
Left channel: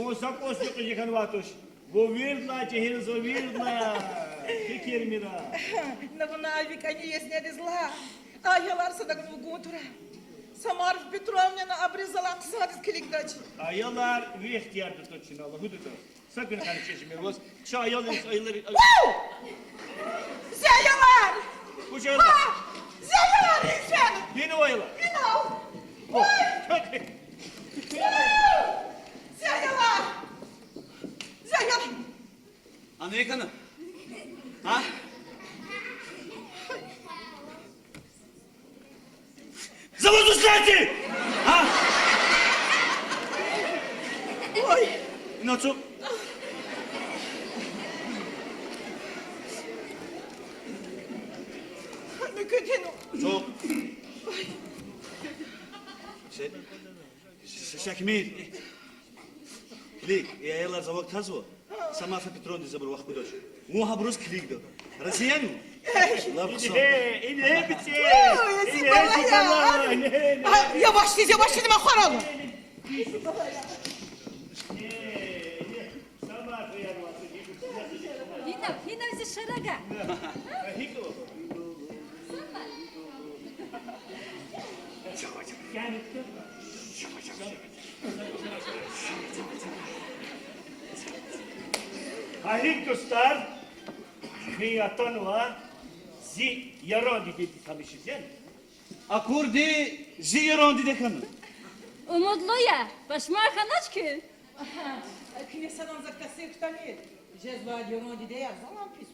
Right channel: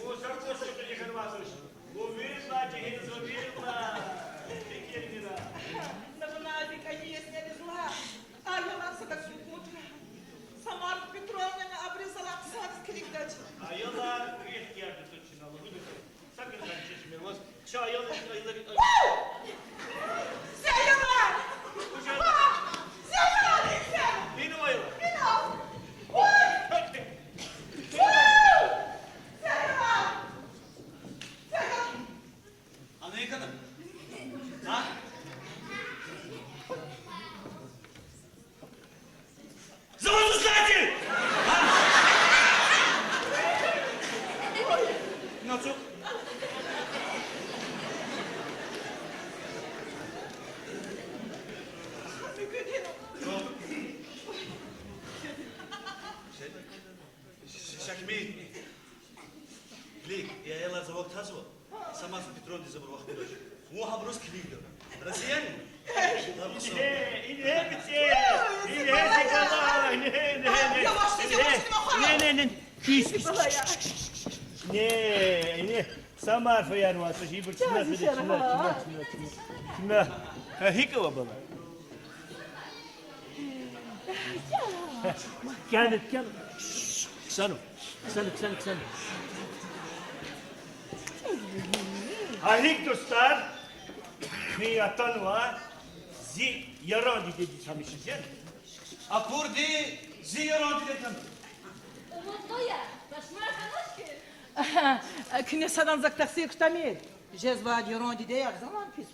O sakos zvuk jekan vatoş. Bu virla cehir zo virla. Fikir mina. На вона конечно не зла. А я ларса так фугутра. Самар Петровна обрезала садис кликдач. Ayılar bir ihtiyar tutuşun Allah hududu. Sakın karışmayın olsun. Şu ayılar ayıları. Зяяла! Bu şey. Зяяла, лично! Yine o ayılar. Зяяла! Зяяла! Amerikan'ı. Ha? Zavod ustaydı! Ha? Ой! Na co? Mükemmel. Çok. Şakmir. Lik, yayalar zavod tazo. Sama fi Petron diye zabur vakti doş. Mu habrus klik do. Rasiyan mı? La bu İne bitti. Yavaş dedim akvaram. Ne. Samar fayar var. Şey bu çınar. Yine bizi şaraga. Ne? Hika baba. Gel. Sanım. Halik dostlar. Fiyatan var. Zi yaran dedi tanışız yani. Akurdi ziyaran diye kanı. Umutlu ya. Başmar kanaç ki. Knesadan zaktaksi kıtamir. Cezva diyoron dide yak zaman pis